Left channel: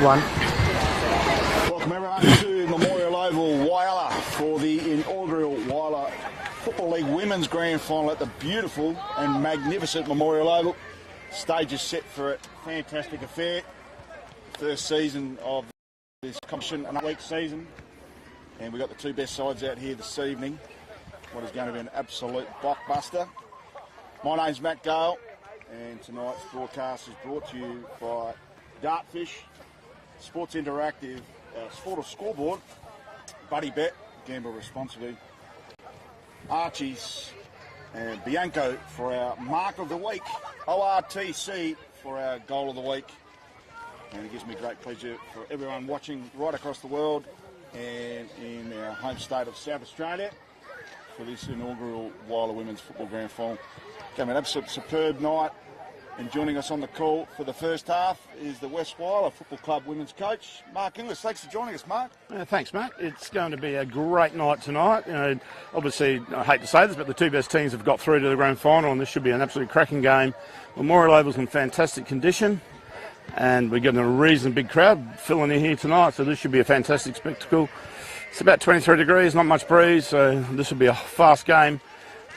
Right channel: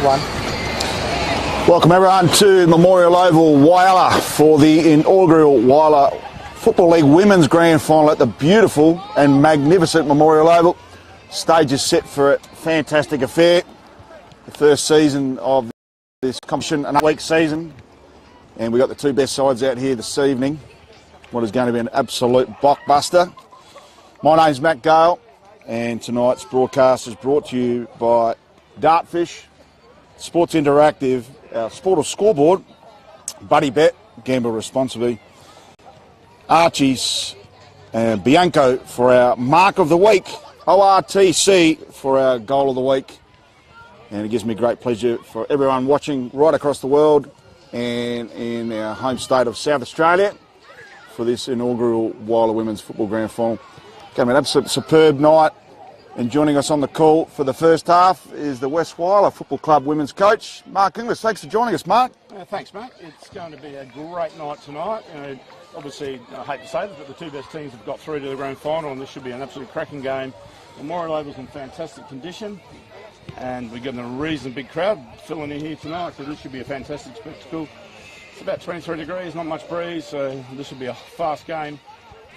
One. Welcome everyone to Memorial Oval, Whyalla, for the inaugural Whyalla Football League Women's Grand Final at the beautiful and magnificent Memorial Oval. Stage is set for a fantastic affair. The first season of this competition, an 8-week season, and we've got the two best sides out here this evening. What is going to be an absolute blockbuster. My name's Matt Gale, and tonight's broadcast is brought to you by Dartfish, Sports Interactive, our Sport or Scoreboard, Buddy Bet, gamble responsibly, Archie's and Bianco for our Mark of the Week, ORTC for our Goal of the Week. And it gives me great pleasure for everyone watching right across the world and in our home state of South Australia for this inaugural Whyalla Women's Football Grand Final. Going to be an absolute superb night. And joining us on the call for the first half is the West Whyalla Football Club women's coach, Mark Inglis. Thanks for joining us, Mark. Thanks, Mark. It's going to be a great night tonight. Obviously, I hate to say this, but the two best teams have got through to the grand final, and this should be an absolutely cracking game. Memorial Oval's in fantastic condition, and we're getting a reasonably big crowd filling in here tonight, so this should be a fantastic spectacle. It's about 23 degrees, not much breeze, so this will be a fast game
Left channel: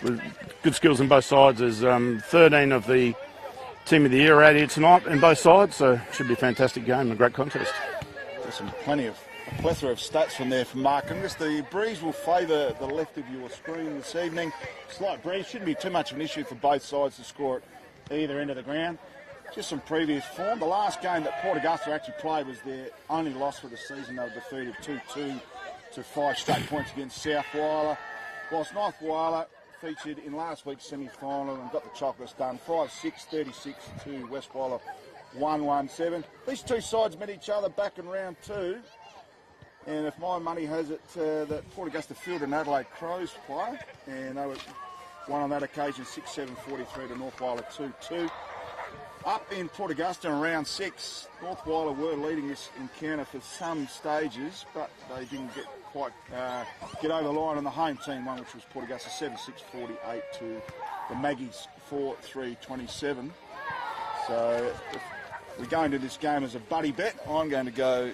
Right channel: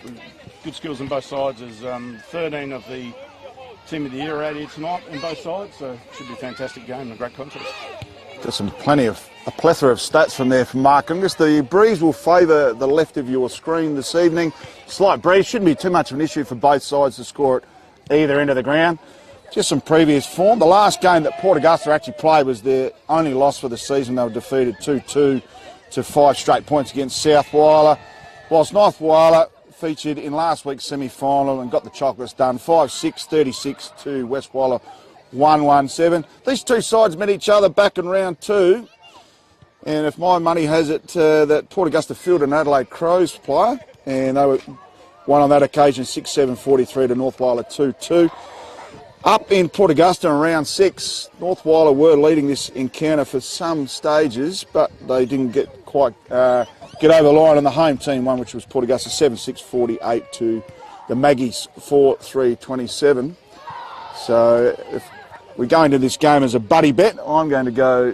with good skills on both sides. There's 13 of the Team of the Year out here tonight on both sides, so it should be a fantastic game, a great contest. There's a plethora of stats from there from Mark. And just the breeze will favour the left of your screen this evening. Slight breeze, shouldn't be too much of an issue for both sides to score at either end of the ground. Just some previous form. The last game that Port Augusta actually played was their only loss for the season. They were defeated 2-2 to 5 straight points against South Whyalla, whilst North Whyalla featured in last week's semi-final and got the chocolates done, 5-6, 36 to West Whyalla, 1-1-7. These two sides met each other back in round 2, and if my money has it, that Port Augusta fielded an Adelaide Crows player, and they won on that occasion 6-7, 43 to North Whyalla, 2-2. Up in Port Augusta in round 6, North Whyalla were leading this encounter for some stages, but they didn't get quite get over the line on the home team one, which was Port Augusta 7-6, 48 to the Maggies 4-3, 27. So if we go into this game as a buddy bet, I'm going to go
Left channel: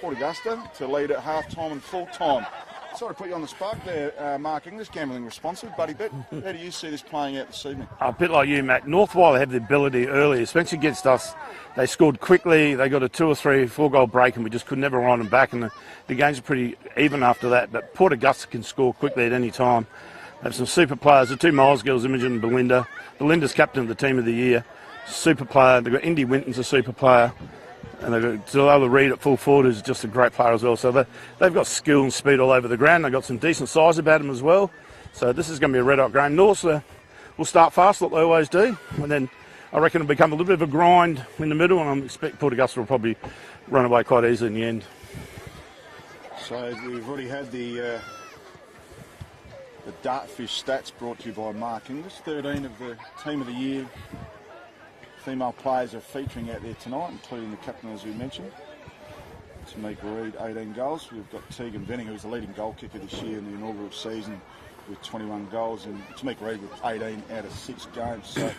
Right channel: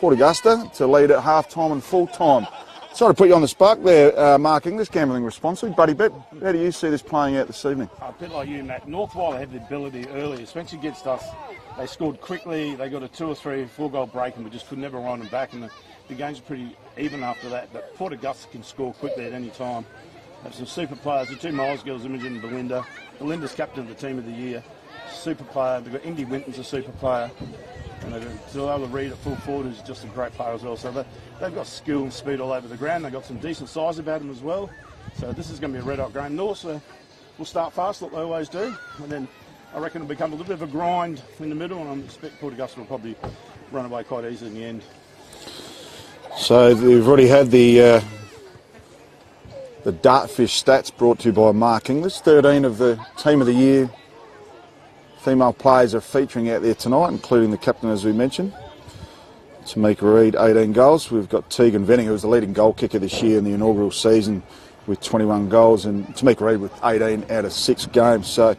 Port Augusta to lead at half-time and full-time. Sorry to put you on the spot there, Mark Inglis, gambling responsibly. Buddy bet, how do you see this playing out this evening? A bit like you, Matt. North Whyalla had the ability early, especially against us. They scored quickly, they got a 2 or 3 4-goal break, and we just could never run them back, and the games are pretty even after that. But Port Augusta can score quickly at any time. They have some super players. The two Miles girls, Imogen and Belinda. Belinda's captain of the Team of the Year. Super player. They've got Indy Winton's a super player. And they've got Delilah Reid at full forward, who's just a great player as well. So they've got skill and speed all over the ground. They've got some decent size about them as well. So this is going to be a red-hot game. North will start fast like they always do. And then I reckon it'll become a little bit of a grind in the middle, and I expect Port Augusta will probably run away quite easily in the end. So we've already had the Dartfish stats brought to you by Mark Inglis. 13 of the Team of the Year female players are featuring out there tonight, including the captain, as we mentioned, Tamika Reid, 18 goals. We've got Tegan Venning, who was the leading goal kicker this year in the inaugural season with 21 goals, and Tamika Reid with 18 out of 6 games. So,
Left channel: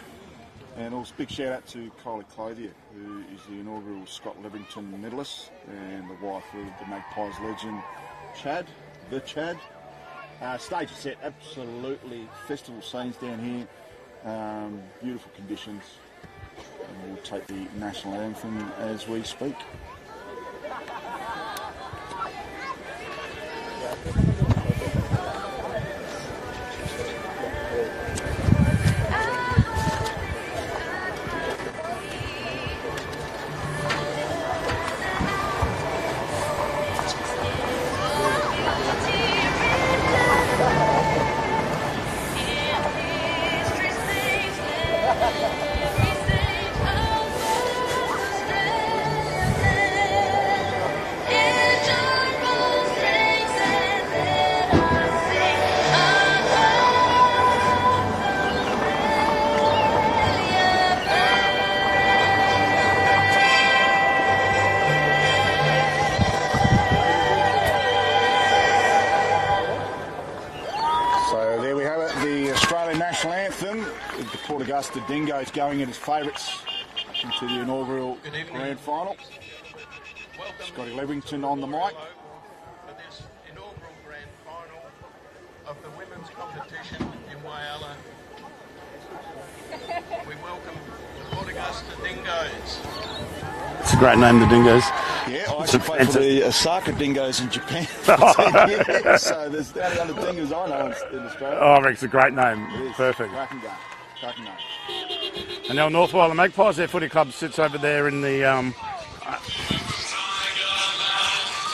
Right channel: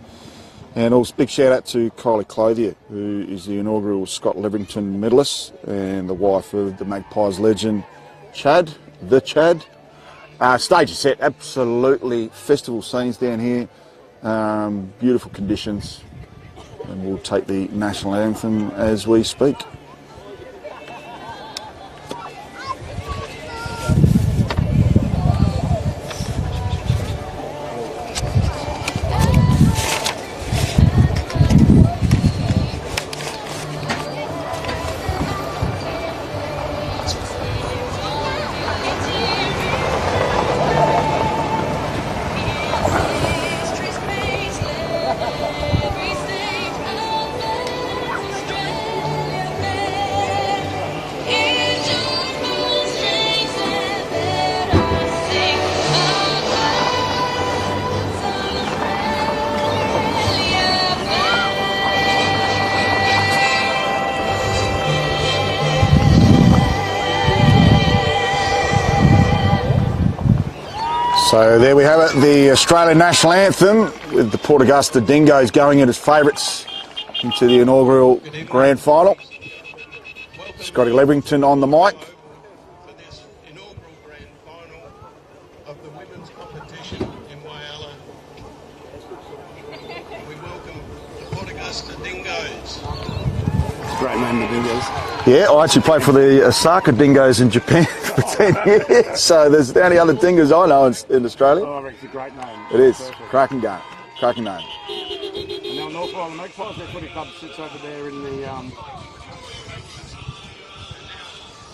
and also big shout out to Kylie Clothier, who is the inaugural Scott Leverington medalist and the wife of the Magpies legend, Chad. Stage is set, absolutely festival scenes down here, beautiful conditions. And we'll take the national anthem as we speak. So there we have it, the Australian national anthem, with the Port Augusta Dingoes going in as favourites into the inaugural grand final. Scotty Leverington on the mic. For this inaugural grand final of the women's competition in Whyalla, we welcome the Port Augusta Dingoes. It's a great name, the Dingoes. Yeah, I actually played for the Osaka Dingoes in Japan for 10 years, so there's the only other Dingoes I know in Australia. Oh, I think it's a great name. It is. Perfect. Cracking game. Cracking name. And now North Whyalla Magpies, their footy club sits over there in the...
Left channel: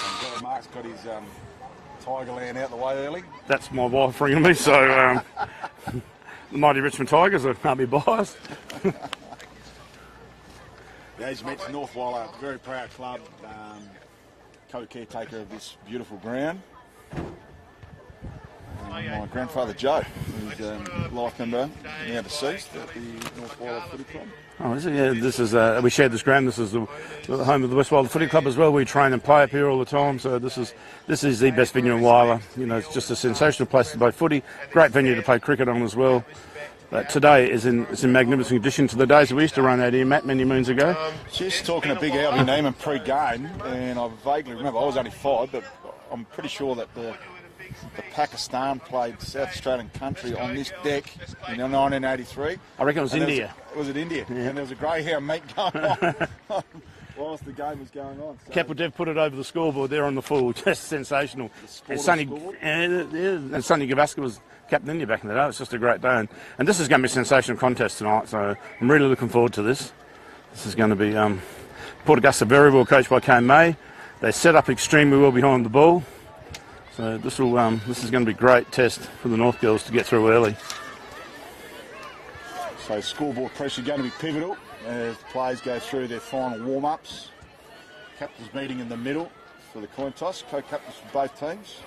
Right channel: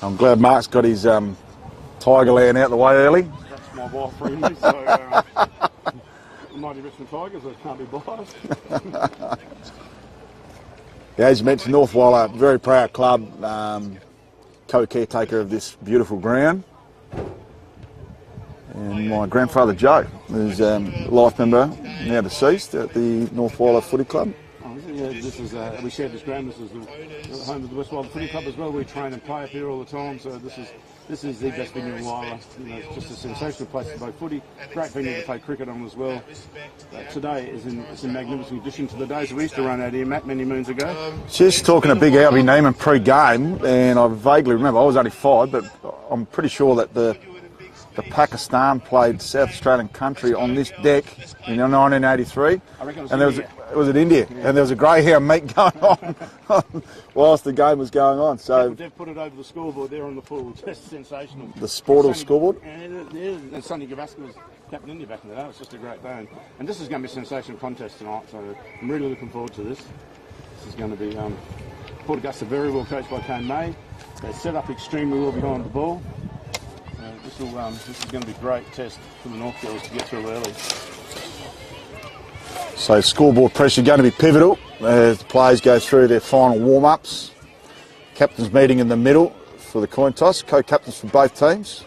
I'm glad Mark's got his Tigerland out the way early. That's my wife ringing me, so the mighty Richmond Tigers, I can't be biased. Yeah, as you mentioned, North Whyalla, very proud club, co-caretaker of this beautiful ground. And my grandfather Joe, who's a life member, now deceased, at the North Whyalla Footy Club. Oh, is it? Yeah, this is, we share this ground. This is the home of the West Whyalla Footy Club as well. We train and play up here all the time, so this is the best venue in Whyalla. You know, it's just a sensational place to play footy. Great venue to play cricket on as well. Today it's in magnificent condition to the days that we used to run out here, Matt, many moons ago. Just talking to Big Albie Neiman pre-game, and I vaguely remember, I was only 5, but I'm pretty sure that the Pakistan played South Australian country on this deck in 1983. I reckon it was and India. It was in India, yeah. And there was a greyhound meet going on whilst the game was going on. So Capital Dev put it over the scoreboard there on the full, just sensational. The Sportal scoreboard? And Sonny Gavaskar was Captain India back in the day. It's just a great day. And this is going to be a sensational contest tonight, so I'm really looking forward to this. This is going to be Port Augusta, very well coached by Kane May. They set up extremely well behind the ball. So this is going to be a great test for the North girls to get through early. So scoreboard pressure going to be pivotal as the players go through their final warm-ups. Captains meeting in the middle for the coin toss, co-captains for both teams.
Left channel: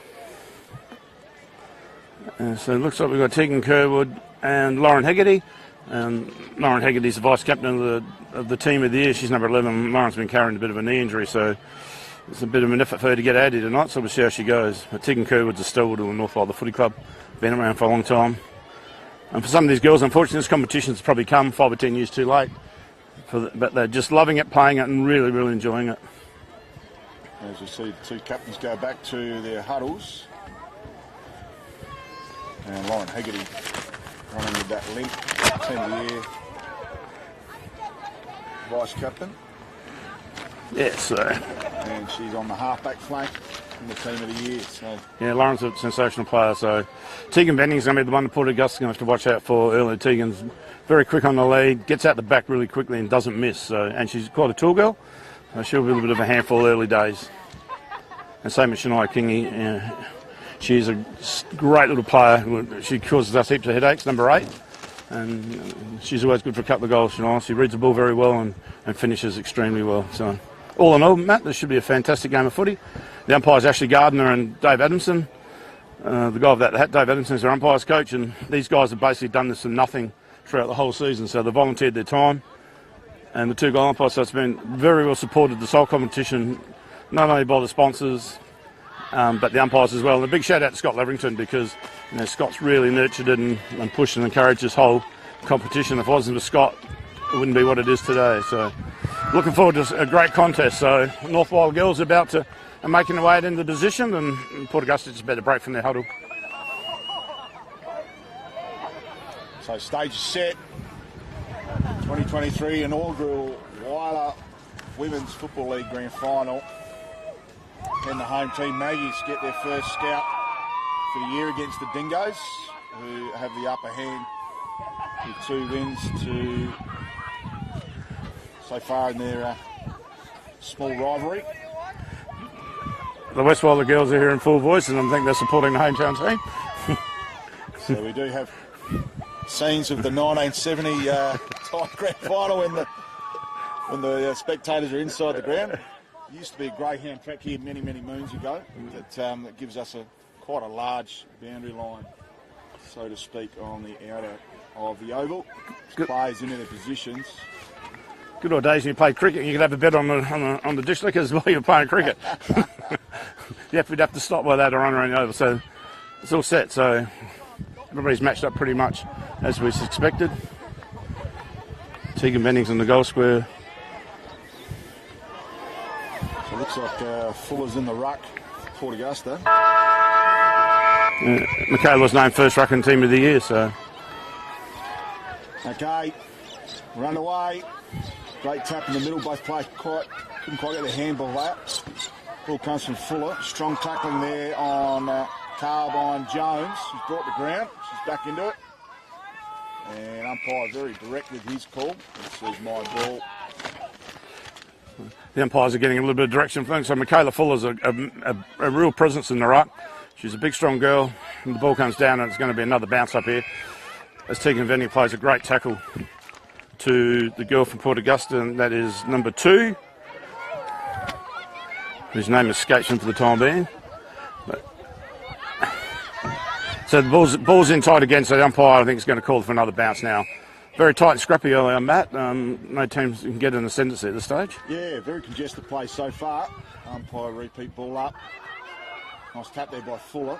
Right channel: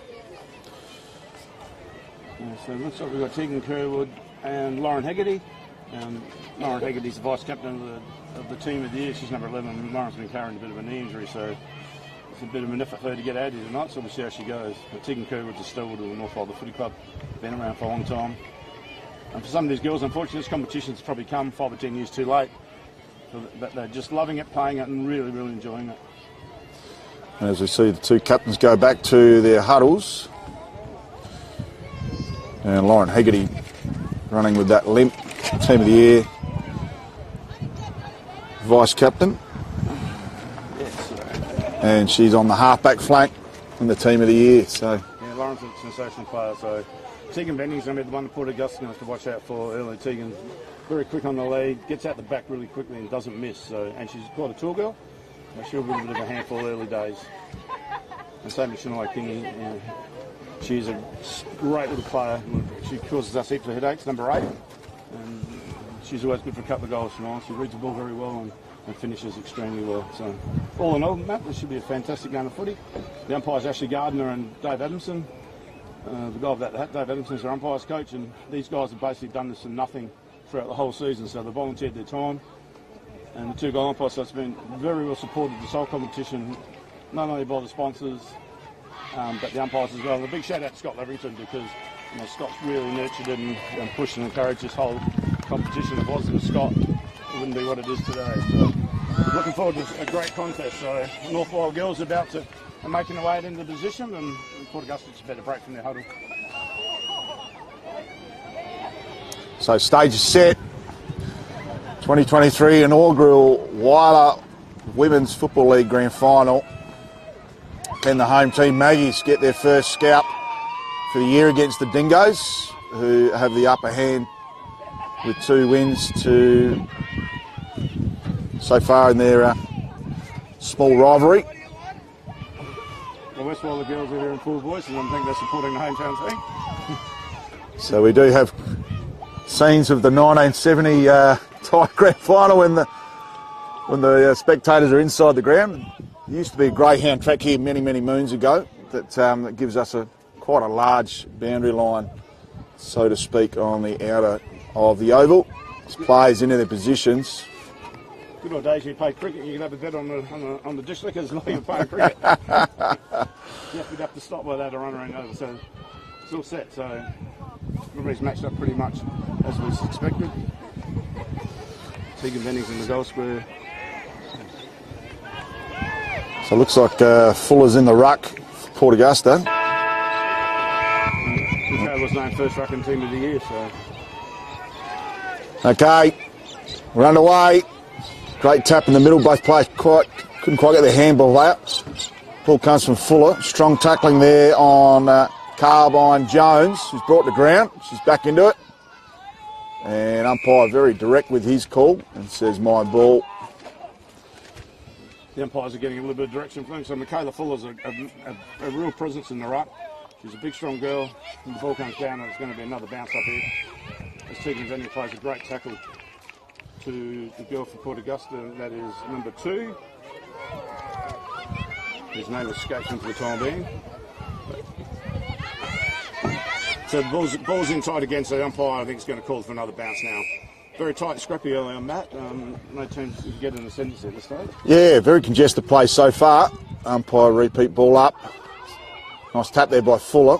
So it looks like we've got Tegan Kerwood and Lauren Hegarty. And Lauren Hegarty's the vice-captain of the team of the year. She's number 11. Lauren's been carrying a bit of a knee injury, so it's a bit of an effort for her to get out here tonight, so we'll see how she goes. But Tegan Kerwood's a stalwart of the North Whyalla Footy Club, been around for a long time. And for some of these girls, unfortunately, this competition's probably come 5 or 10 years too late. But they're just loving it, playing it, and really, really enjoying it. As we see the two captains go back to their huddles. And Lauren Hegarty running with that limp, team of the year, vice-captain. Yes, and she's on the halfback flank in the team of the year. So yeah, Lauren's a sensational player. So Tegan Benning's going to be the one that Port Augusta's going to have to watch out for early. Tegan's very quick on the lead, gets out the back really quickly and doesn't miss. So, and she's quite a tall girl. So she'll be a little bit of a handful early days. And same with Shania Kingy. She's a great little player. She causes us heaps of headaches, number 8. And she's always good for a couple of goals, Shania. She reads the ball very well and finishes extremely well. So all in all, Matt, this should be a fantastic game of footy. The umpires Ashley Gardner and Dave Adamson. The guy of that hat, Dave Adamson, is their umpires coach, and these guys have basically done this for nothing throughout the whole season, so they volunteered their time. And the two goal umpires, so it's been very well supported, this whole competition, not only by the sponsors, but the umpires as well. And a big shout out to Scott Leverington, because Scott's really nurtured it and pushed and encouraged this whole competition. If it wasn't for Scott, it wouldn't be what it is today. So looking forward to a great contest. So North Whyalla girls are about to making their way into the position, and Port Augusta just better break from their huddle. So stage is set. 2023 inaugural Whyalla Women's Football League Grand Final. Can the home team Maggies get their first scalp for the year against the Dingoes, who have the upper hand with 2 wins so far in their small rivalry. The West Whyalla girls are here in full voice, and I think they're supporting the hometown team. So we do have scenes of the 1970 tie grand final when the spectators are inside the ground. There used to be a greyhound track here many moons ago that gives us quite a large boundary line, so to speak, on the outer of the oval. As players into their positions. Good old days when you played cricket, you could have a bet on the dish lickers while you're playing cricket. We'd have to stop by that or run around the oval. So it's all set. So everybody's matched up pretty much as we expected. Tegan Bennings in the goal square. So it looks like Fuller's in the ruck for Port Augusta. Michaela was named first rucking team of the year, so. Okay, we're underway. Great tap in the middle. Both players couldn't quite get their handball out. Ball comes from Fuller. Strong tackling there on Carbine Jones, who's brought to ground. She's back into it. And umpire very direct with his call and says my ball. The umpires are getting a little bit of direction from them. So Michaela Fuller's a real presence in the ruck. She's a big, strong girl. And the ball comes down and it's going to be another bounce up here. As Tegan Venny plays a great tackle to the girl from Port Augusta, and that is number 2. His name escapes him for the time being. So the ball's in tight again, so the umpire I think is going to call for another bounce now. Very tight and scrappy early on, Matt. No teams can get an ascendancy at this stage. Yeah, very congested play so far. Umpire repeat ball up. Nice tap there by Fuller.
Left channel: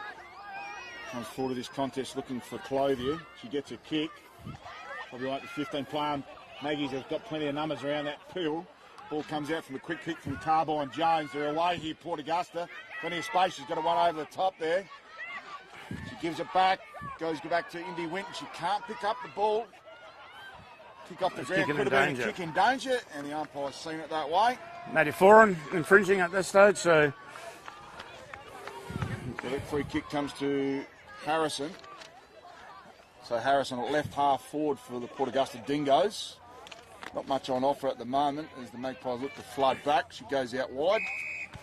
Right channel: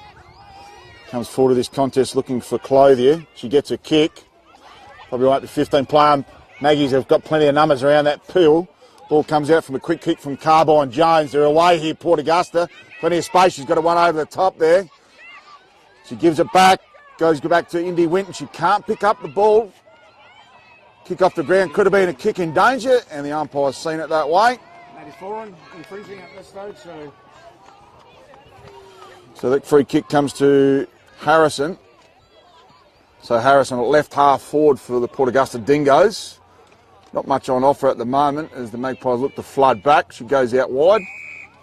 Comes forward to this contest looking for Clothier. She gets a kick. Probably right to 15 player. Maggies have got plenty of numbers around that pool. Ball comes out from a quick kick from Carbine Jones. They're away here, Port Augusta. Plenty of space. She's got a one over the top there. She gives it back. Goes back to Indy Winton. She can't pick up the ball. Kick off the ground. Could have been a kick in danger, and the umpire's seen it that way. Matty Foran infringing at this stage, so that free kick comes to Harrison. So Harrison left half forward for the Port Augusta Dingoes. Not much on offer at the moment as the Magpies look to flood back. She goes out wide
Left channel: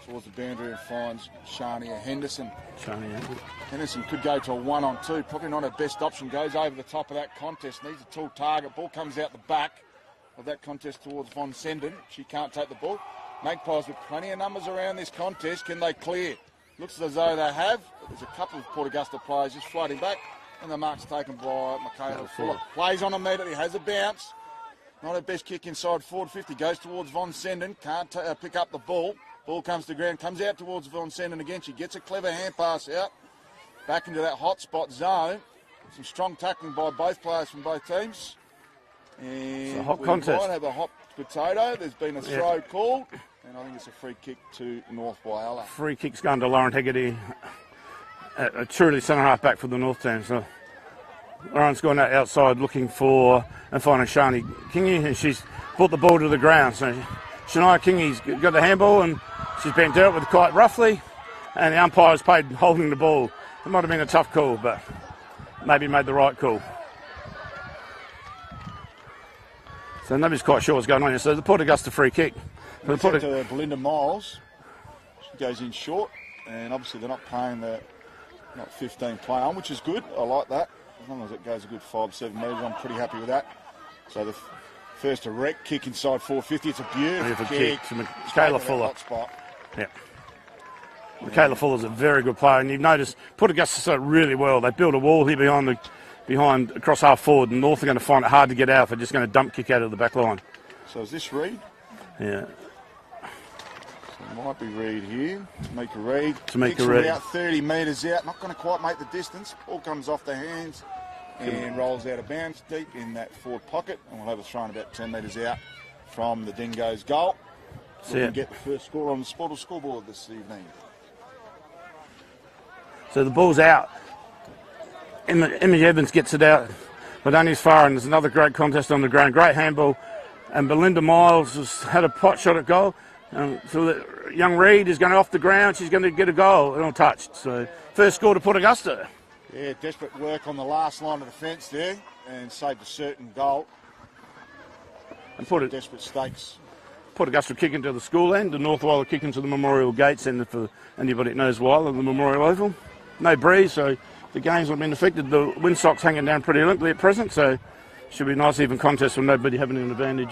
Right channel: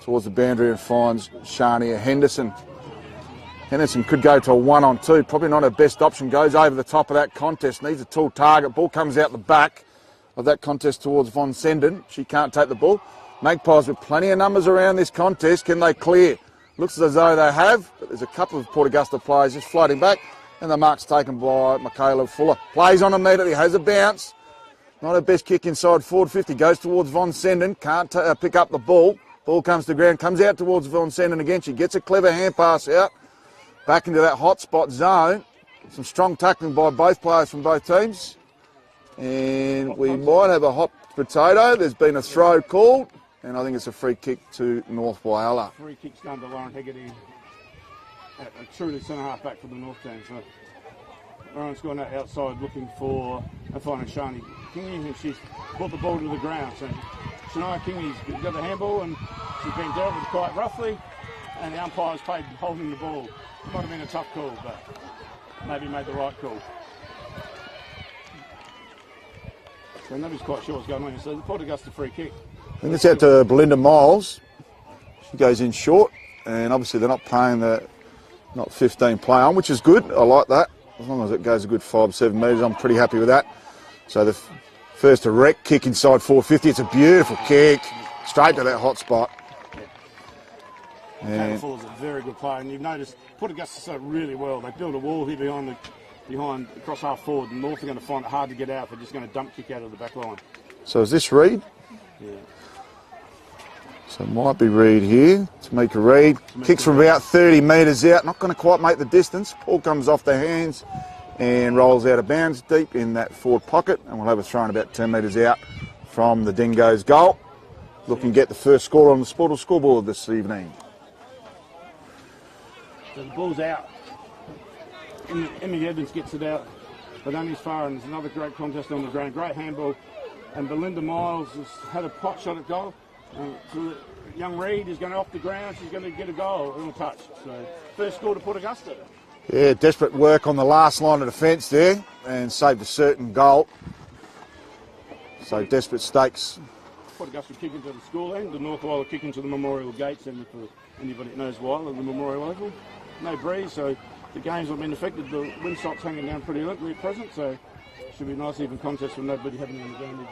towards the boundary and finds Shania Henderson. Henderson could go to a 1-on-2. Probably not her best option. Goes over the top of that contest. Needs a tall target. Ball comes out the back of that contest towards Von Senden. She can't take the ball. Magpies with plenty of numbers around this contest. Can they clear? Looks as though they have, but there's a couple of Port Augusta players just floating back, and the mark's taken by Michaela Fuller. Plays on immediately, has a bounce. Not her best kick inside forward 50. Goes towards Von Senden, can't pick up the ball. Ball comes to ground, comes out towards Von Senden again. She gets a clever hand pass out, back into that hot spot zone. Some strong tackling by both players from both teams. And we might have a hot potato. There's been a throw called. And I think it's a free kick to North Whyalla. Free kick's going to Lauren Hegarty, a truly centre half back for the North team. So Lauren's gone out outside looking for and finding Shani Kingy, and she's put the ball to the ground. So Shania Kingy's got the handball and she's been dealt with quite roughly, and the umpire's paid holding the ball. It might have been a tough call, but maybe made the right call. So nobody's quite sure what's going on here. So the Port Augusta free kick. And it's out to Belinda Miles. She goes in short, and obviously they're not playing the 15 play on, which is good. I like that. As long as it goes a good 5-7 metres, I'm pretty happy with that. So the first direct kick inside 450. It's a beautiful kick, straight to that hot spot. Yeah. Michaela Fuller's a very good player, and you've noticed Port Augusta done it really well. They built a wall here behind across half forward, and North are going to find it hard to get out. They're just going to dump kick out of the back line. So is this Reed? Yeah. So it might be Reed here. Tamika Reed. Kicks from about 30 metres out. Not going to quite make the distance. Ball comes off their hands and rolls out of bounds deep in that forward pocket. And we'll have a throw about 10 metres out from the Dingoes' goal. Looking to get the first score on the Sportal scoreboard this evening. So the ball's out. Emmy Evans gets it out, but only as far, and there's another great contest on the ground. Great handball. And Belinda Miles has had a pot shot at goal. So the young Reed is going off the ground. She's going to get a goal untouched. So first score to Port Augusta. Yeah, desperate work on the last line of defence there and saved a certain goal. So desperate stakes. Port Augusta kick into the school end, and North Whyalla kick into the Memorial Gates end for anybody that knows Whyalla, the Memorial Oval. No breeze, so the game's not been affected. The windsock's hanging down pretty limply at present, so should be a nice even contest with nobody having an advantage.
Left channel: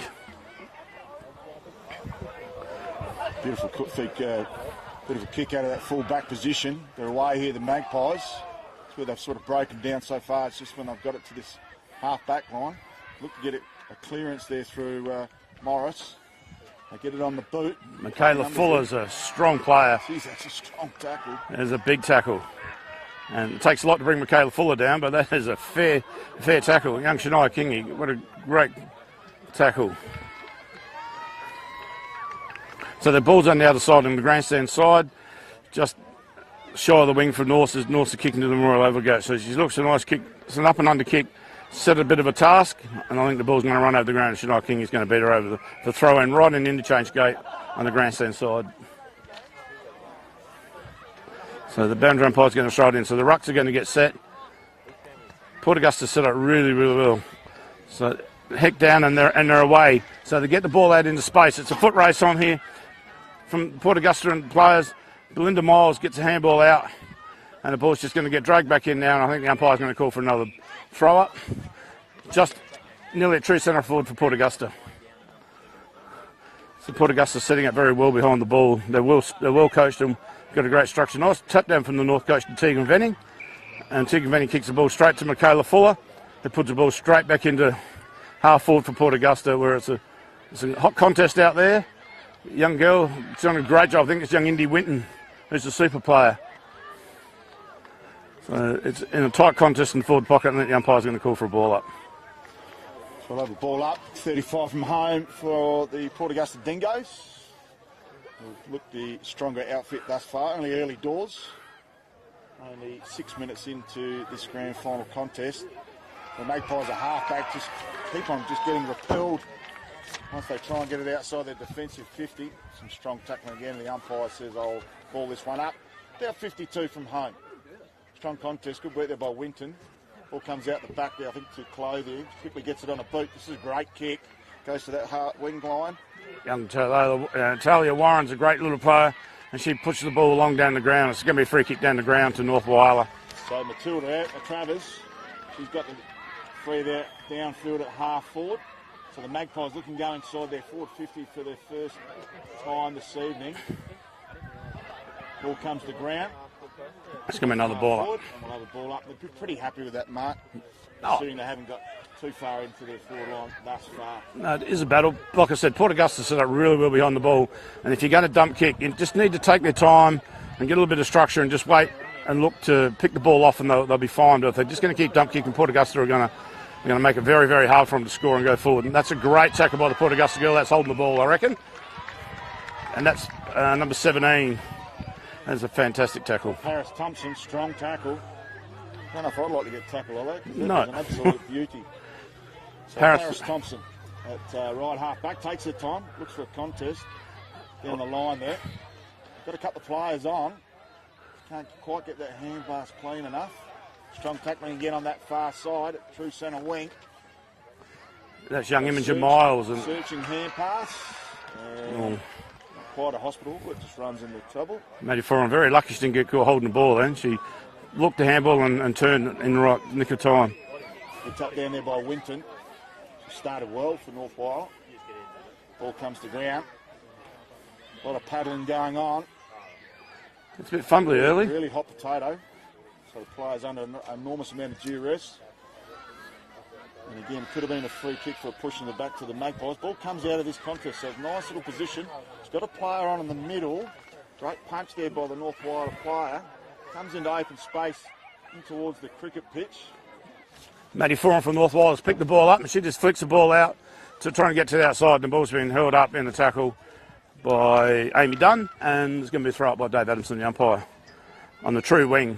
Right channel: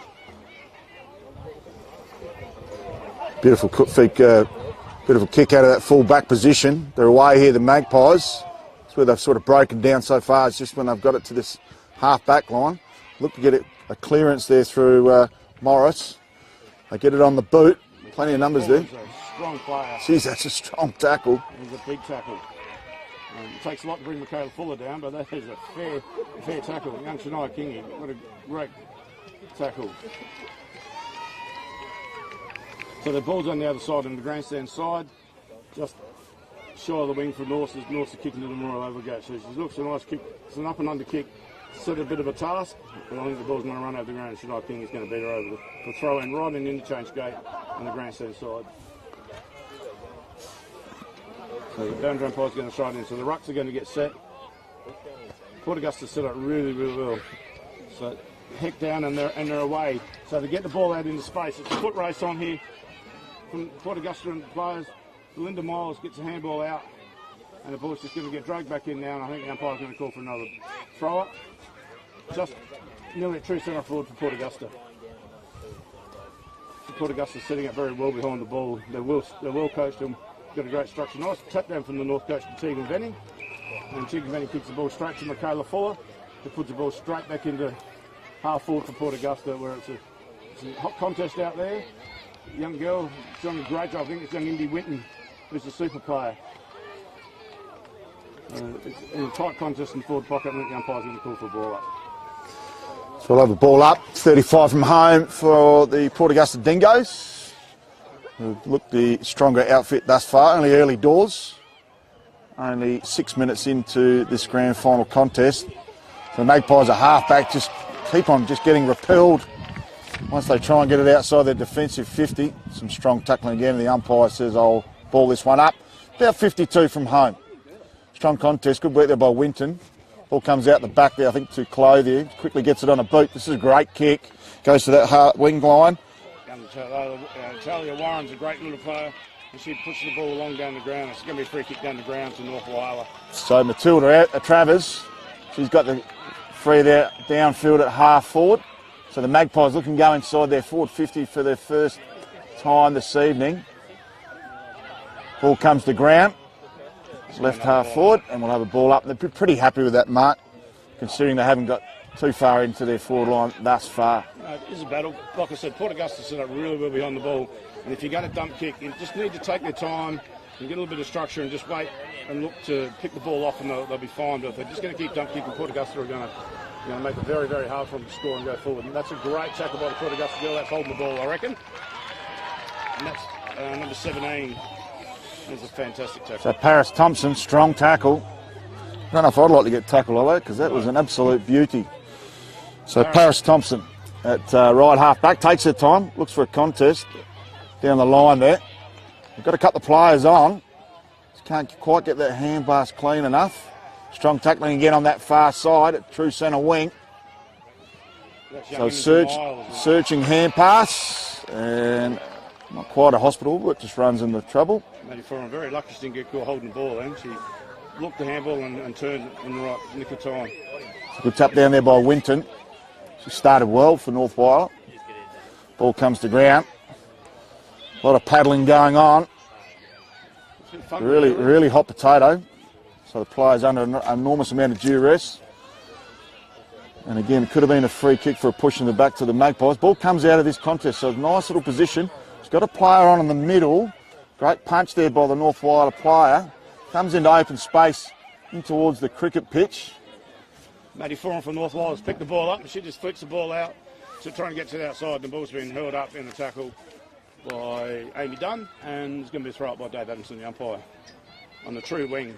Beautiful kick out of that full back position. They're away here, the Magpies. That's where they've sort of broken down so far. It's just when they've got it to this half back line. Look to get a clearance there through Morris. They get it on the boot. Michaela Fuller's a strong player. Jeez, that's a strong tackle. It's a big tackle. And it takes a lot to bring Michaela Fuller down, but that is a fair tackle. Young Shania Kingy, what a great tackle. So the ball's on the other side, on the grandstand side, just shy of the wing for North's kicking to the Royal Overgo. So she looks a nice kick. It's an up and under kick. Set a bit of a task, and I think the ball's going to run over the ground. Shania King is going to beat her over the throw in right in the interchange gate on the grandstand side. So the boundary umpire's going to throw it in. So the rucks are going to get set. Port Augusta set up really, really well. So heck down and they're away. So they get the ball out into space. It's a foot race on here from Port Augusta and players. Belinda Miles gets a handball out, and the ball's just going to get dragged back in now, and I think the umpire's going to call for another throw-up. Just nearly a true centre forward for Port Augusta. So Port Augusta setting up very well behind the ball. They're well coached and got a great structure. Nice tap down from the North coach to Tegan Venning, and Tegan Venning kicks the ball straight to Michaela Fuller, who puts the ball straight back into half forward for Port Augusta, where it's a hot contest out there. Young girl, she's done a great job. I think it's young Indy Winton, who's a super player. So it's in a tight contest in the forward pocket, and I think the umpire's going to call for a ball up. So we'll have a ball up, 35 from home for the Port Augusta Dingoes. Who've looked the stronger outfit thus far, only early doors. Only 6 minutes into this grand final contest. So the Magpies are half-back, just keep on just getting repelled once they try and get it outside their defensive 50. Some strong tackling again, and the umpire says, I'll ball this one up. About 52 from home. Strong contest, good work there by Winton. Ball comes out the back there, I think, to Clothier. Quickly gets it on a boot. This is a great kick. Goes to that hard wing line. Young Talia Warren's a great little player, and she pushes the ball along down the ground. It's going to be a free kick down the ground to North Whyalla. So Matilda out, Travers. She's got the free there downfield at half forward. So the Magpies looking to go inside their forward 50 for their first time this evening. Ball comes to ground. Left half forward, and we'll have a ball up. They're pretty happy with that mark, considering they haven't got too far into their forward line thus far. No, it is a battle. Like I said, Port Augusta set up really well behind the ball, and if you're going to dump kick, you just need to take their time and get a little bit of structure and just wait and look to pick the ball off, and they'll be fine. But if they're just going to keep dump kicking, Port Augusta are going to make it very, very hard for them to score and go forward. And that's a great tackle by the Port Augusta girl. That's holding the ball, I reckon. And that's number 17. That's a fantastic tackle. So Paris Thompson, strong tackle. I don't know if I'd like to get tackled like that, because that was an absolute beauty. So Paris Thompson at right half back, takes her time, looks for a contest down the line there. They've got to cut the players on. Just can't quite get that hand pass clean enough. Strong tackling again on that far side at true centre wing. That's young Imogen Miles. Searching hand pass, and not quite a hospital, but just runs into trouble. Maddie Foran, very lucky she didn't get caught holding the ball then. She looked the handball and turned in the right nick of time. Good tap down there by Winton. She started well for North Whyalla. Ball comes to ground. A lot of paddling going on. It's a bit fun really, really hot potato. So the player's under an enormous amount of duress. And again, it could have been a free kick for a push in the back to the Magpies. Ball comes out of this contest, so nice little position. She's got a player on in the middle. Great punch there by the North Whyalla player. Comes into open space in towards the cricket pitch. Maddie Foran from North Whyalla has picked the ball up, and she just flicks the ball out to try and get to the outside. The ball's been held up in the tackle by Amy Dunn, and it's going to be a throw up by Dave Adamson, the umpire, on the true wing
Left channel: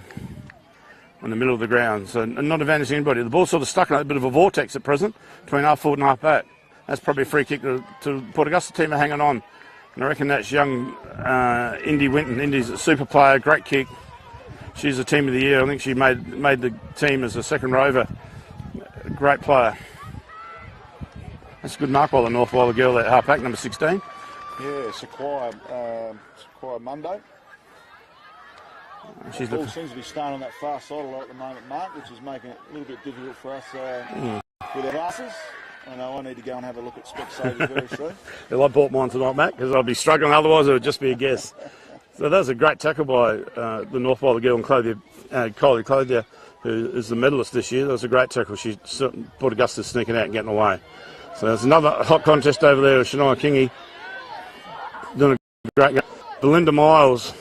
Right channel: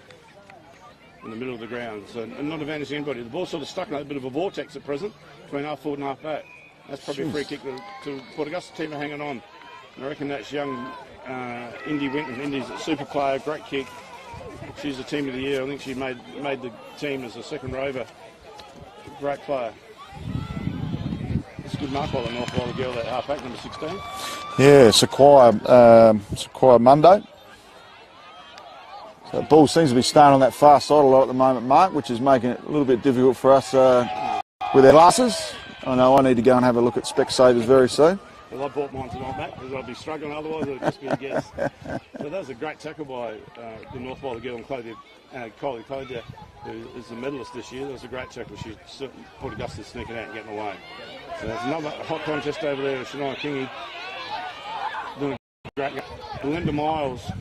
in the middle of the ground. So not advantage to anybody. The ball's sort of stuck in a bit of a vortex at present between half forward and half back. That's probably a free kick to Port Augusta. Team are hanging on. And I reckon that's young Indy Winton. Indy's a super player, great kick. She's the team of the year. I think she made the team as a second rover. Great player. That's a good mark by the North Whyalla girl, that half back, number 16. Yeah, Sequoia Mundo. So the ball seems to be staying on that far side a lot at the moment, Mark, which is making it a little bit difficult for us with our glasses. I know I need to go and have a look at Specsavers very soon. Well, I bought mine tonight, Matt, because I'll be struggling. Otherwise, it would just be a guess. So that was a great tackle by the North Whyalla girl and Kylie Clothier, who is the medalist this year. That was a great tackle. She Port Augusta sneaking out and getting away. So there's another hot contest over there with Shania Kingy doing a great game. Belinda Miles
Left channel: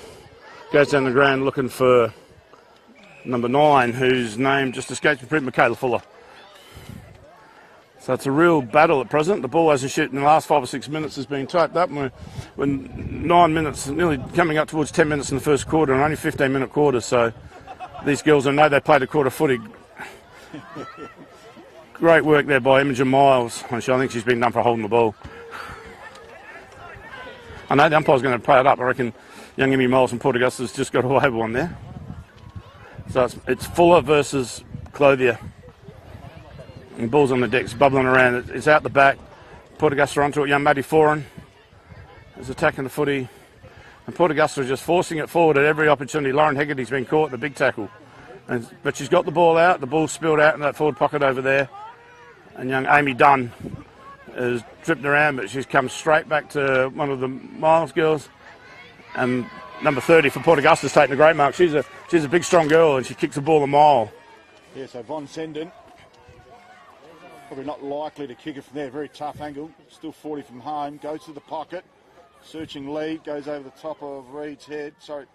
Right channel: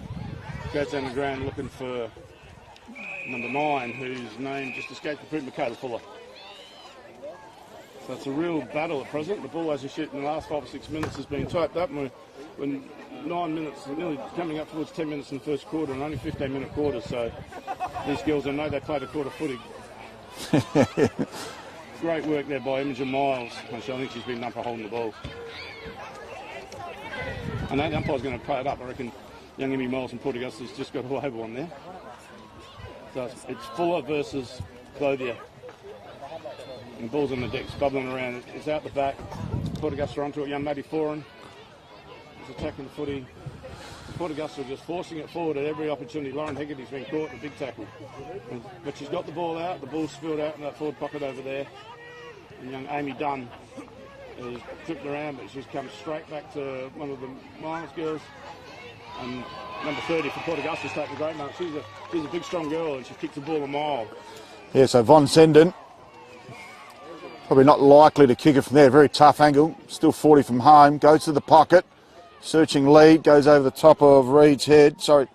goes down the ground looking for number 9, whose name just escapes me, Michaela Fuller. So it's a real battle at present. The ball hasn't shot in the last 5 or 6 minutes has been typed up. We're 9 minutes, nearly coming up towards 10 minutes in the first quarter, and only 15-minute quarters. So these girls, I know they played a quarter footy. Great work there by Imogen Miles. I think she's been done for holding the ball. I know the umpire's going to play it up. I reckon young Emmy Miles from Port Augusta's just got away with one there. So it's Fuller versus Clothier. And the ball's on the deck, it's bubbling around. It's out the back. Port Augusta onto it. Young Maddie Foran is attacking the footy. And Port Augusta are just forcing it forward at every opportunity. Lauren Hegarty's been caught in the big tackle. But she's got the ball out. The ball's spilled out in that forward pocket over there. And young Amy Dunn has tripped around, but she's come straight back to one of the Miles girls. And number 30 for Port Augusta's taking a great mark. She's a big, strong girl, and she kicks the ball a mile. Yeah, so Von Senden, probably not likely to kick it from there. Very tough angle. Still 40 from home. Goes to the pocket. Searching lead. Goes over the top of Reed's head. Sorry,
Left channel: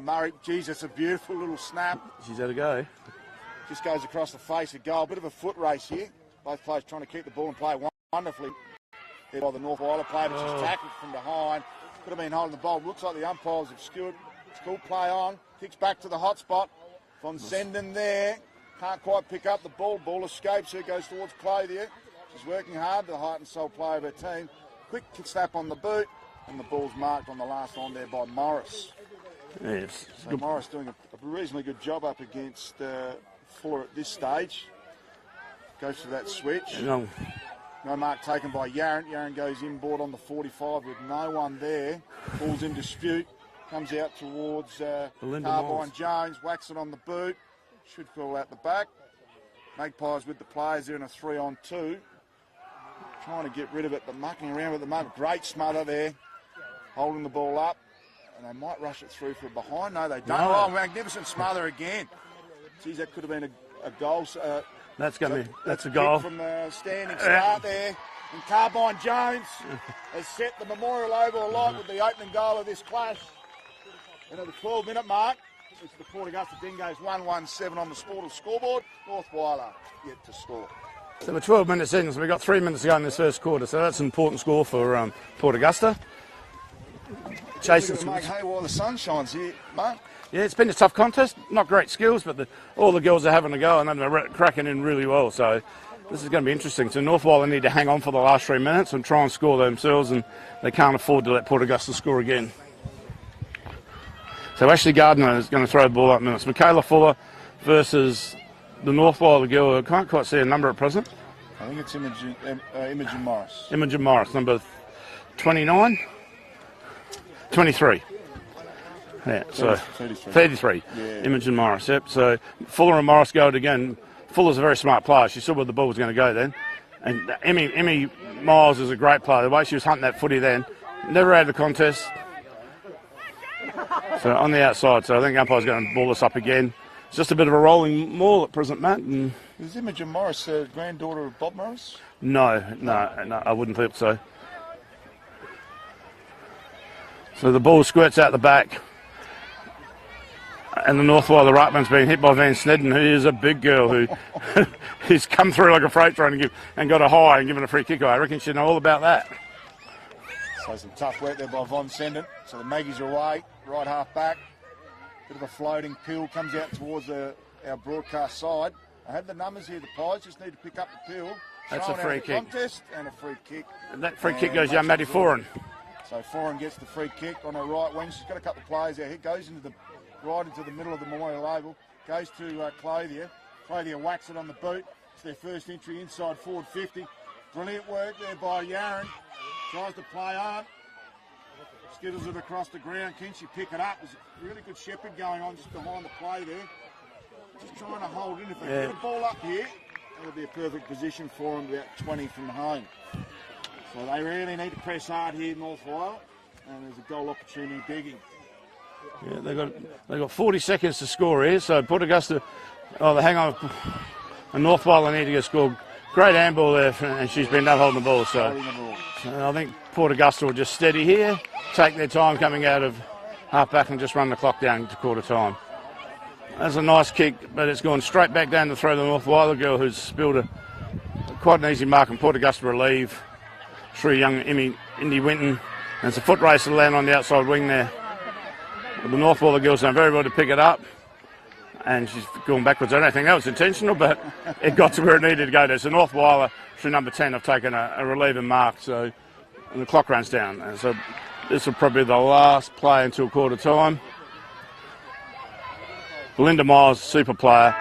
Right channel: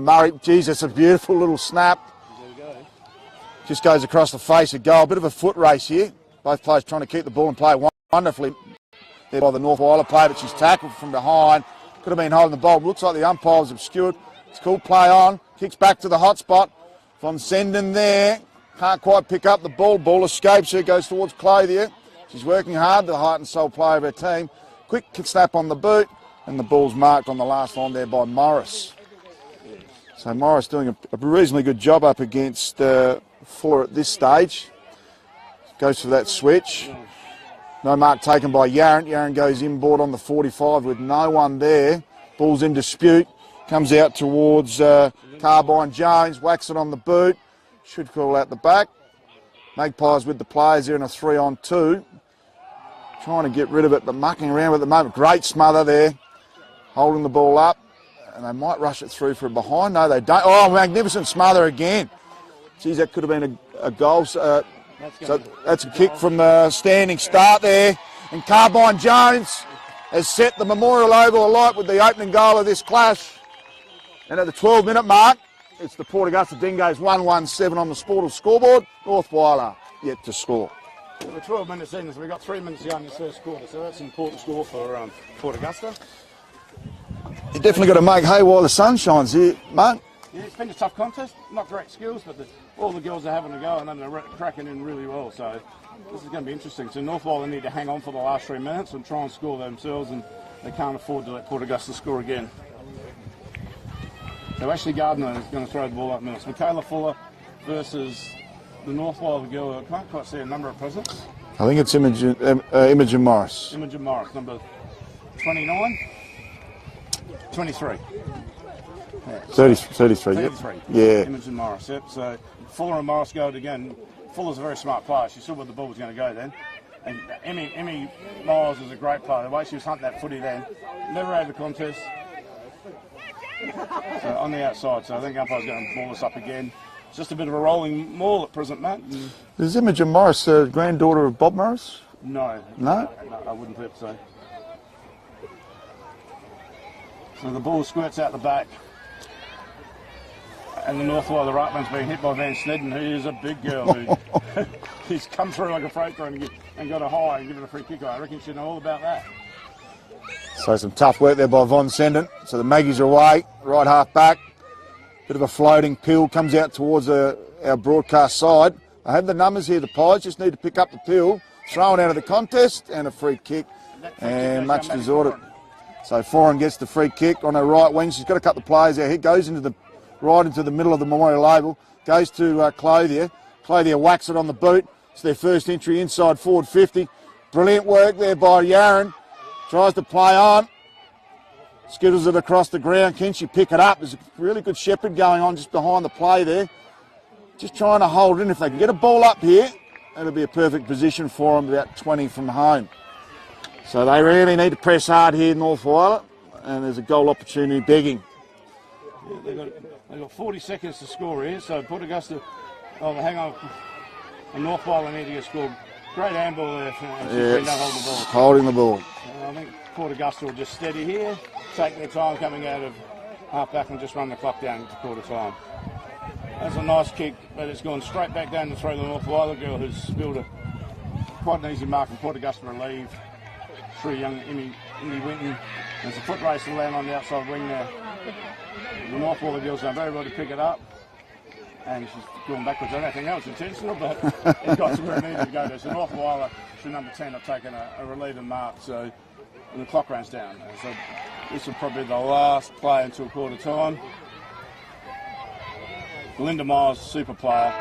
Murray. Geez, that's a beautiful little snap. She's had a go. Just goes across the face of goal. Bit of a foot race here. Both players trying to keep the ball and play wonderfully there by the North Whyalla player, but she's tackled from behind. Could have been holding the ball. Looks like the umpire was obscured. It's called play on. Kicks back to the hot spot. Von Senden there. Can't quite pick up the ball. Ball escapes her. Goes towards Clothier. She's working hard, the heart and soul player of her team. Quick snap on the boot. And the ball's marked on the last line there by Morris. Yes. So Morris doing a reasonably good job up against Fuller at this stage. Goes for that switch. No mark taken by Yarran. Yarran goes inboard on the 45 with no one there. Ball's in dispute. Comes out towards Carbine Jones. Whacks it on the boot. Should call out the back. Magpies with the players there in a 3-on-2. Trying to get rid of it, but mucking around at the moment. Great smother there. Holding the ball up. And they might rush it through from behind. No, they don't. Oh, magnificent smother again. Geez, that could have been a goal. That's a kick from the standing start there. And Carbine Jones has set the Memorial Oval alight with the opening goal of this clash. And at the 12-minute mark, it's the Port Augusta Dingoes 1-1-7 on the Sportal scoreboard. North Whyalla yet to score. So we're 12 minutes in, so we've got 3 minutes to go in this first quarter. So that's an important score for Port Augusta. You definitely got to make hay while the sun shines here, mate. Yeah, it's been a tough contest. Not great skills, but all the girls are having a go, and they're cracking in really well. So this is going to be interesting. So North Whyalla need to hang on for the last 3 minutes and try and score themselves, and they can't afford to let Port Augusta score again. So Ashley Gardner is going to throw the ball up minutes. Michaela Fuller versus the North Whyalla girl. I can't quite see a number at present. I think it's Imogen Morris. Imogen Morris, number 29? 23. Yeah, 33. 33. Yeah. Imogen Morris, yep. So Fuller and Morris go it again. Fuller's a very smart player. She saw where the ball was going to go then. And Emmy Miles is a great player. The way she was hunting that footy then, never had the contest. So on the outside, so I think umpire's going to ball this up again. It's just a bit of a rolling maul at present, Matt. And is Imogen Morris a granddaughter of Bob Morris? No, I wouldn't think so. So the ball squirts out the back. And the North Whyalla ruckman's being hit by Van Snedden, who is a big girl who's come through like a freight train and got a high and given a free kick away. I reckon she'd know all about that. So some tough work there by Von Senden. So the Maggies are away, right half back. Bit of a floating pill comes out towards our broadcast side. I have the numbers here. The Pies just need to pick up the pill, throw it out of the contest, and a free kick. And that free kick goes down Maddie Foran. So Foran gets the free kick on her right wing. She's got a couple of players out here. Goes into right into the middle of the Memorial Oval. Goes to Clothier. Clothier whacks it on the boot. It's their first entry inside forward 50. Brilliant work there by Yarran. Tries to play on. Skittles it across the ground. Can she pick it up? There's a really good shepherd going on just behind the play there. Just trying to hold in. If they can get a ball up here, it'll be a perfect position for them, about 20 from home. So they really need to press hard here, North Whyalla, and there's a goal opportunity begging. Yeah, they've got 40 seconds to score here, so Port Augusta, they hang on. And North Whyalla need to get scored. Great handball there, and she's been not holding the ball. So holding the ball. I think Port Augusta will just steady here, take their time coming out of half back and just run the clock down to quarter time. That's a nice kick, but it's gone straight back down the throw of the North Whyalla girl who's spilled a quite an easy mark, and Port Augusta relieve through young Indy Winton. And it's a foot race to land on the outside wing there. The North Whyalla girls done very well to pick it up, and she's going backwards. I don't think that was intentional, but it got to where it needed to go there. So North Whyalla through number 10 have taken a relieving mark, so the clock runs down. And so this will probably be the last play until quarter time. Belinda Miles, super player,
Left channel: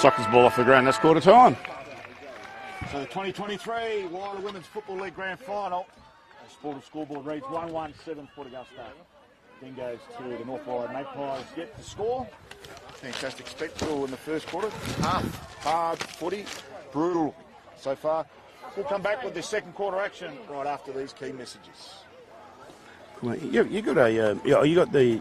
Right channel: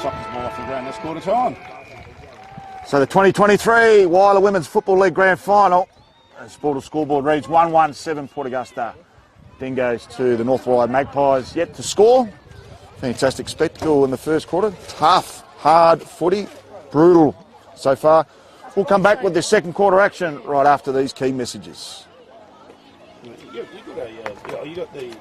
sucked his ball off the ground. That's quarter time. So the 2023 Whyalla Women's Football League Grand Final. Sportal scoreboard reads 1-1-7 Port Augusta. Dingoes to the North Whyalla Magpies yet to score. Fantastic spectacle in the first quarter. Tough, hard footy, brutal so far. We'll come back with the second quarter action right after these key messages. You got the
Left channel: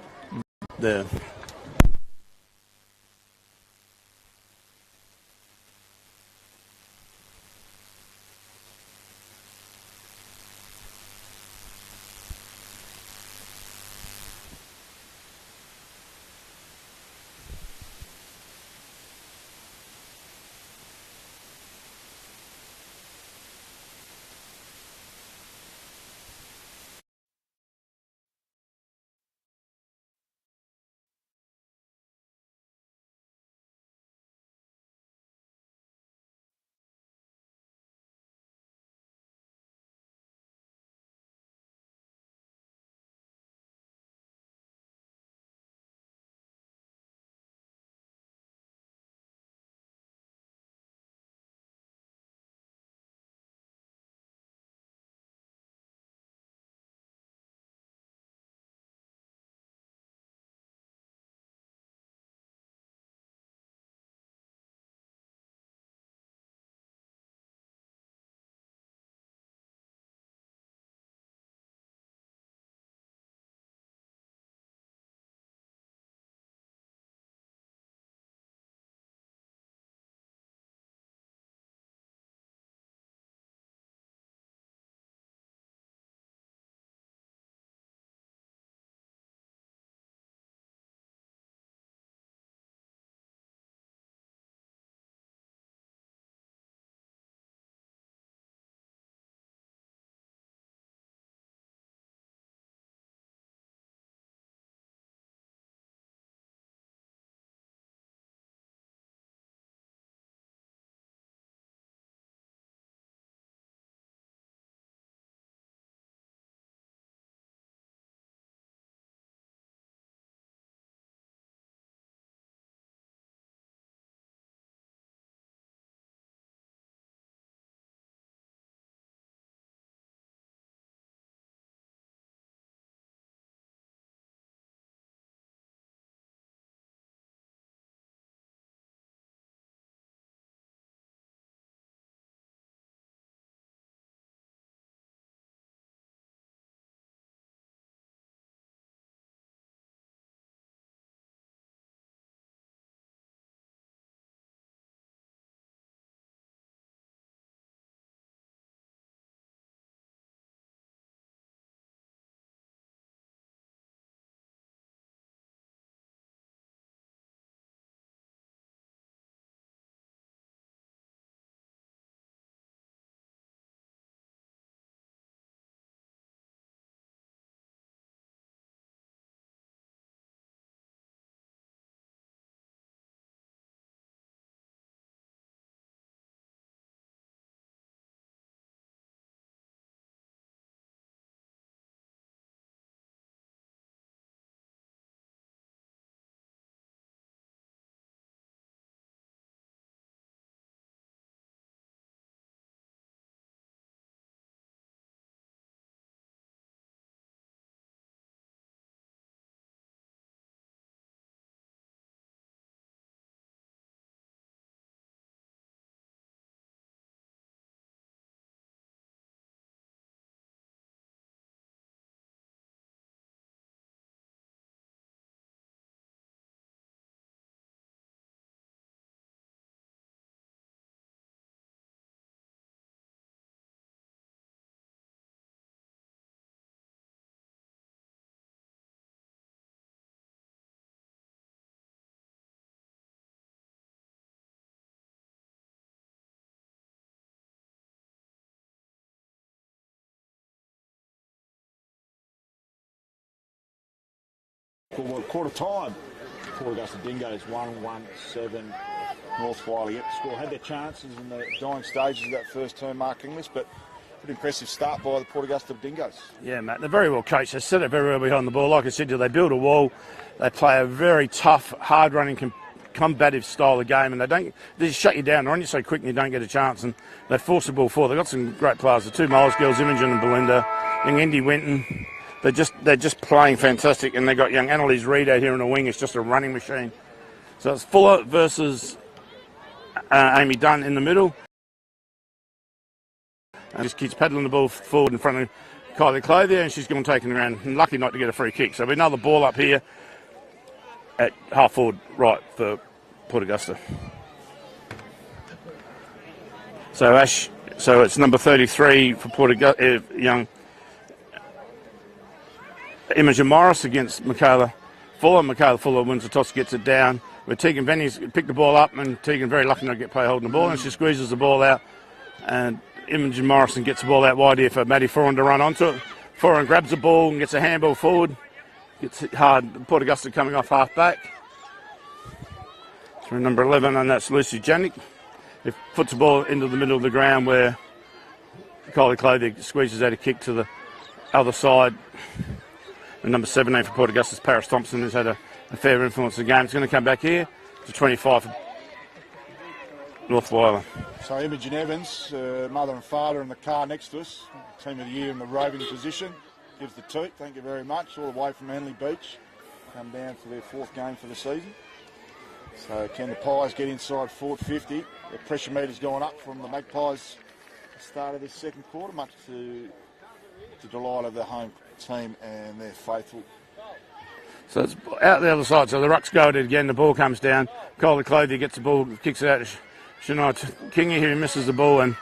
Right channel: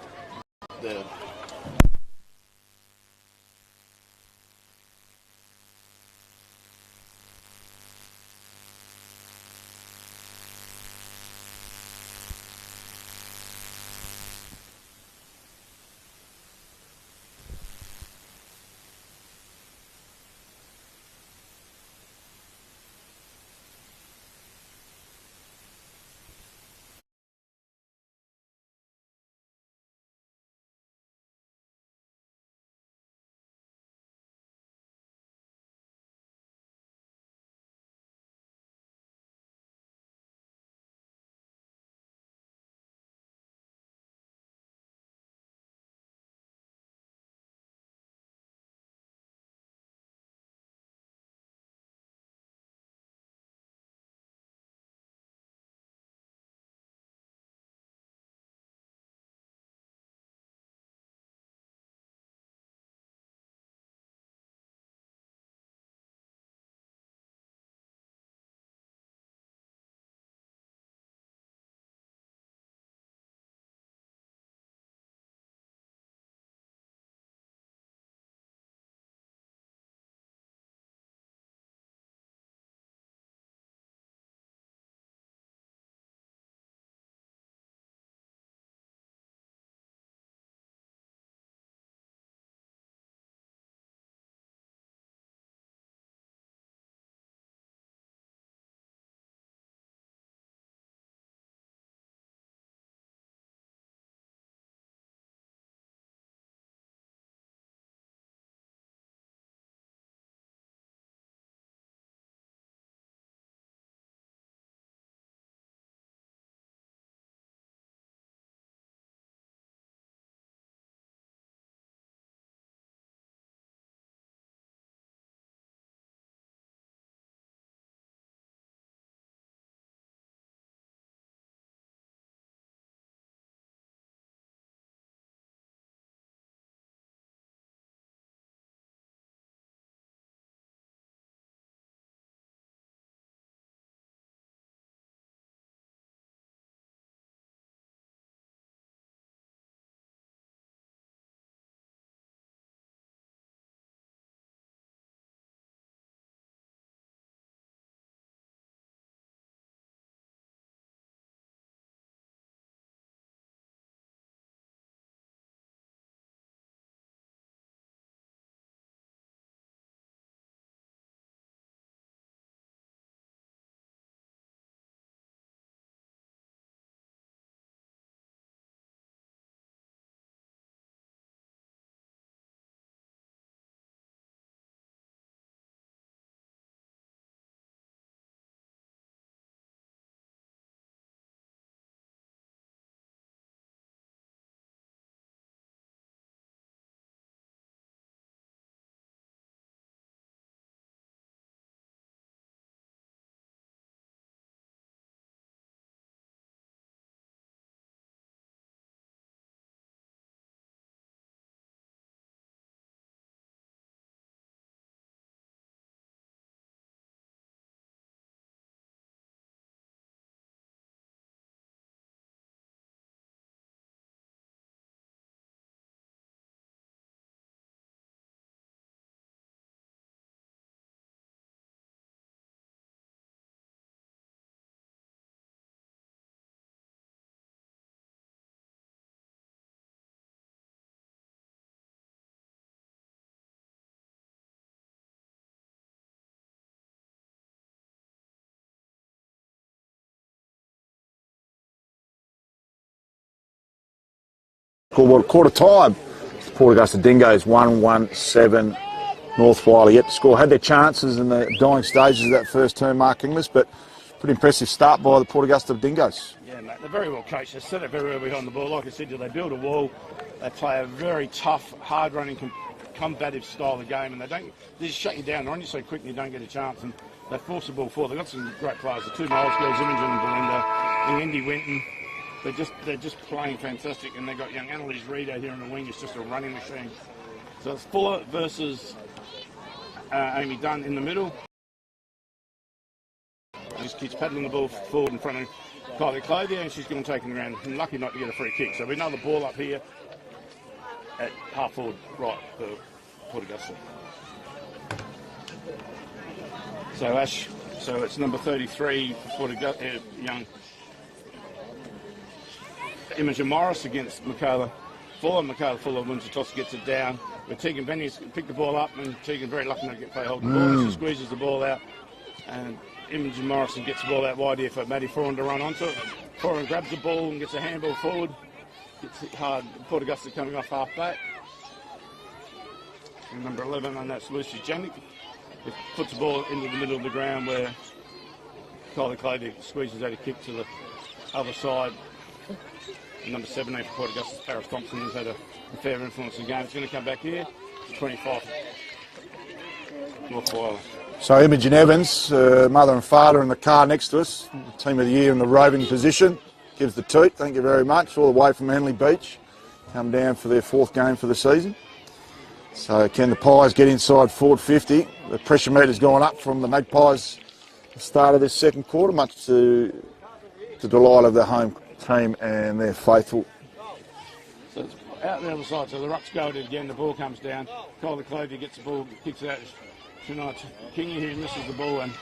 Scoreboard quarter time. Port Augusta Dingoes 1-1-7. North Whyalla yet to score. Had their chances in the dying stages of that first term, Mark Inglis, but pretty impressive start by the Port Augusta Dingoes. Yeah, mate, they're very well coached. They set it very well behind the ball. Like I said to you, they build a wall. They play a very tough, hard-running, combative style of game, and they just shut you down. They're on you so quick and you don't get a chance, and they force the ball forward. They've got some great players. The two Miles girls, Imogen and Belinda, young Indy Winton. They're just playing fantastic, and they've got young Annalise Reid out here in the wing. It's just a running machine. So it's Fuller versus Amy Dunn in the middle. And just keeps paddling the ball forward in front of Kylie Clothier, and she's going to take it around. And lucky not to get a free kick. So another ball up here at half forward right for Port Augusta. So it's number 33 for Port Augusta, young Imogen Morris against Michaela Fuller. Michaela Fuller wins the toss, gets it down. Where Tegan Venny's picked the ball up, and Tegan very lucky not to get play holding the ball, and she squeezes the ball out, and Imogen Morrison gets the ball out wide here for Maddie Foran to run onto it. Foran grabs the ball and gets a handball forward. Gets hit hard. Port Augusta coming off half back. So number 11, and that's Lucy Janik. He puts the ball into the middle of the ground where Kylie Clothier squeezes out a kick to the other side. And number 17 for Port Augusta's Paris Thompson has had a fair influence in the game. It's going to come back here to 25 for North Whyalla. So Imogen Evans, mother and father in the car next to us, team of the year in the roving position, gives the toot. Thank you very much. All the way from Henley Beach, come down for their fourth game for the season. So can the Pies get inside forward 50? The pressure meter's gone up from the Magpies at the start of this second quarter, much to the delight of the home team and their faithful. So it's out the other side. So the rucks go at it again. The ball comes down. Kylie Clothier gets the ball, kicks it out to Shania Kingy, who misses the ball, and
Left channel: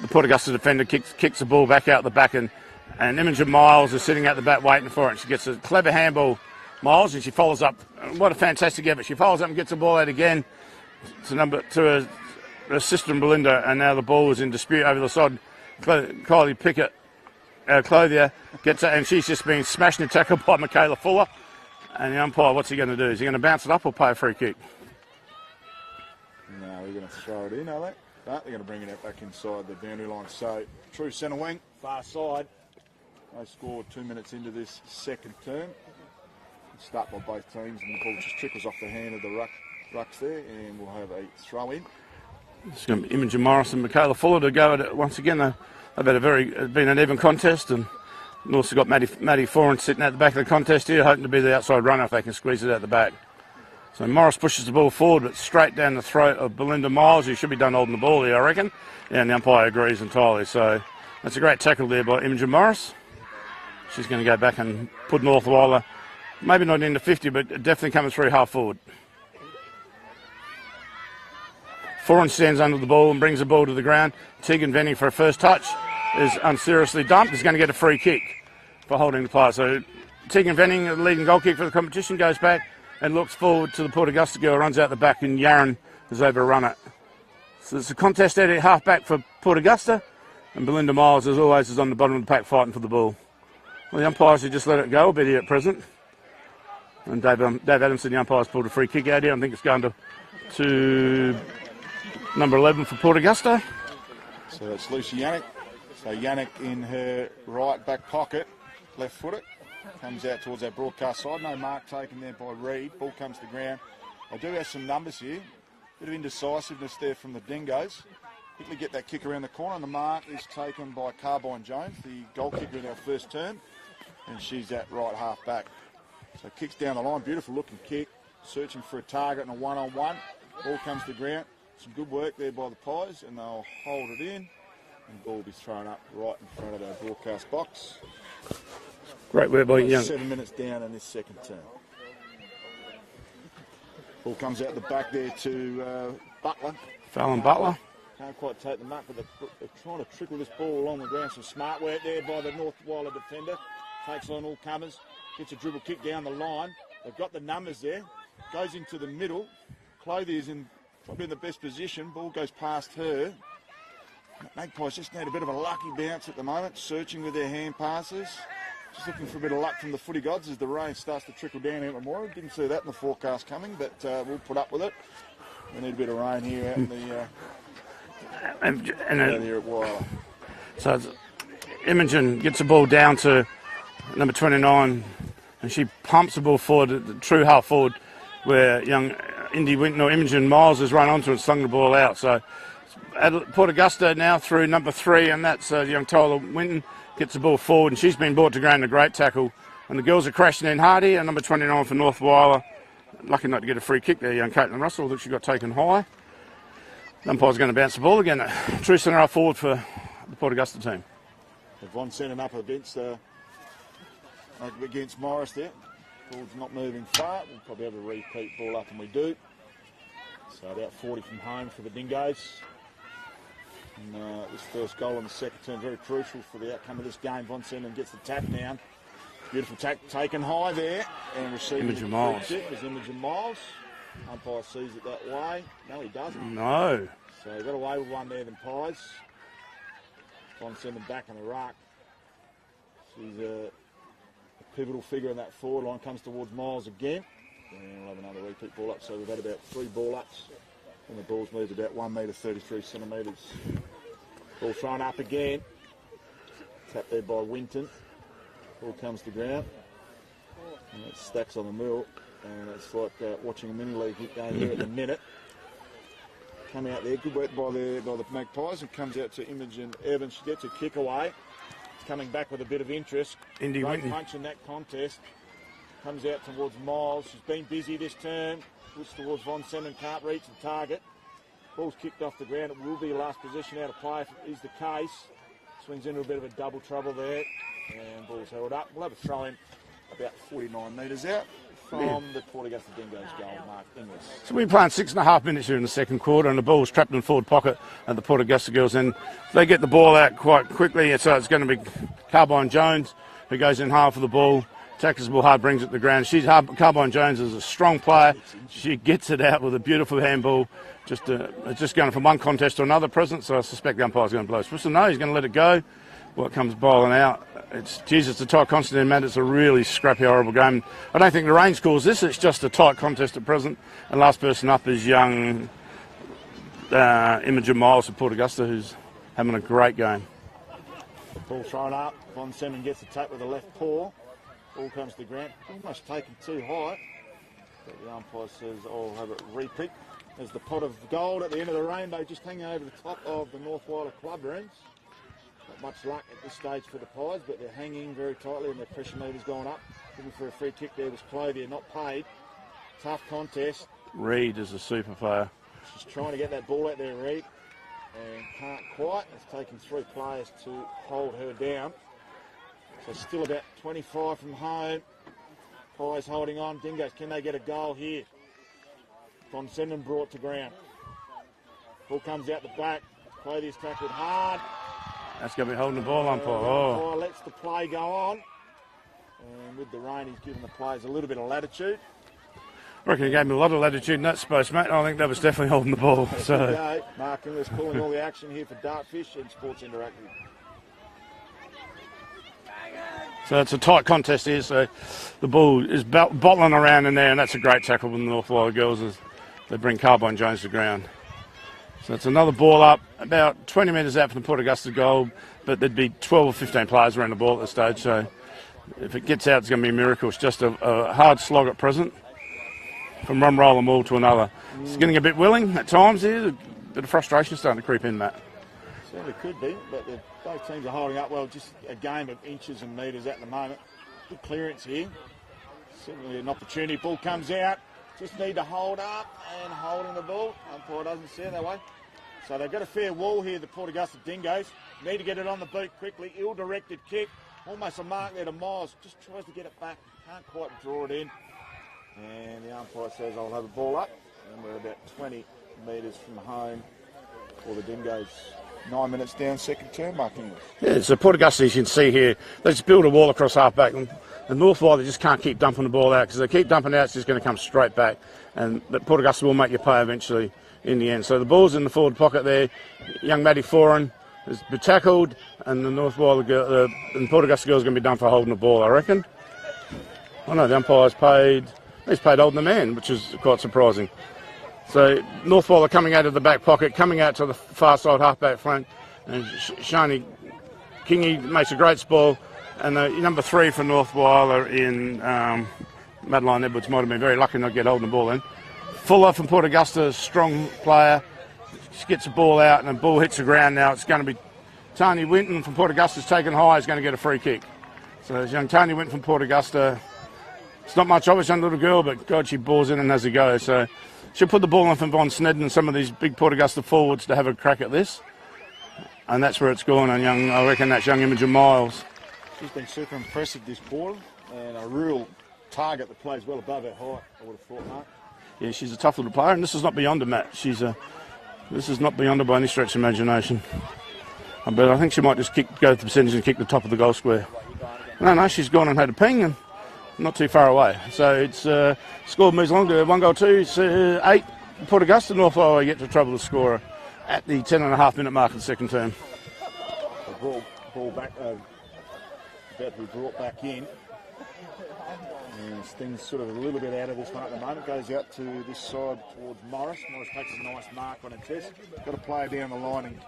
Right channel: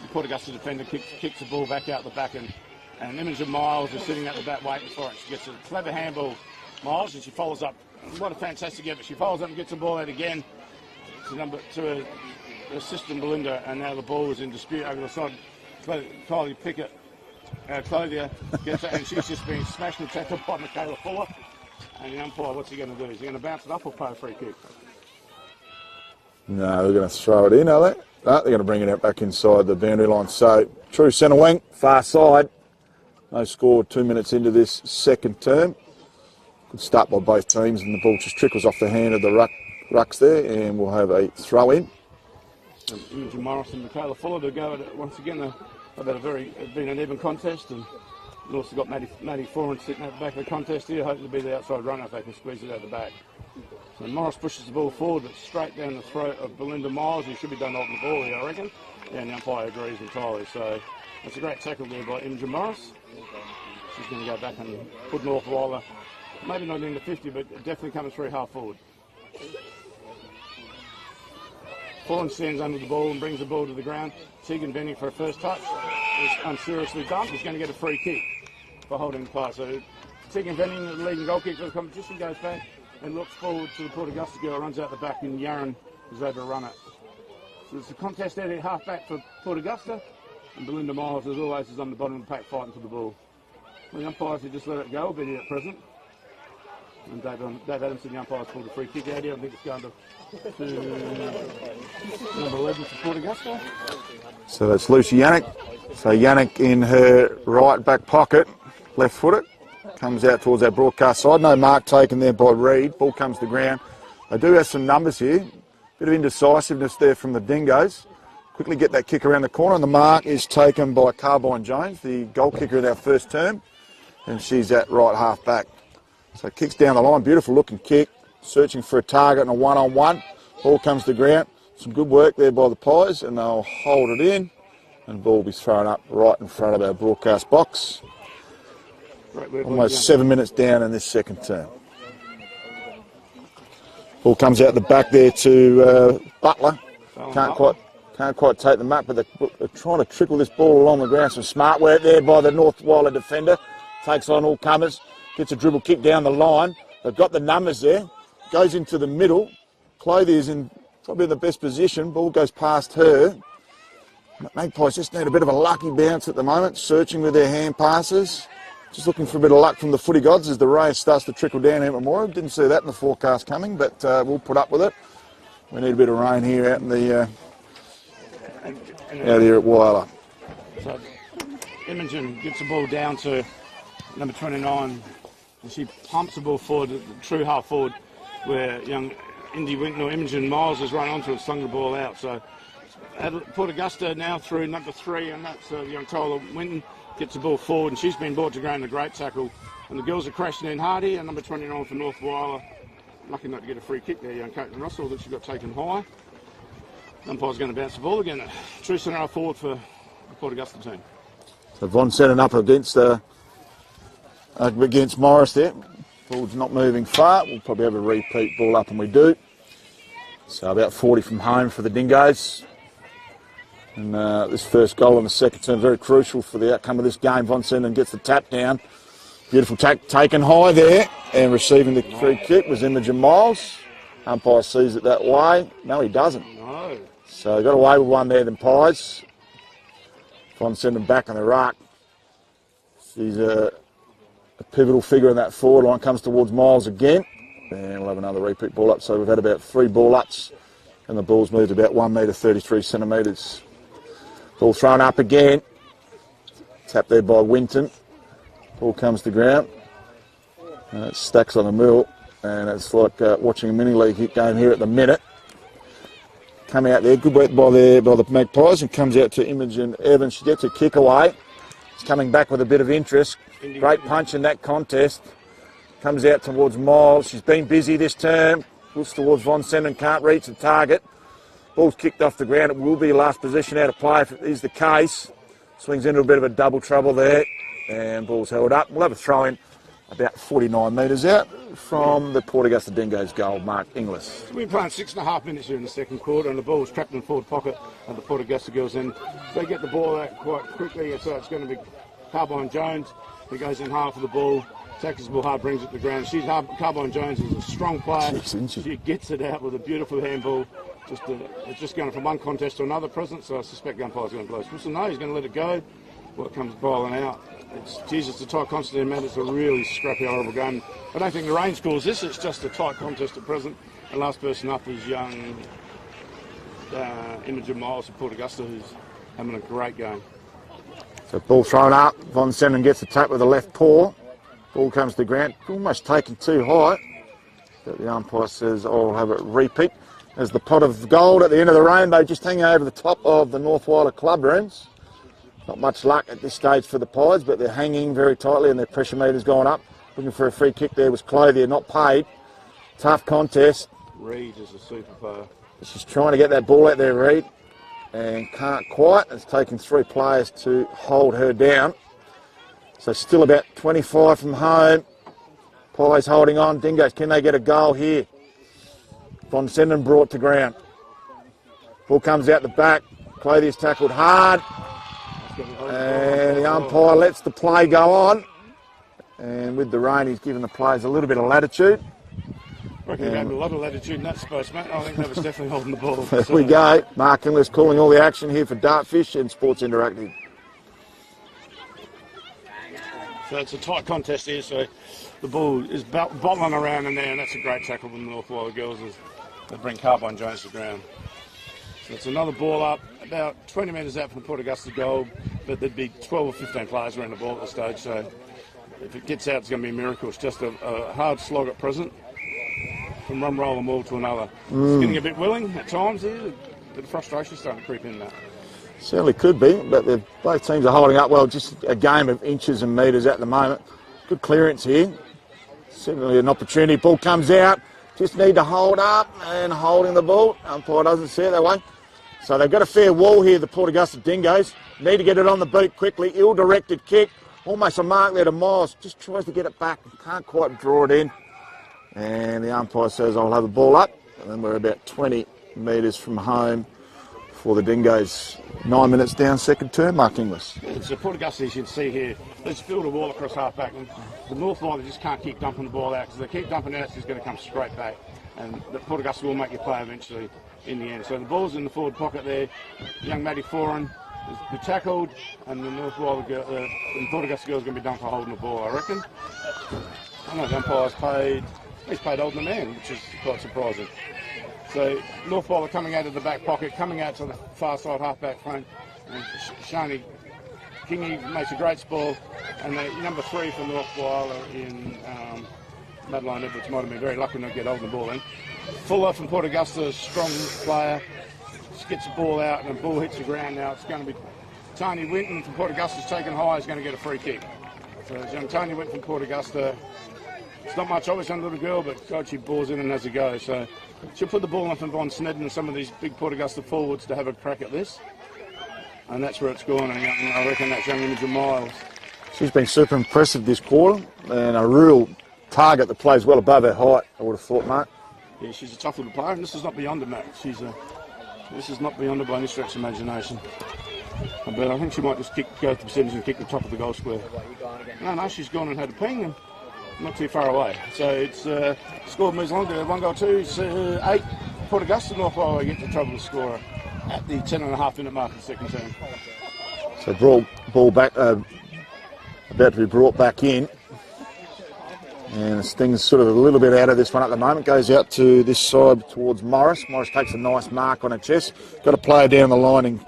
the Port Augusta defender kicks the ball back out the back, and Imogen Miles is sitting out the back waiting for it. She gets a clever handball, Miles, and she follows up. What a fantastic effort. She follows up and gets the ball out again to her sister and Belinda, and now the ball is in dispute over the side. Kylie Pickett, Clothier, gets it, and she's just been smashed and tackled by Michaela Fuller. And the umpire, what's he going to do? Is he going to bounce it up or play a free kick? No, they're going to throw it in, are they? No, they're going to bring it out back inside the boundary line. So, true centre wing, far side. No score 2 minutes into this second term. Good start by both teams, and the ball just trickles off the hand of the rucks there, and we'll have a throw in. It's going to be Imogen Morris and Michaela Fuller to go at it once again. They've had been an even contest, and we've also got Maddie Foran sitting at the back of the contest here, hoping to be the outside runner if they can squeeze it out the back. So Morris pushes the ball forward, but straight down the throat of Belinda Miles, who should be done holding the ball here, I reckon. Yeah, and the umpire agrees entirely. So that's a great tackle there by Imogen Morris. She's going to go back and put North Whyalla, maybe not into 50, but definitely coming through half forward. Foran stands under the ball and brings the ball to the ground. Tegan Venny for a first touch is unseriously dumped. Is going to get a free kick for holding the player. So Tegan Venning, the leading goal kick for the competition, goes back and looks forward to the Port Augusta girl, runs out the back, and Yaron has overrun it. So it's a contest at half back for Port Augusta, and Belinda Miles, as always, is on the bottom of the pack fighting for the ball. Well, the umpires have just let it go a bit here at present. And Dave Adamson, the umpires, pulled a free kick out here. I think it's going to number 11 for Port Augusta. So that's Lucy Yannick. So Yannick in her right back pocket, left footed, comes out towards our broadcast side. No mark taken there by Reid. Ball comes to ground. They do have some numbers here. Bit of indecisiveness there from the Dingoes. Quickly get that kick around the corner, and the mark is taken by Carbine Jones, the goal kicker in our first term, and she's at right half back. So kicks down the line, beautiful looking kick, searching for a target and a one-on-one. Ball comes to ground. Some good work there by the Pies, and they'll hold it in, and the ball will be thrown up right in front of our broadcast box. Great work by Almost 7 minutes down in this second term. Ball comes out the back there to Butler. Can't quite take the mark, but they're trying to trickle this ball along the ground. Some smart work there by the North Whyalla defender. Takes on all comers, gets a dribble kick down the line. They've got the numbers there. Goes into the middle. Clothier's in probably the best position. Ball goes past her. Magpies just need a bit of a lucky bounce at the moment, searching with their hand passes. Just looking for a bit of luck from the footy gods as the rain starts to trickle down here at Memorial. Didn't see that in the forecast coming, but we'll put up with it. We need a bit of rain here out in the out here at Whyalla. So Imogen gets the ball down to number 29, and she pumps the ball forward, the true half forward, where young Imogen Miles has run onto and slung the ball out. So Port Augusta now through number 3, and that's young Tyler Winton. Gets the ball forward, and she's been brought to ground, a great tackle. And the girls are crashing in hard here, and number 29 for North Whyalla. Lucky not to get a free kick there, young Caitlin Russell. Looks she got taken high. Umpire's going to bounce the ball again. True centre half forward for the Port Augusta team. So Von Sennen up against Morris there. Ball's not moving far. We'll probably have a repeat ball up, and we do. So about 40 from home for the Dingoes. And this first goal in the second term, very crucial for the outcome of this game. Von Sennen gets the tap down. Beautiful taken high there, and receiving the free kick was Imogen Miles. Umpire sees it that way. No, he doesn't. No. So got away with one there, then Pies. Von Sennen back on the ruck. She's a pivotal figure in that forward line. Comes towards Miles again. And we'll have another repeat ball up. So we've had about 3 ball ups. And the ball's moved about 1 metre 33 centimetres. Ball thrown up again. Tap there by Winton. Ball comes to ground. It stacks on the middle. And it's like watching a mini league game here at the minute. Coming out there, good work by the Magpies, and comes out to Imogen Evans. She gets a kick away. She's coming back with a bit of interest. Great punch in that contest. Comes out towards Miles. She's been busy this term. Looks towards Von Sennen, can't reach the target. Ball's kicked off the ground. It will be last position out of play if it is the case. Swings into a bit of a double trouble there. And ball's held up. We'll have a throw in about 49 metres out from the Port Augusta Dingoes goal, Mark Inglis. So we're playing 6.5 minutes here in the second quarter, and the ball's trapped in the forward pocket at the Port Augusta girls. And they get the ball out quite quickly. So it's going to be Carbine Jones who goes in half of the ball. Tackles the ball hard, brings it to the ground. Carbine Jones is a strong player. She gets it out with a beautiful handball. Just going from one contest to another present, so I suspect the umpire's going to blow. Supposed to know he's going to let it go. Well, it comes bowling out. It's a tight contest in Matt. It's a really scrappy, horrible game. I don't think the rain calls this. It's just a tight contest at present. And last person up is young Imogen Miles of Port Augusta, who's having a great game. So ball thrown up. Von Sennen gets the tap with the left paw. Ball comes to the ground, almost taken too high. But the umpire says, I'll have a repeat. There's the pot of gold at the end of the rainbow, just hanging over the top of the North Whyalla club rooms. Not much luck at this stage for the Pies, but they're hanging very tightly and their pressure meter's gone up. Looking for a free kick there was Clothier, not paid. Tough contest. Reid is a super player. She's trying to get that ball out there, Reid, and can't quite. It's taken 3 players to hold her down. So still about 25 from home. Pies holding on. Dingoes, can they get a goal here? Von Sennen brought to ground. Ball comes out the back. Clothier's tackled hard. That's going to be holding the ball. And the umpire lets the play go on. And with the rain, he's given the players a little bit of latitude. I reckon he gave me a lot of latitude in that space, mate. I think that was definitely holding the ball. There we go. Mark Inglis calling all the action here for Dartfish and Sports Interactive. So it's a tight contest here, so the ball is bottling around in there, and that's a great tackle from the North Whyalla girls as they bring Carbine Jones to ground. So it's another ball up, about 20 metres out from the Port Augusta goal, but there'd be 12 or 15 players around the ball at this stage, so if it gets out, it's going to be a miracle. It's just a hard slog at present from one roller maul to another. It's getting a bit willing at times here, a bit of frustration starting to creep in, Matt. Certainly could be, but both teams are holding up well. Just a game of inches and metres at the moment. Good clearance here. Certainly an opportunity. Ball comes out. Just need to hold up and holding the ball. Umpire doesn't see it that way. So they've got a fair wall here, the Port Augusta Dingoes. Need to get it on the beat quickly. Ill-directed kick. Almost a mark there to Miles. Just tries to get it back. Can't quite draw it in. And the umpire says, I'll have a ball up. And then we're about 20 metres from home for the Dingoes. 9 minutes down, second term, Mark Inglis. Yeah, it's a Port Augusta, you can see here. They just build a wall across half-back. And the North Whyalla, they just can't keep dumping the ball out, because they keep dumping it out, it's just going to come straight back. But Port Augusta will make you play eventually in the end. So the ball's in the forward pocket there. Young Maddie Foran is be tackled, and the North Whyalla girl, and Port Augusta girls going to be done for holding the ball, I reckon. I know the umpire's paid. He's paid holding the man, which is quite surprising. So North Whyalla coming out of the back pocket, coming out to the far side half-back flank, and Shani Kingy makes a great spoil, and the number 3 for North Whyalla in Madeline Edwards might have been very lucky not to get holding the ball in. Fuller from Port Augusta, strong player. She gets the ball out and the ball hits the ground now. It's going to be Tony Winton from Port Augusta's taken high, is going to get a free kick. So there's young Tony Winton from Port Augusta. It's not much of a young little girl, but God, she balls in and has a go. So she'll put the ball on for Von Snedden and some of these big Port Augusta forwards to have a crack at this. And that's where it's gone. And I reckon that's young Imogen Miles. She's been super impressive this quarter, and a real target that plays well above her height, I would have thought, mate. Yeah, she's a tough little player, and this is not beyond her, Matt. This is not beyond her by any stretch of imagination. But I think she might just go to the percentage and kick the top of the goal square. No, she's gone and had a ping, and not too far away. So it's score moves along to 1-2. It's 8. Port Augusta, North Whyalla get to trouble the scorer at the 10.5-minute mark of the second term. So ball back, about to be brought back in. And Sting's sort of a little bit out of this one at the moment. Goes out to this side towards Morris. Morris takes a nice mark on her chest. Got a player down the line in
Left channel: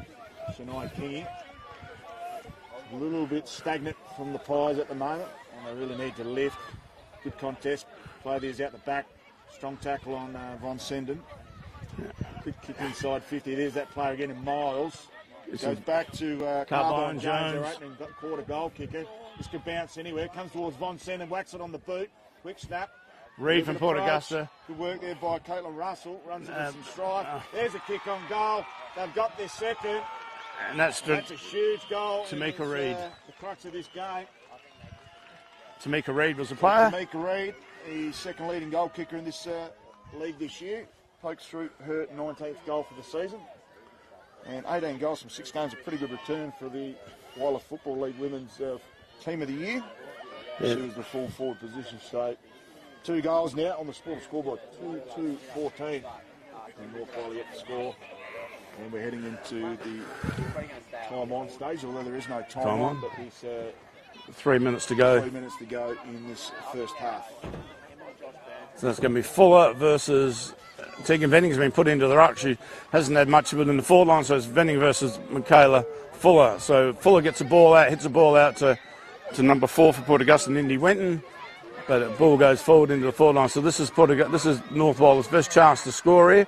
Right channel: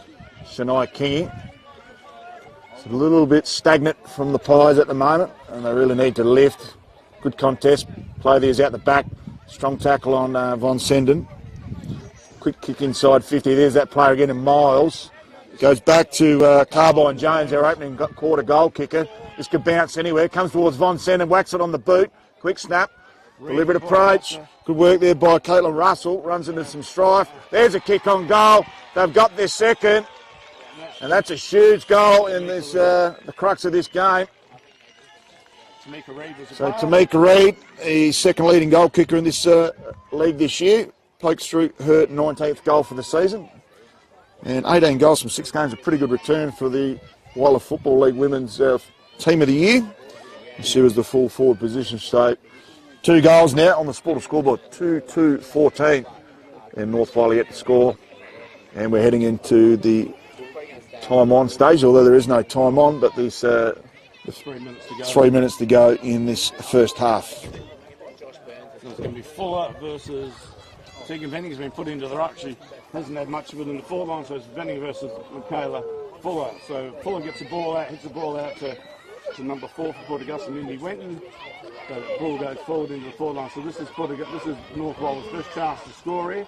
Shania Kingy. It's a little bit stagnant from the Pies at the moment, and they really need to lift. Good contest. Play these out the back. Strong tackle on Von Senden. Quick kick inside 50. There's that player again in Miles. Goes back to Carbine Jones, their opening quarter goal kicker. This could bounce anywhere. Comes towards Von Senden, whacks it on the boot. Quick snap. Deliberate approach. Good work there by Caitlin Russell. Runs into some strife. There's a kick on goal. They've got their second. And that's a huge goal in this the crux of this game. Tamika Reid was the player. Tamika Reid, the second leading goal kicker in this league this year. Pokes through her 19th goal for the season. And 18 goals from 6 games, a pretty good return for the Whyalla Football League Women's Team of the Year. Yeah. She was the full forward position. So 2 goals now on the Sporter scoreboard, 2-2-14. And North Whyalla yet to score. And we're heading into the time on stage, although there is no time on, but there's 3 minutes to go. 3 minutes to go in this first half. So it's going to be Fuller versus Tegan Venning's been put into the ruck. She hasn't had much of it in the forward line, so it's Venning versus Michaela Fuller. So Fuller gets the ball out, hits the ball out to number 4 for Port Augusta, Indy Wenton. But the ball goes forward into the forward line. So this is North Whyall's first chance to score here.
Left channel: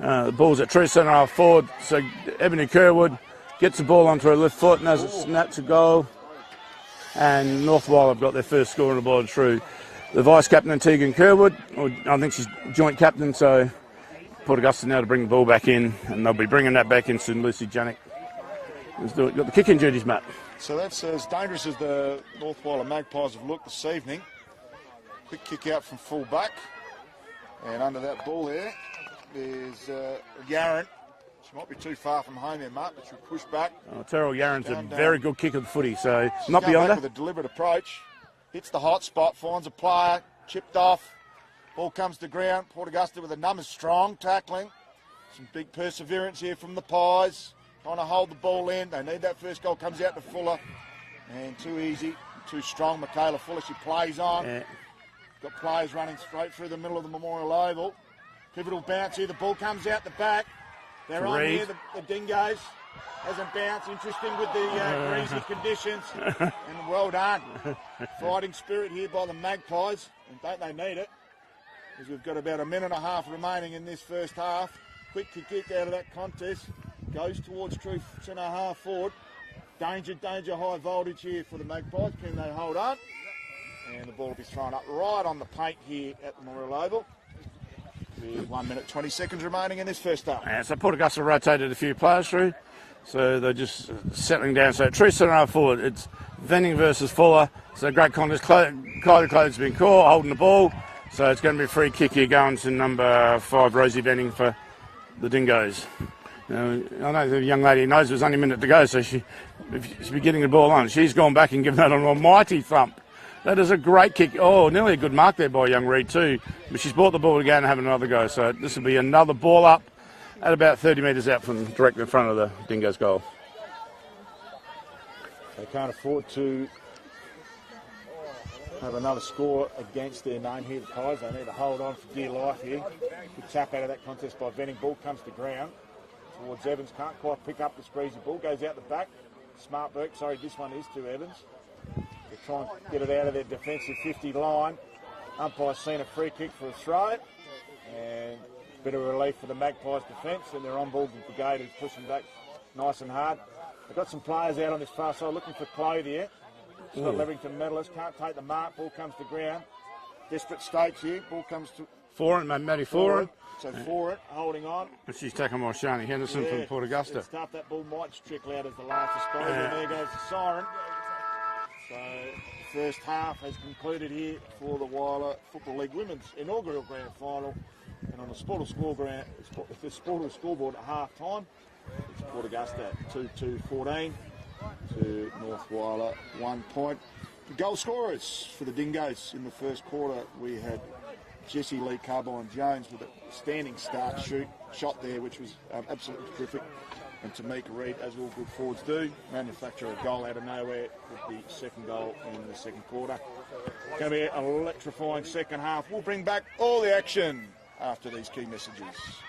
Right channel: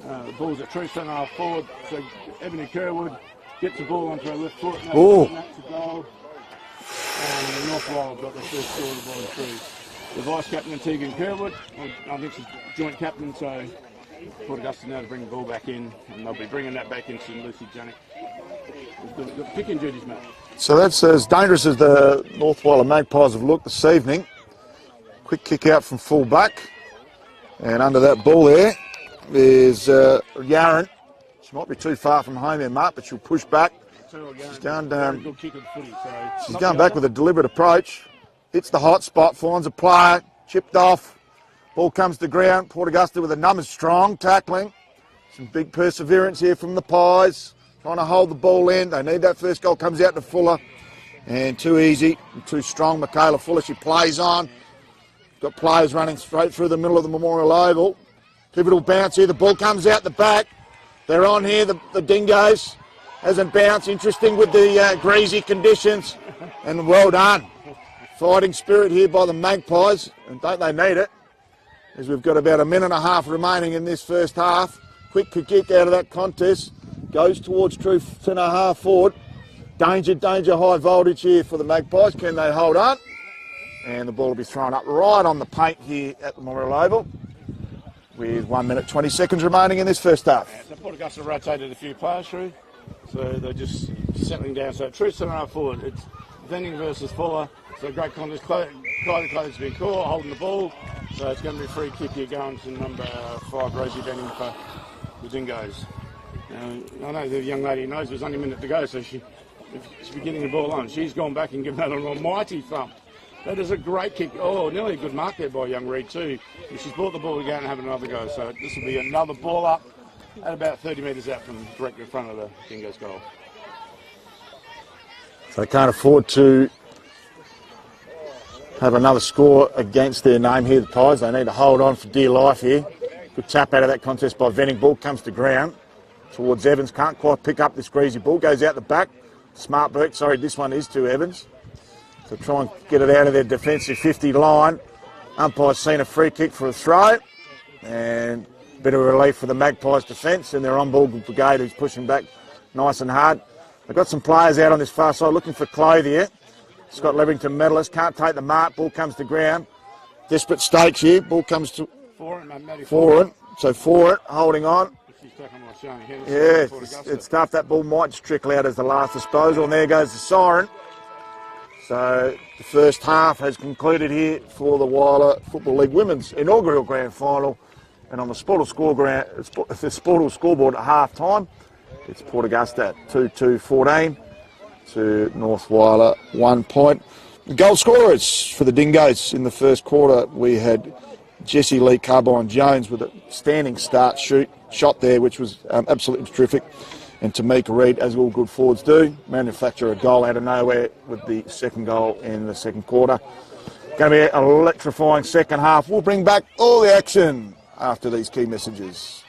The ball's at true centre half forward. So Ebony Kerwood gets the ball onto her left foot and has a snap to goal. And North Whyalla have got their first score on the ball through the vice captain Tegan Kerwood. I think she's joint captain, so Port Augusta now to bring the ball back in, and they'll be bringing that back in soon. Lucy Janik has got the kicking duties, Matt. So that's as dangerous as the North Whyalla Magpies have looked this evening. Quick kick out from full back, and under that ball there is Yaron. She might be too far from home there, Mark, but she'll push back. Terrell Yaron's a very good kick of the footy, so she's going back with a deliberate approach. Hits the hot spot, finds a player, chipped off. Ball comes to ground. Port Augusta with a numbers strong tackling. Some big perseverance here from the Pies. Trying to hold the ball in. They need that first goal. Comes out to Fuller. And too easy, too strong. Michaela Fuller, she plays on. Yeah. Got players running straight through the middle of the Memorial Oval. Pivotal bounce here. The ball comes out the back. They're on here, the Dingoes. Hasn't bounced. Interesting with the greasy conditions. And well done. Fighting spirit here by the Magpies. And don't they need it? As we've got about a minute and a half remaining in this first half. Quick kick out of that contest. Goes towards true centre half forward. Danger, high voltage here for the Magpies. Can they hold on? And the ball will be thrown up right on the paint here at the Memorial Oval. With 1 minute 20 seconds remaining in this first half. Yeah, so Port Augusta rotated a few players through. So they're just settling down. So true centre half forward. It's Venning versus Fuller. So great contest. Kylie Clode's been caught holding the ball. So it's going to be a free kick here going to number 5, Rosie Venning for the Dingoes. Now, I know the young lady knows there's only a minute to go, so she'll be getting the ball on. She's gone back and given that an almighty thump. That is a great kick. Oh, nearly a good mark there by young Reid too. But she's brought the ball to go and have another go. So this will be another ball up at about 30 metres out from directly in front of the Dingoes goal. So they can't afford to have another score against their name here, the Pies. They need to hold on for dear life here. Good tap out of that contest by Venning. Ball comes to ground towards Evans. Can't quite pick up this greasy ball. Goes out the back. Smart break. Sorry, this one is to Evans. So try and get it out of their defensive 50 line. Umpire's seen a free kick for a throw. And a bit of relief for the Magpies defence and their on-ball brigade who's pushing back nice and hard. They've got some players out on this far side looking for Clothier. Scott Leverington medalist, can't take the mark, ball comes to ground. Desperate stakes here, ball comes to Foreign, Matty Foreign. So for it, holding on. But she's taken by Shani Henderson Yeah, from Augusta. it's tough. That ball might just trickle out as the last disposal, and there goes the siren. So the first half has concluded here for the Whyalla Football League Women's inaugural grand final. And on the Sportal scoreboard at half time, it's Port Augusta at 2-2-14 to North Whyalla 1 point. The goal scorers for the Dingoes in the first quarter, we had Jessie Lee Carbine-Jones with a standing start shot there, which was absolutely terrific. And Tamika Reid, as all good forwards do, manufacture a goal out of nowhere with the second goal in the second quarter. Going to be an electrifying second half. We'll bring back all the action after these key messages.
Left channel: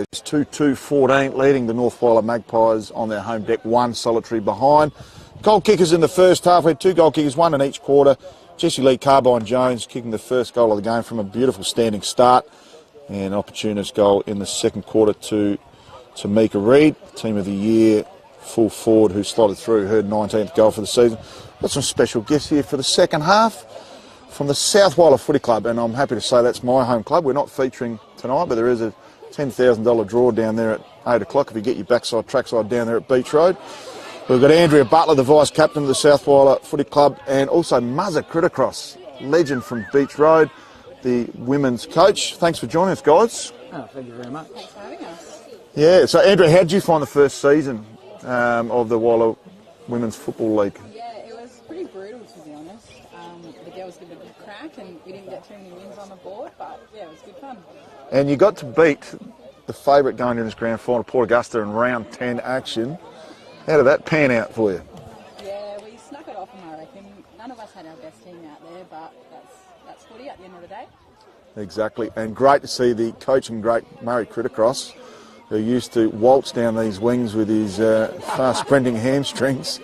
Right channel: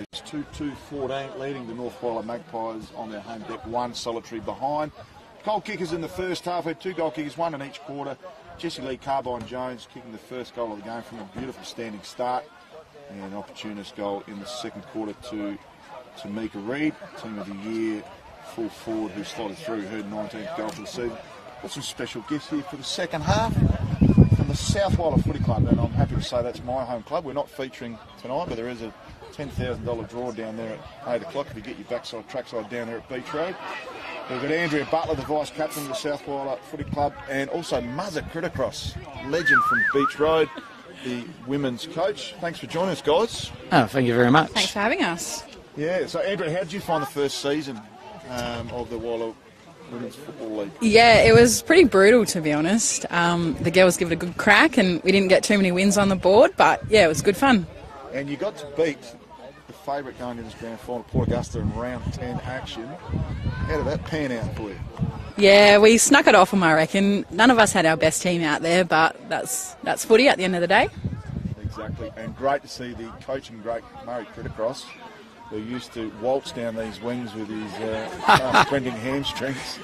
It's 2-2-14, leading the North Whyalla Magpies on their home deck, 1 solitary behind. Goal kickers in the first half. We had 2 goal kickers, 1 in each quarter. Jesse Lee Carbine-Jones kicking the first goal of the game from a beautiful standing start. And opportunist goal in the second quarter to Tamika Reid, Team of the Year full forward who slotted through her 19th goal for the season. Got some special guests here for the second half from the South Whyalla Footy Club, and I'm happy to say that's my home club. We're not featuring tonight, but there is a $10,000 draw down there at 8 o'clock if you get your trackside down there at Beach Road. We've got Andrea Butler, the vice captain of the South Whyalla Footy Club, and also Muzza Criticross, legend from Beach Road, the women's coach. Thanks for joining us, guys. Oh, thank you very much. Thanks for having us. Yeah, so Andrea, how did you find the first season of the Whyalla Women's Football League? Yeah, it was pretty brutal, to be honest. The girls give it a good crack, and we didn't get too many wins on the board, but yeah, it was good fun. And you got to beat the favourite going in this grand final, Port Augusta, in round 10 action. How did that pan out for you? Yeah, we snuck it off them, I reckon. None of us had our best team out there, but that's footy at the end of the day. Exactly, and great to see the coaching great Murray Criticross, who used to waltz down these wings with his fast sprinting hamstrings.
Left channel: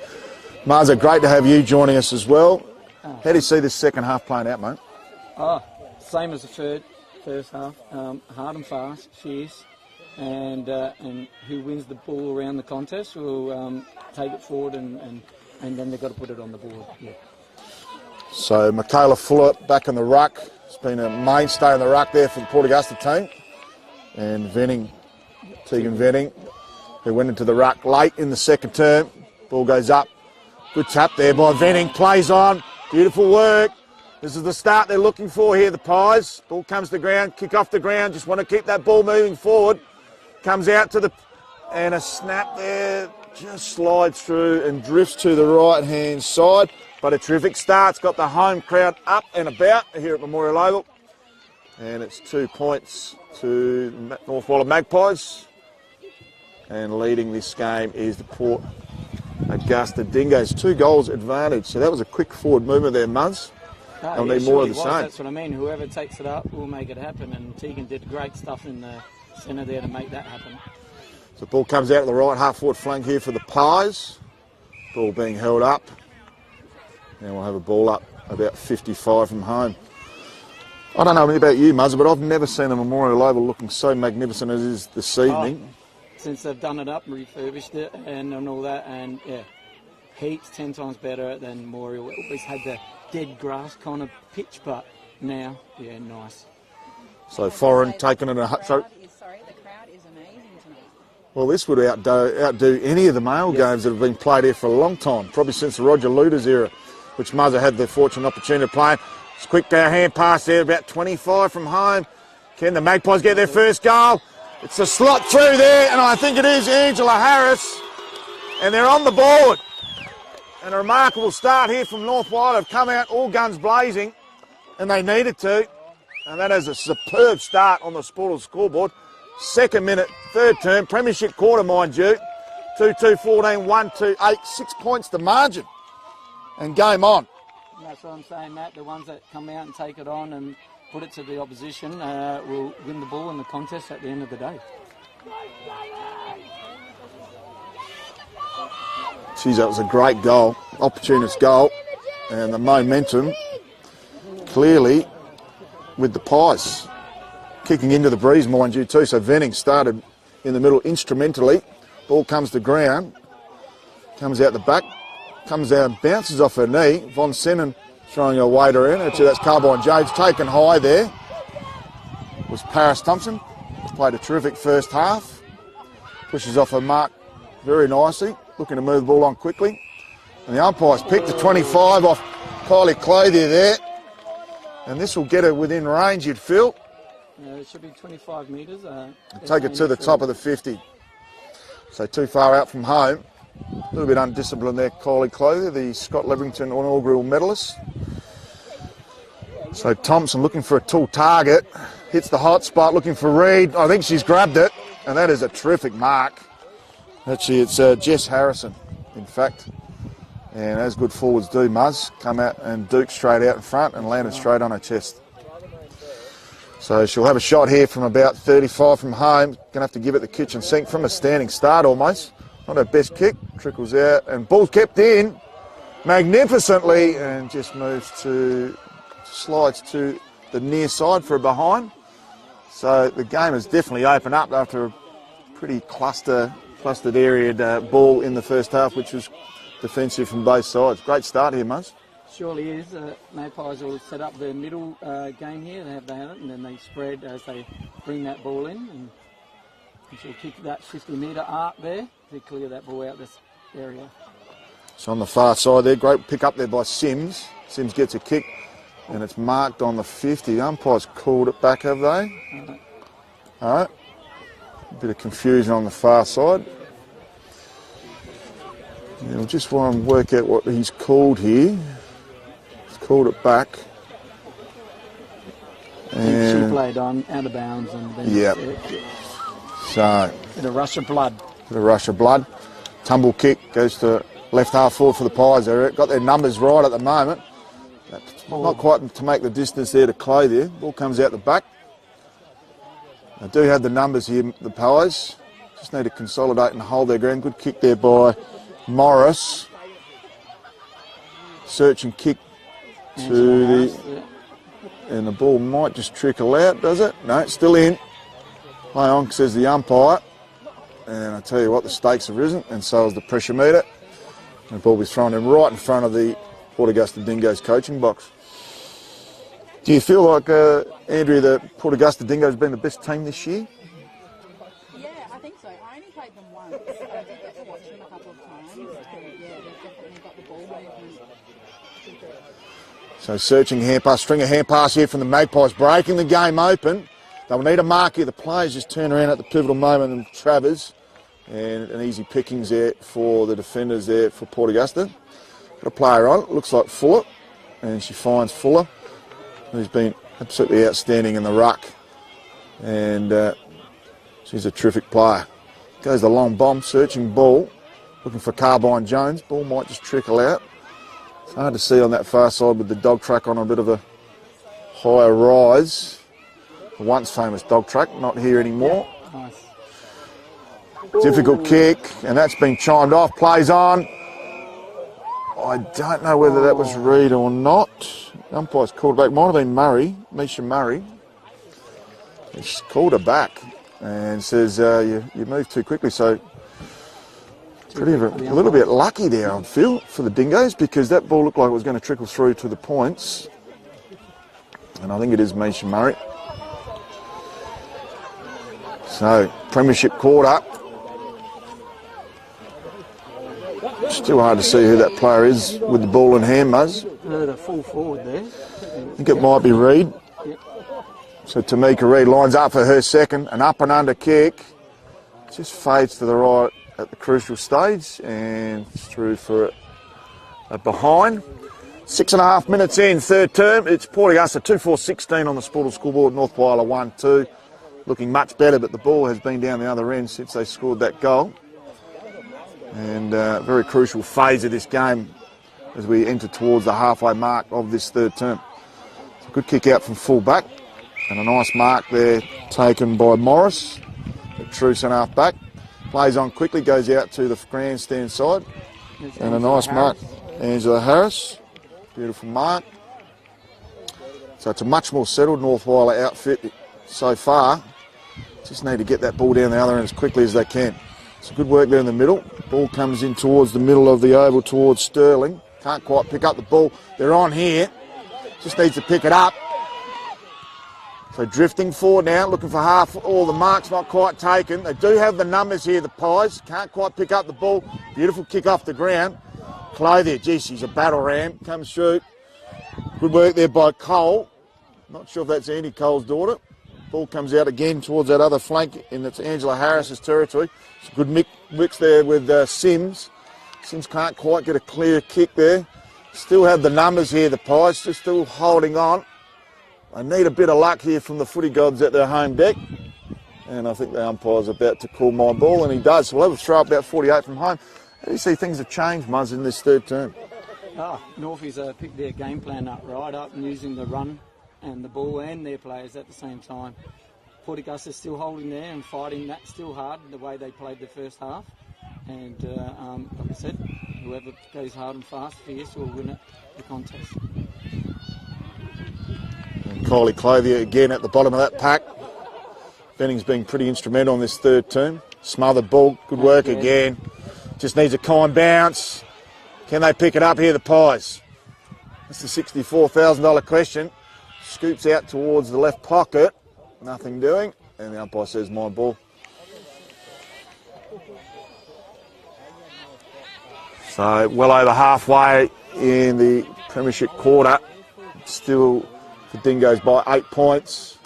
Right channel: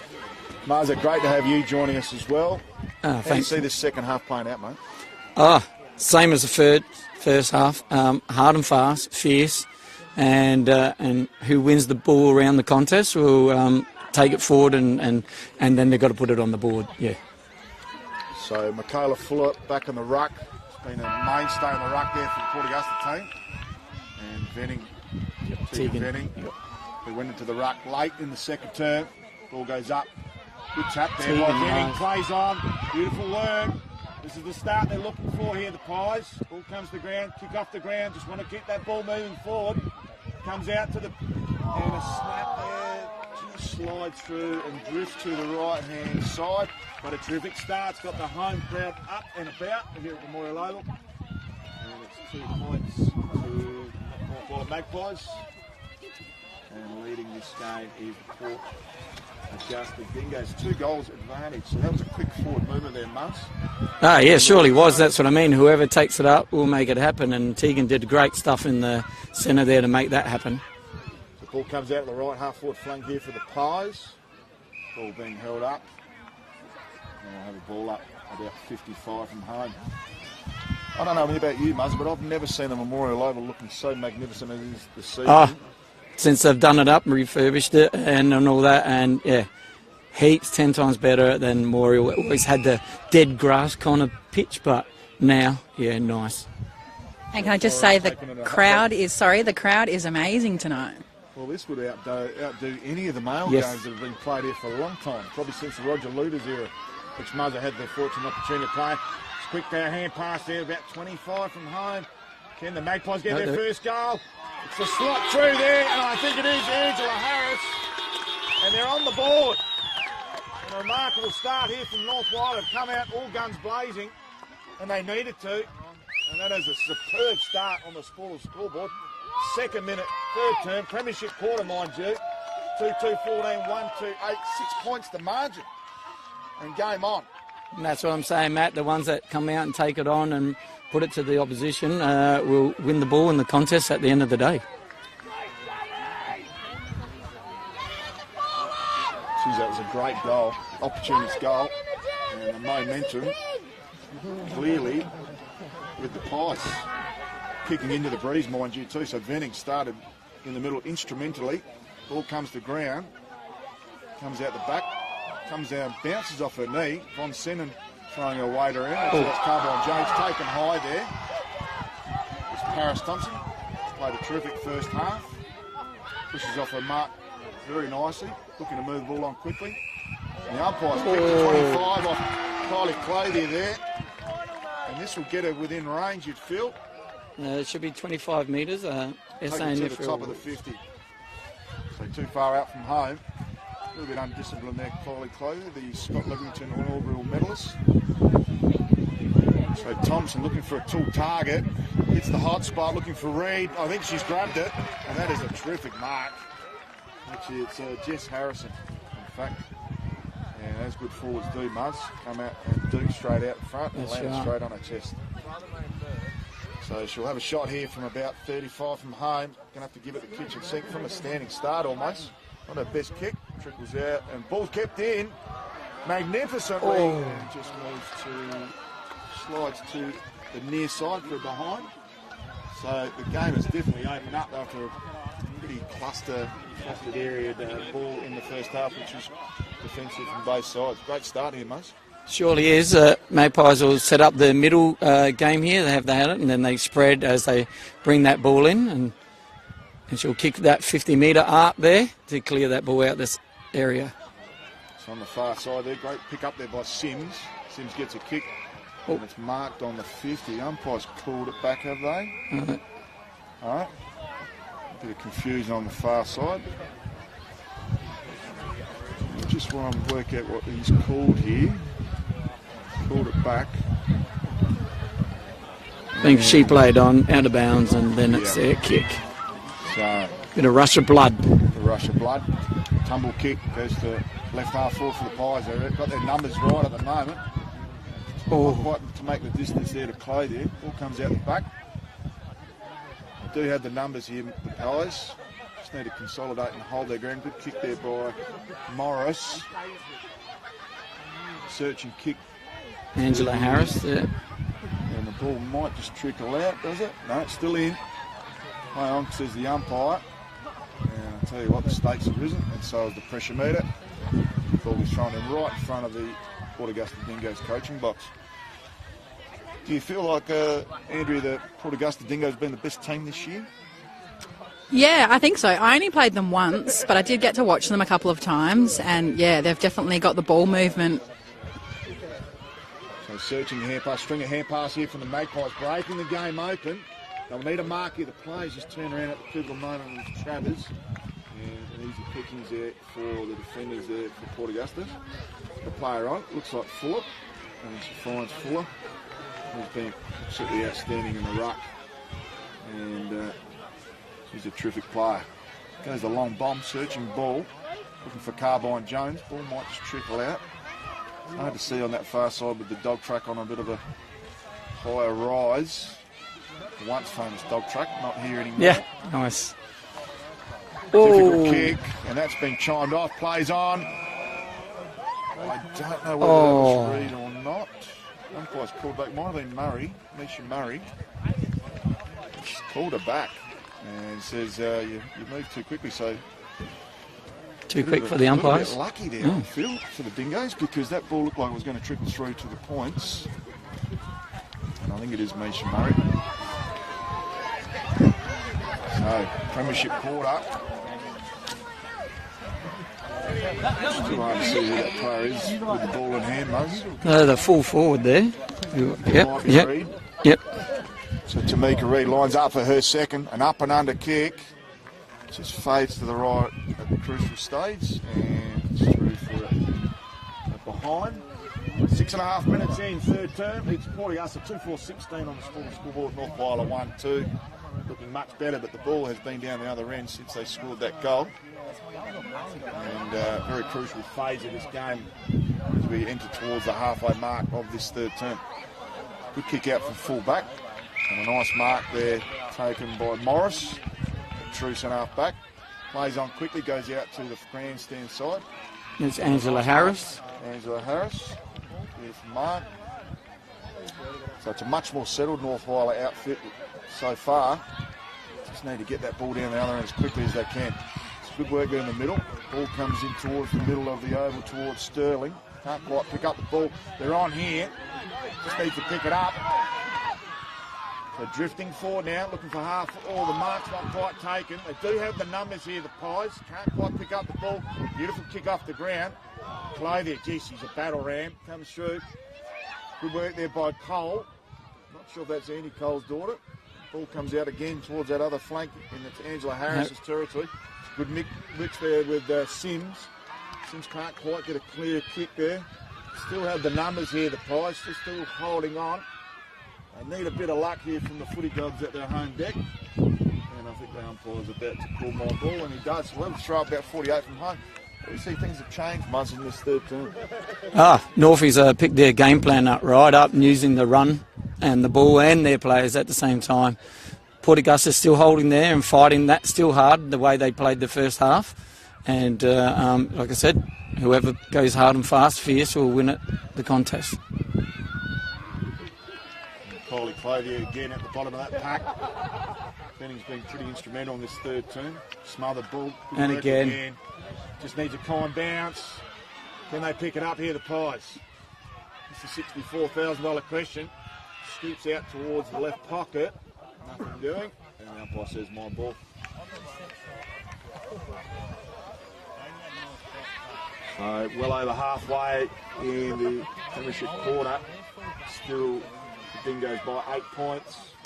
Marza, great to have you joining us as well. How do you see this second half playing out, mate? Same as the first half, hard and fast, fierce, and who wins the ball around the contest will take it forward, and then they've got to put it on the board. Yeah. So Michaela Fuller back in the ruck. It's been a mainstay in the ruck there for the Port Augusta team, and Tegan Venning, who went into the ruck late in the second term. Ball goes up. Good tap there by Venning. Plays on. Beautiful work. This is the start they're looking for here, the Pies. Ball comes to the ground, kick off the ground. Just want to keep that ball moving forward. Comes out to and a snap there. Just slides through and drifts to the right-hand side. But a terrific start. It's got the home crowd up and about here at Memorial Oval. And it's 2 points to North Whyalla Magpies. And leading this game is the Port Augusta Dingoes. 2 goals advantage. So that was a quick forward movement there, Muzz. Yeah, surely was. That's what I mean. Whoever takes it up will make it happen. And Tegan did great stuff in the centre there to make that happen. So the ball comes out to the right half-forward flank here for the Pies. Ball being held up. And we'll have a ball up about 55 from home. I don't know about you, Muzz, but I've never seen a Memorial Oval looking so magnificent as it is this evening. Since they've done it up and refurbished it and all that, and yeah, heaps 10 times better than Memorial. It always had the dead grass kind of pitch, but now, yeah, nice. And can I just say the crowd is amazing tonight. Well, this would outdo any of the male games that have been played here for a long time, probably since the Roger Luders era, which Muzza had the fortunate opportunity to play. It's a quick hand pass there, about 25 from home. Can the Magpies get their first goal? It's a slot through there, and I think it is Angela Harris. And they're on the board. And a remarkable start here from North Whyalla. Have come out all guns blazing, and they needed to. And that is a superb start on the Sporters scoreboard. Second minute, third term, premiership quarter, mind you. 2-2-14, 1-2-8, 6 points the margin. And game on. And that's what I'm saying, Matt. The ones that come out and take it on and put it to the opposition will win the ball in the contest at the end of the day. Geez, that was a great goal, opportunist goal, and the momentum clearly with the Pies. Kicking into the breeze, mind you, too. So Venning started in the middle instrumentally. Ball comes to ground, comes out the back, comes out, bounces off her knee. Von Sennen throwing her weight around. Actually, that's Carbine-Jones taken high there. It was Paris Thompson. Played a terrific first half. Pushes off her mark very nicely. Looking to move the ball on quickly. And the umpires picked the 25 off Kylie Clothier there. And this will get her within range, you'd feel. It should be 25 metres. Take it to the top of the 50. So too far out from home. A little bit undisciplined there, Kylie Clothier, the Scott Leverington inaugural medalist. So Thompson looking for a tall target. Hits the hot spot, looking for Reid. I think she's grabbed it. And that is a terrific mark. Actually, it's Jess Harrison, in fact. And as good forwards do, Muzz, come out and duke straight out in front and landed straight on her chest. So she'll have a shot here from about 35 from home. Going to have to give it the kitchen sink from a standing start almost. Not her best kick. Trickles out and ball kept in magnificently and just moves to, slides to the near side for a behind. So the game has definitely opened up after a pretty clustered area ball in the first half, which was defensive from both sides. Great start here, Muzz. Surely is. Magpies will set up the middle game here. They had it, and then they spread as they bring that ball in, and she'll kick that 50-metre arc there to clear that ball out this area. So on the far side there, great pick up there by Sims. Sims gets a kick, and it's marked on the 50. Umpires called it back, have they? Mm-hmm. All right. A bit of confusion on the far side. Yeah, we just want to work out what he's called here. He's called it back. I think she played on out of bounds, and then it's their kick. So Bit of rush of blood. Tumble kick goes to left half forward for the Pies. They've got their numbers right at the moment. Not quite to make the distance there to Clay there. Ball comes out the back. They do have the numbers here, the Pies. Just need to consolidate and hold their ground. Good kick there by Morris. Search and kick Angela Harris, yeah. And the ball might just trickle out, does it? No, it's still in. Play on, says the umpire. And I tell you what, the stakes have risen, and so has the pressure meter. The ball was thrown in right in front of the Port Augusta Dingoes coaching box. Do you feel like, Andrea, the Port Augusta Dingoes have been the best team this year? Yeah, I think so. I only played them once, but I did get to watch them a couple of times, and yeah, they've definitely got the ball movement. So searching hand pass, string of hand pass here from the Magpies, breaking the game open. They'll need a mark here. The players just turn around at the pivotal moment and Travers. And an easy pickings there for the defenders there for Port Augusta. Got a player on, looks like Fuller. And she finds Fuller, who's been absolutely outstanding in the ruck. And she's a terrific player. Goes the long bomb, searching ball. Looking for Carbine Jones. Ball might just trickle out. It's hard to see on that far side with the dog track on a bit of a higher rise. The once famous dog track, not here anymore. Yeah, nice. Difficult kick, and that's been chimed off. Plays on. I don't know whether that was Reed or not. Umpire's called back. Might have been Murray, Misha Murray. He's called her back and says you moved too quickly. So Too quick for the umpires. A little bit lucky there, I feel, for the Dingoes, because that ball looked like it was going to trickle through to the points. And I think it is Misha Murray. So, premiership quarter. It's too hard to see who that player is with the ball in hand, Muzz. The full forward there. I think it might be Reed. Yep. So Tamika Reed lines up for her second, an up and under kick. Just fades to the right at the crucial stage and through for a behind. 6.5 minutes in, third term. It's Port Augusta 2-4-16 on the Sportal scoreboard. North Whyalla 1-2. Looking much better, but the ball has been down the other end since they scored that goal. And very crucial phase of this game as we enter towards the halfway mark of this third term. Good kick out from full back and a nice mark there taken by Morris, the true centre half back. Plays on quickly, goes out to the grandstand side. It's and Angela a nice Harris. mark. Angela Harris, beautiful mark. So it's a much more settled North Whyalla outfit so far. Just need to get that ball down the other end as quickly as they can. It's good work there in the middle. Ball comes in towards the middle of the oval, towards Sterling. Can't quite pick up the ball. They're on here. Just needs to pick it up. So drifting forward now, looking for half. All the marks not quite taken. They do have the numbers here, the Pies. Can't quite pick up the ball. Beautiful kick off the ground. Clay there. Gee, she's a battle ram. Comes through. Good work there by Cole. Not sure if that's Andy Cole's daughter. Ball comes out again towards that other flank in that's Angela Harris's territory. It's a good mix there with Sims. Sims can't quite get a clear kick there. Still have the numbers here, the Pies. They're still holding on. They need a bit of luck here from the footy gods at their home deck. And I think the umpire's about to call my ball, and he does. So we'll have a throw about 48 from home. How do you see things have changed, Muzz, in this third term? Northies picked their game plan up right up and using the run and the ball and their players at the same time. Port Augusta still holding there and fighting that still hard the way they played the first half. And like I said, whoever goes hard and fast, fierce, will win the contest. Kylie Clothier again at the bottom of that pack. Benning's been pretty instrumental on this third term. Smothered ball, good And work again. Just needs a kind bounce. Can they pick it up here, the Pies? That's the $64,000 question. Scoops out towards the left pocket. Nothing doing. And the umpire says, my ball. So well over halfway in the Premiership quarter. Still the Dingoes by 8 points.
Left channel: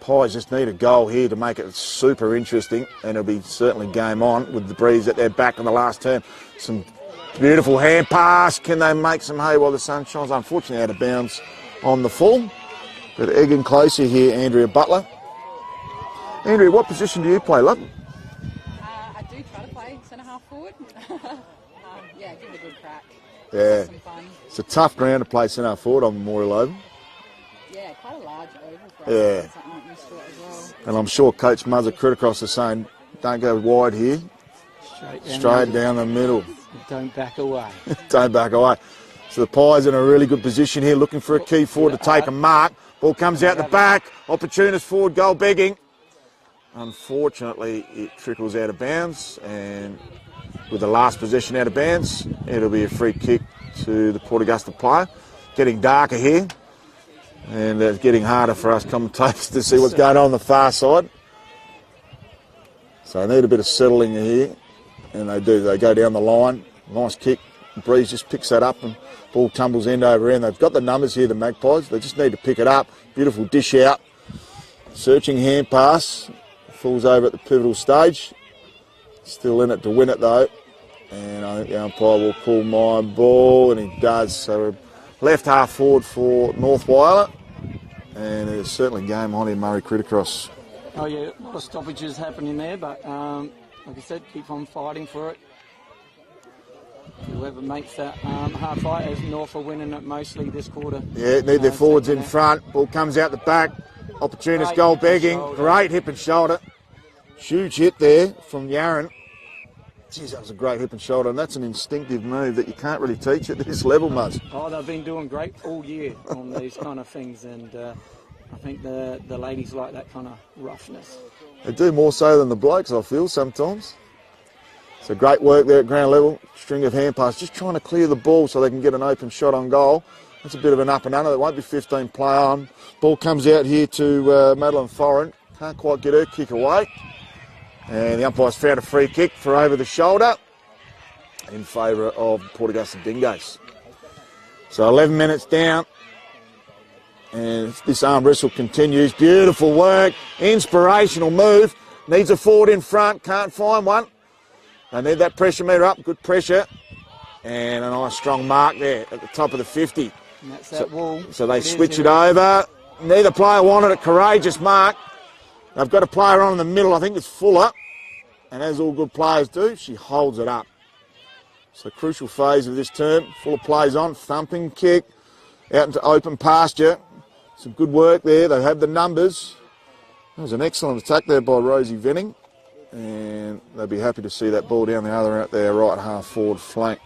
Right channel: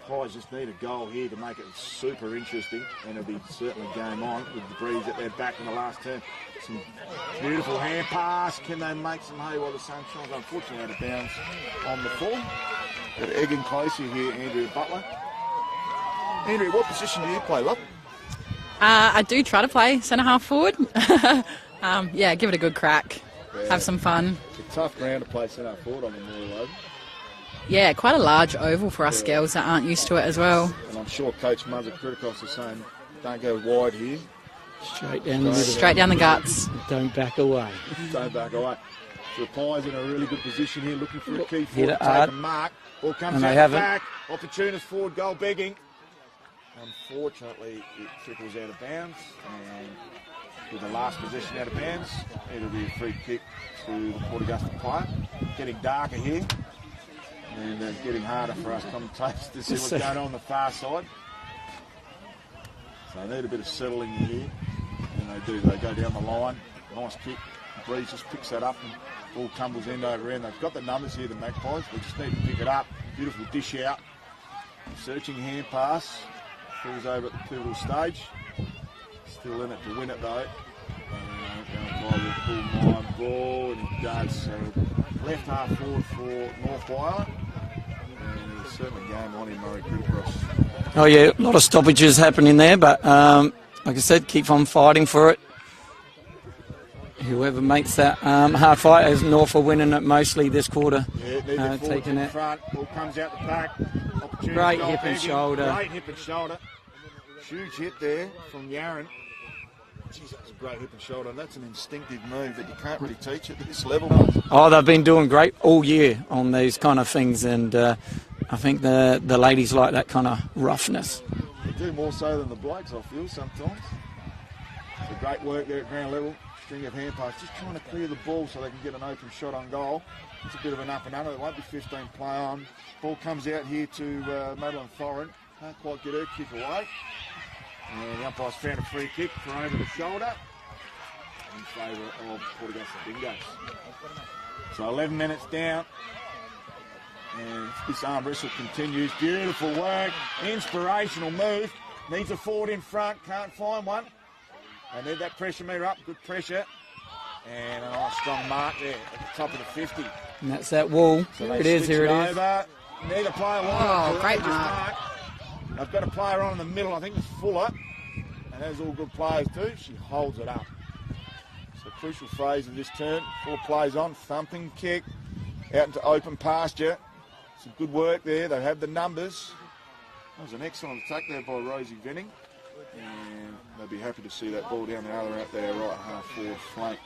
Pies just need a goal here to make it super interesting, and it'll be certainly game on with the Breeze at their back in the last turn. Some beautiful hand pass. Can they make some hay while the sun shines? Unfortunately out of bounds on the full. But egging closer here, Andrea Butler. Andrea, what position do you play, love? I do try to play centre half forward. Yeah, give it a good crack. Yeah. Have some fun. It's a tough ground to play centre forward on Memorial Oval. Yeah, quite a large oval for us Yeah. girls that aren't used to it as well. And I'm sure Coach Muzzer Criticross is saying, don't go wide here. Straight down, Straight down the middle. guts. Don't back away. Don't back away. So the Pies in a really good position here, looking for a key forward to take a mark. Ball comes out the back. Opportunist forward goal begging. Unfortunately, it trickles out of bounds, and with the last possession out of bounds, it'll be a free kick to the Port Augusta player. Getting darker here, and it's getting harder for us commentators to see what's going on the far side. So they need a bit of settling here, and they do. They go down the line. Nice kick. Breeze just picks that up, and ball tumbles end over end. They've got the numbers here, the Magpies. They just need to pick it up. Beautiful dish out. Searching hand pass. Falls over at the pivotal stage. Still in it to win it though. And I think the umpire will call my ball, and he does. So left half forward for North Whyalla. And it's certainly game on in Murray Criticross. Oh yeah, a lot of stoppages happening there, but like I said, keep on fighting for it. Whoever makes that hard fight, as North are winning it mostly this quarter. Yeah, need their forwards in front. Ball comes out the back. Opportunist Great goal hip and begging. shoulder. Great hip and shoulder. Huge hit there from Yaron. Geez, that was a great hip and shoulder, and that's an instinctive move that you can't really teach at this level, Muzz. Oh, they've been doing great all year on these kind of things, and I think the ladies like that kind of roughness. They do more so than the blokes, I feel, sometimes. So great work there at ground level. String of hand pass, just trying to clear the ball so they can get an open shot on goal. That's a bit of an up and under. There won't be 15 play on. Ball comes out here to Madeline Foran. Can't quite get her kick away. And the umpire's found a free kick for over the shoulder in favour of Port Augusta Dingoes. So 11 minutes down. And this arm wrestle continues. Beautiful work. Inspirational move. Needs a forward in front. Can't find one. They need that pressure meter up. Good pressure. And a nice strong mark there at the top of the 50. And that's that wall. So they switch it over. Neither player wanted a courageous mark. They've got a player on in the middle. I think it's Fuller. And as all good players do, she holds it up. So crucial phase of this term. Fuller plays on. Thumping kick. Out into open pasture. Some good work there. They have the numbers. That was an excellent attack there by Rosie Venning. And they'd be happy to see that ball down the other end, their right half forward flank.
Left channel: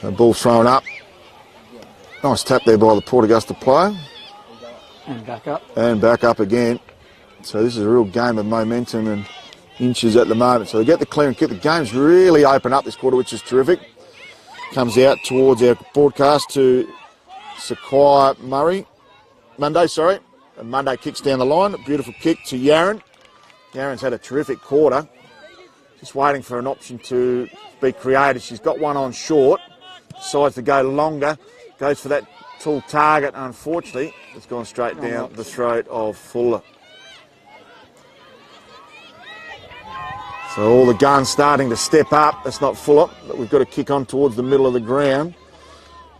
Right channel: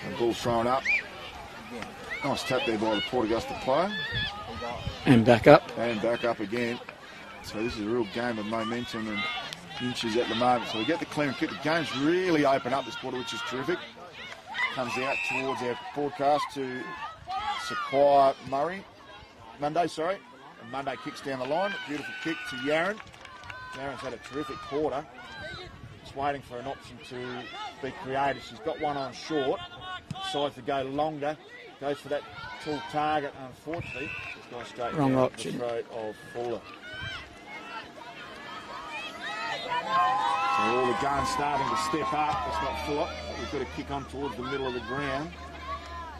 The ball thrown up. Nice tap there by the Port Augusta player. And back up. And back up again. So this is a real game of momentum and inches at the moment. So they get the clear and kick. The game's really open up this quarter, which is terrific. Comes out towards our broadcast to Sequoia Monday. And Monday kicks down the line. A beautiful kick to Yaron. Yaron's had a terrific quarter. Just waiting for an option to be created. She's got one on short. Decides to go longer. Goes for that tall target. Unfortunately, it's gone straight down the throat of Fuller. So all the guns starting to step up. That's not Fuller, but we've got to kick on towards the middle of the ground.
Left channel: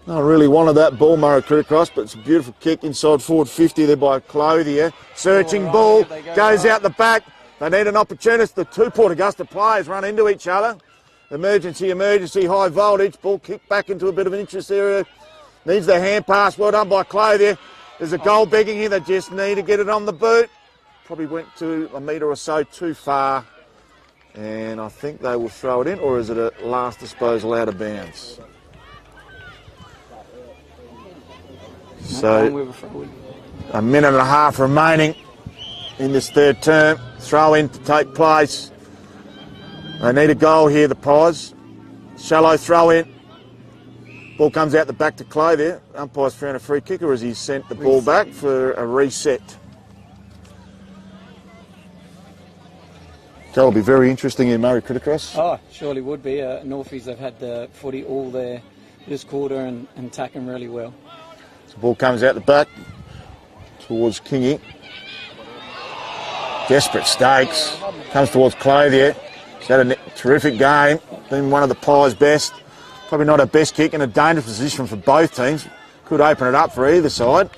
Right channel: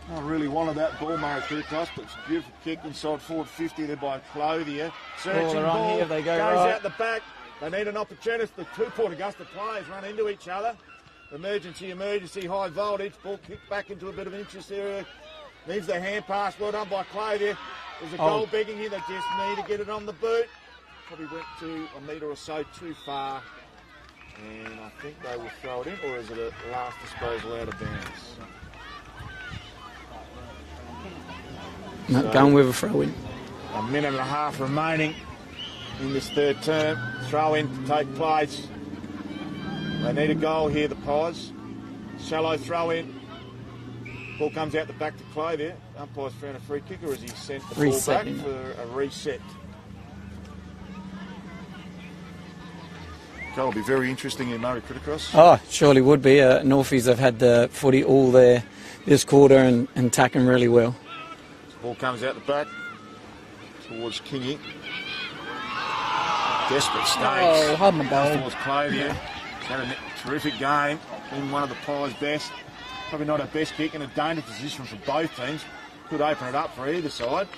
I really wanted that ball, Murray Criticross, but it's a beautiful kick inside forward 50 there by Clothier. Searching ball, goes out the back. They need an opportunist. The two Port Augusta players run into each other. Emergency, high voltage. Ball kicked back into a bit of an interest area. Needs the hand pass. Well done by Clay there. There's a goal begging here. They just need to get it on the boot. Probably went to a metre or so too far. And I think they will throw it in. Or is it a last disposal out of bounds? No, So, going with a throw in. a minute and a half remaining in this third term. Throw in to take place. They need a goal here, the Pies. Shallow throw in. Ball comes out the back to Clay there. Umpire's found a free kick, or has he sent the ball back for a reset? That'll be very interesting in Murray Criticross. Oh, surely would be. Northies have had the footy all there this quarter and attacking really well. The ball comes out the back towards Kingy. Desperate stakes. Comes towards Clay there. He's had a terrific game. Been one of the Pies' best. Probably not a best kick, in a dangerous position for both teams. Could open it up for either side.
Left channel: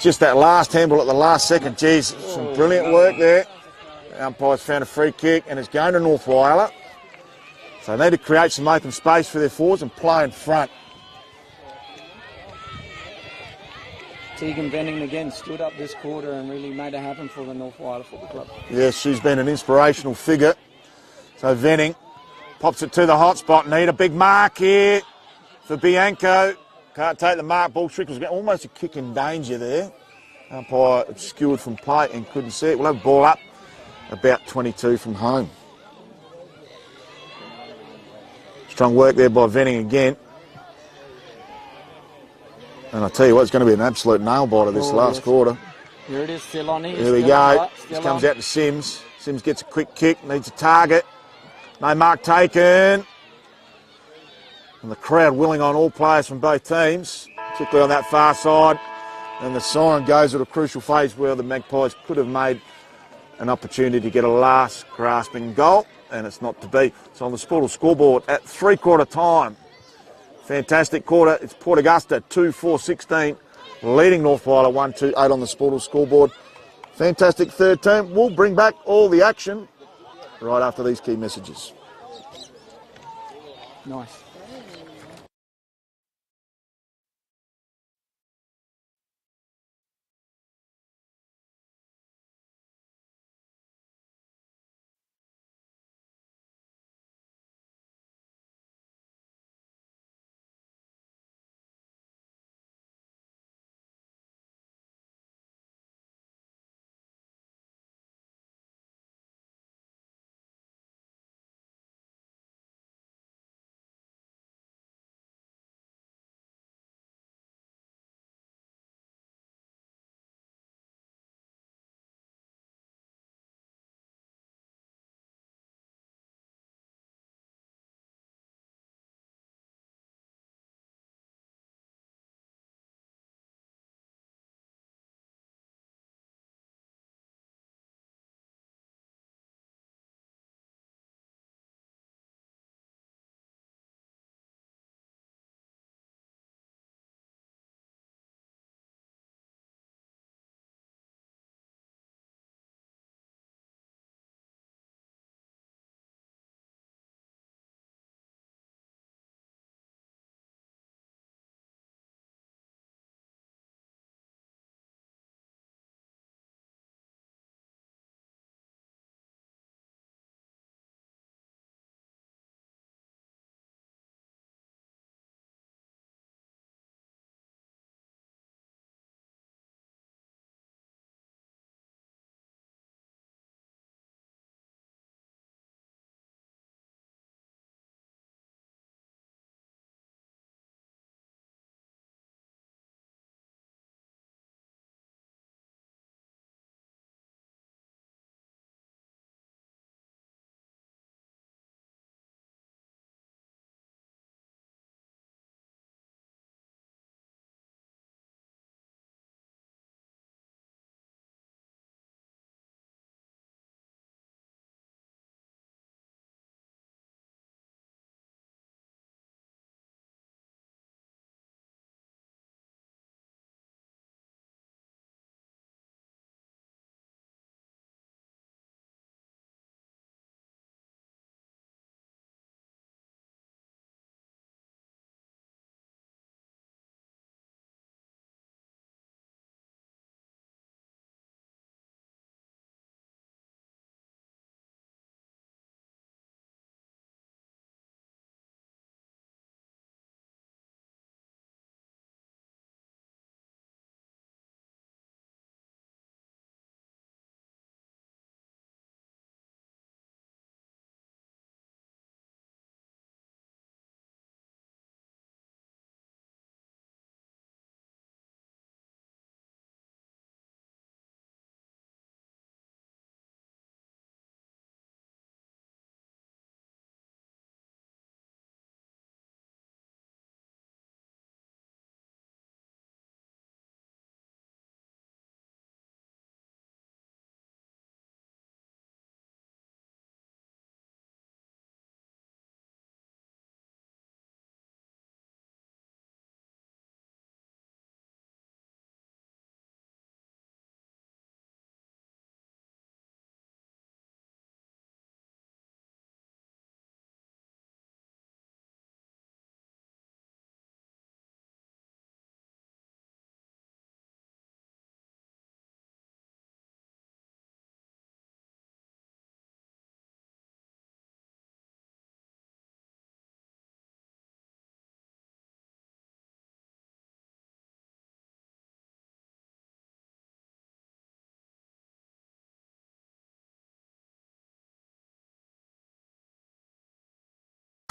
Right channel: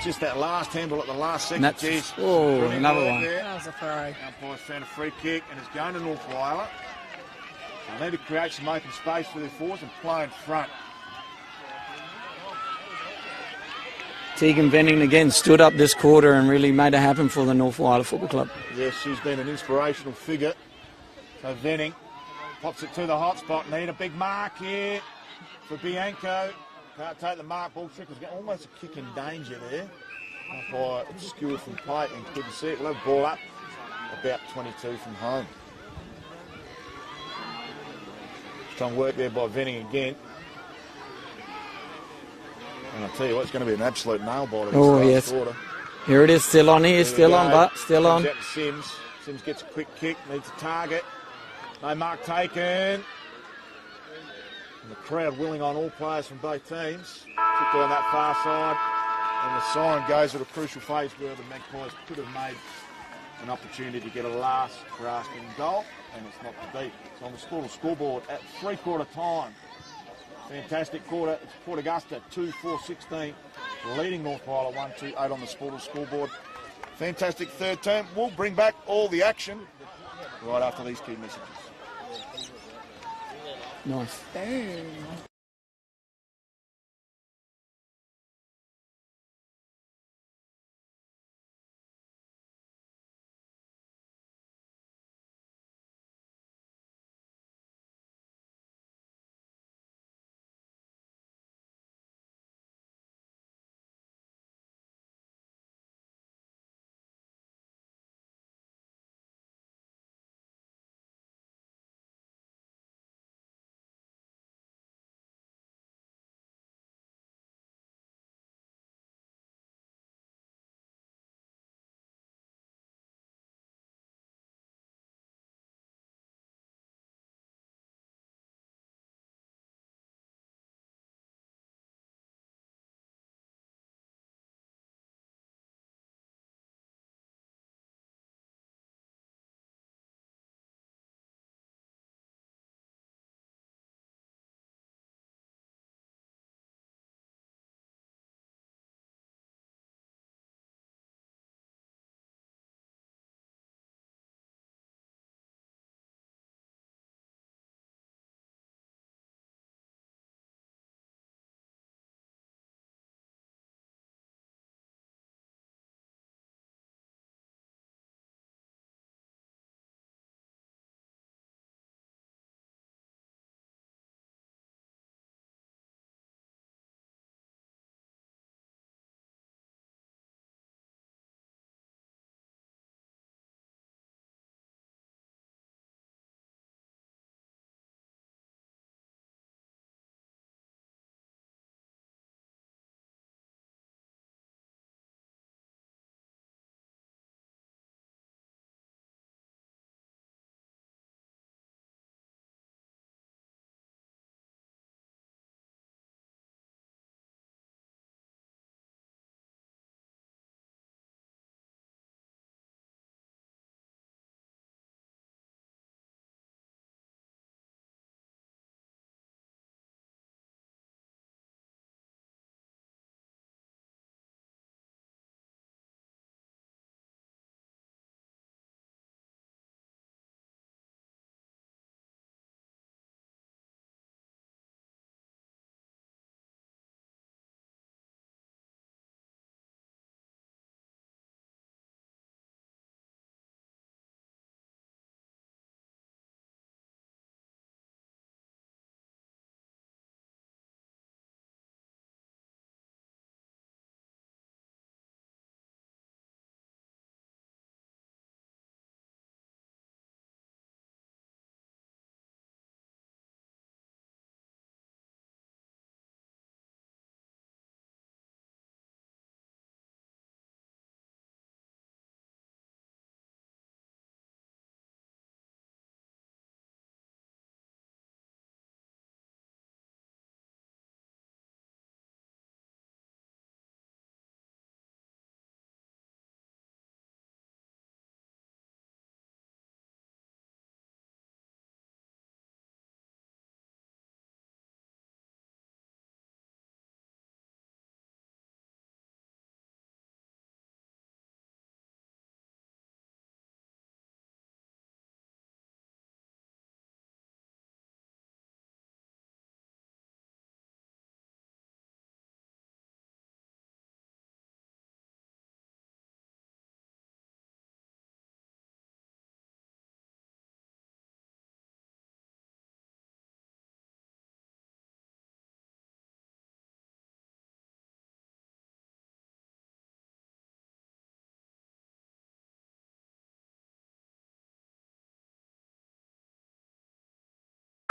Just that last handball at the last second. Geez, some brilliant work there. That was a throw. Umpire's found a free kick and it's going to North Whyalla. So they need to create some open space for their forwards and play in front. Tegan Venning again stood up this quarter and really made it happen for the North Whyalla Football Club. Yes, she's been an inspirational figure. So Venning pops it to the hot spot. Need a big mark here for Bianco. Can't take the mark. Ball trick was almost a kick in danger there. Umpire obscured from plate and couldn't see it. We'll have ball up about 22 from home. Strong work there by Venning again. And I tell you what, it's going to be an absolute nail biter this last quarter. Here it is, still on here, There we still go. on, but still Comes on. out to Sims. Sims gets a quick kick, needs a target. No mark taken. And the crowd willing on all players from both teams, particularly on that far side. And the siren goes at a crucial phase where the Magpies could have made an opportunity to get a last grasping goal, and it's not to be. It's on the Sportal scoreboard at 3/4 time. Fantastic quarter. It's Port Augusta 2-4-16, leading North Whyalla 1-2-8 on the Sportal scoreboard. Fantastic third term. We'll bring back all the action right after these key messages. Nice.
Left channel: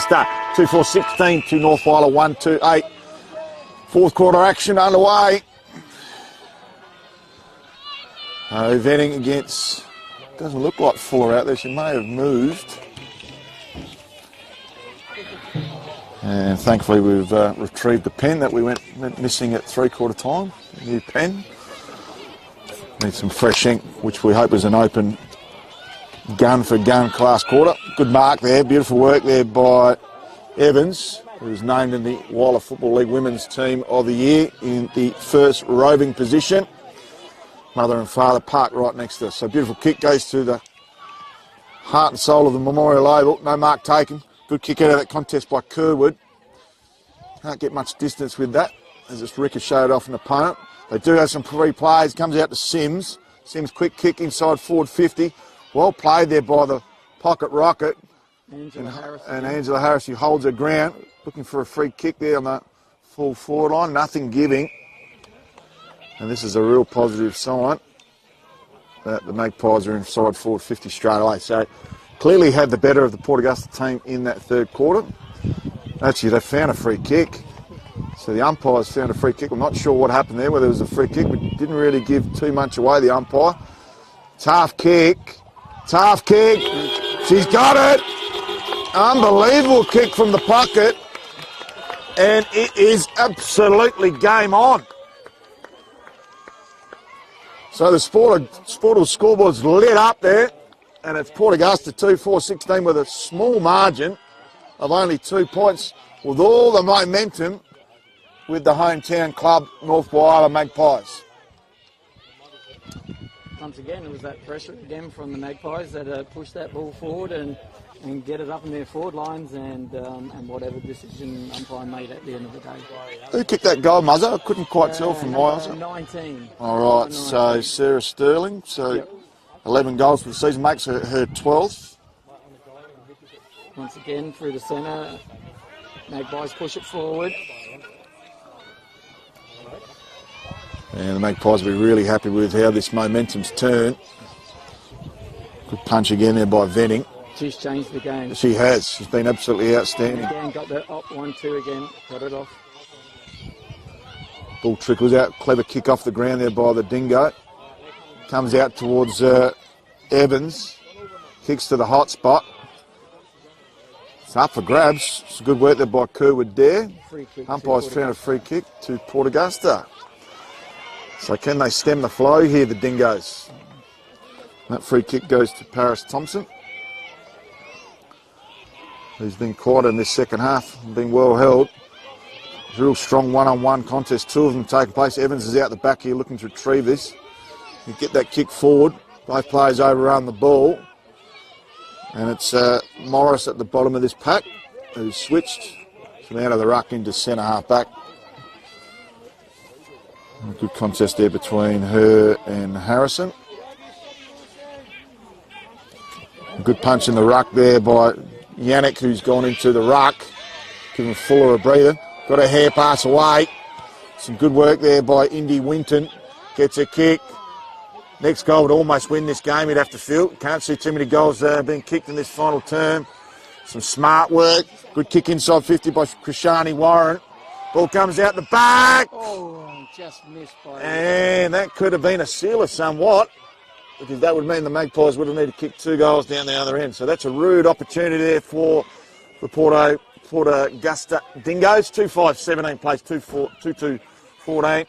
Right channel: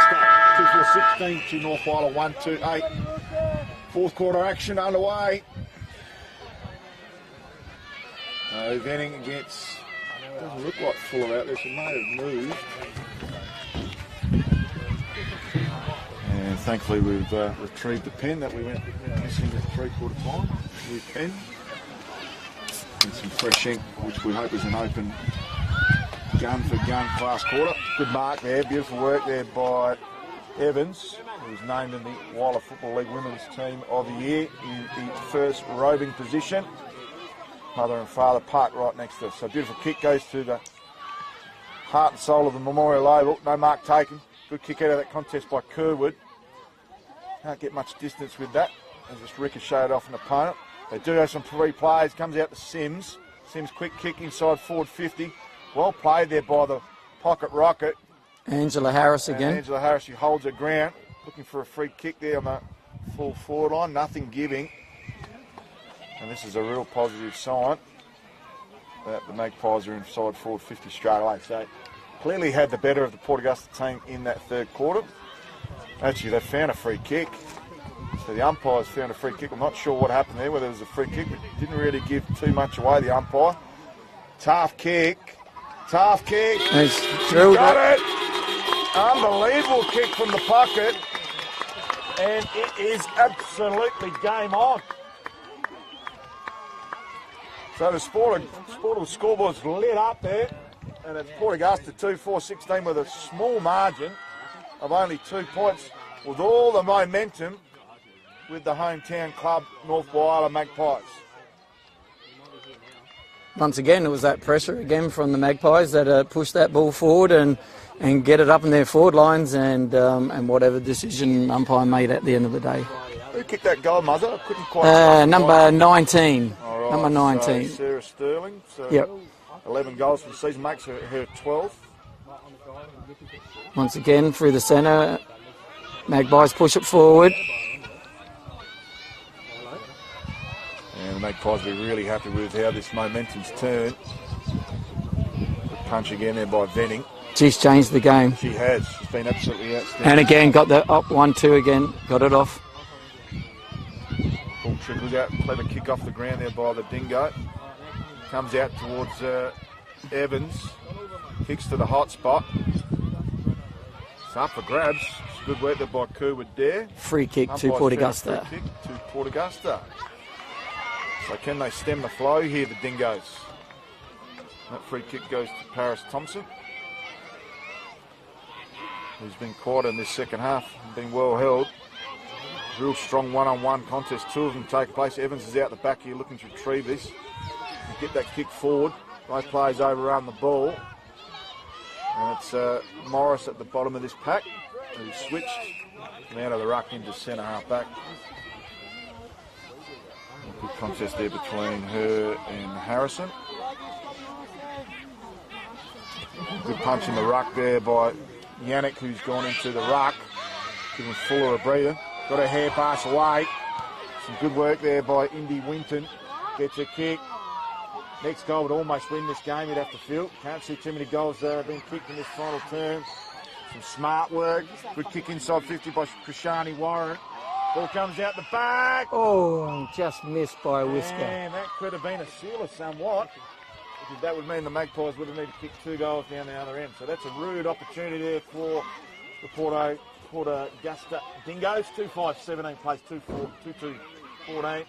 2-4-16 to North Whyalla 1-2-8. Fourth quarter action underway. Venning against, doesn't look like Fuller out there, she may have moved. And thankfully we've retrieved the pen that we went missing at three-quarter time. New pen. Need some fresh ink, which we hope is an open gun for gun class quarter. Good mark there, beautiful work there by Evans, who's named in the Whyalla Football League Women's Team of the Year in the first roving position. Mother and father parked right next to us. So beautiful kick goes to the heart and soul of the Memorial Oval. No mark taken. Good kick out of that contest by Kerwood. Can't get much distance with that as it's ricocheted off an opponent. They do have some free plays. Comes out to Sims. Sims quick kick inside forward 50. Well played there by the pocket rocket. Angela Harris again. And Angela Harris, she holds her ground. Looking for a free kick there on the full forward line. Nothing giving. And this is a real positive sign that the Magpies are inside forward 50 straight away. So clearly had the better of the Port Augusta team in that third quarter. Actually, they found a free kick. So the umpires found a free kick. I'm not sure what happened there, whether it was a free kick, but didn't really give too much away, the umpire. Tough kick. Tough kick. She's got it. Unbelievable kick from the pocket. And it is absolutely game on. So the Sportal scoreboard's lit up there, and it's Port Augusta 2-4-16 with a small margin of only 2 points, with all the momentum with the hometown club, North Whyalla Magpies. Once again, it was that pressure again from the Magpies that pushed that ball forward and get it up in their forward lines, and whatever decision umpire made at the end of the day. Who kicked that goal, Muzzer? I couldn't quite tell. Number 19. All right, number 19. So Sarah Sterling. So yep. 11 goals for the season, makes her 12th. Once again, through the centre, Magpies push it forward. And the Magpies will be really happy with how this momentum's turned. Good punch again there by Venning. She's changed the game. She has. She's been absolutely outstanding. And again, got the up 1-2 again. Got it off. Ball trickles out. Clever kick off the ground there by the Dingo. Comes out towards Evans. Kicks to the hot spot. It's up for grabs. It's good work there by Kerwood there. Free kick to Umpires Port found a Augusta. free kick to Port Augusta. So can they stem the flow here, the Dingoes? That free kick goes to Paris Thompson, who's been quiet in this second half, been well held. Real strong one-on-one contest, two of them taking place. Evans is out the back here looking to retrieve this. You get that kick forward, both players overrun the ball. And it's Morris at the bottom of this pack, who's switched from out of the ruck into centre half back. A good contest there between her and Harrison. A good punch in the ruck there by Yannick, who's gone into the ruck, giving Fuller a breather. Got a hair pass away. Some good work there by Indy Winton. Gets a kick. Next goal would almost win this game, you'd have to feel. Can't see too many goals being kicked in this final term. Some smart work. Good kick inside 50 by Krishani Warren. Ball comes out the back. Oh, just missed by a whisker. And that could have been a sealer somewhat, because that would mean the Magpies would have needed to kick 2 goals down the other end. So that's a rude opportunity there for the Port Augusta Dingoes. 2-5-17 plays 2-2-14.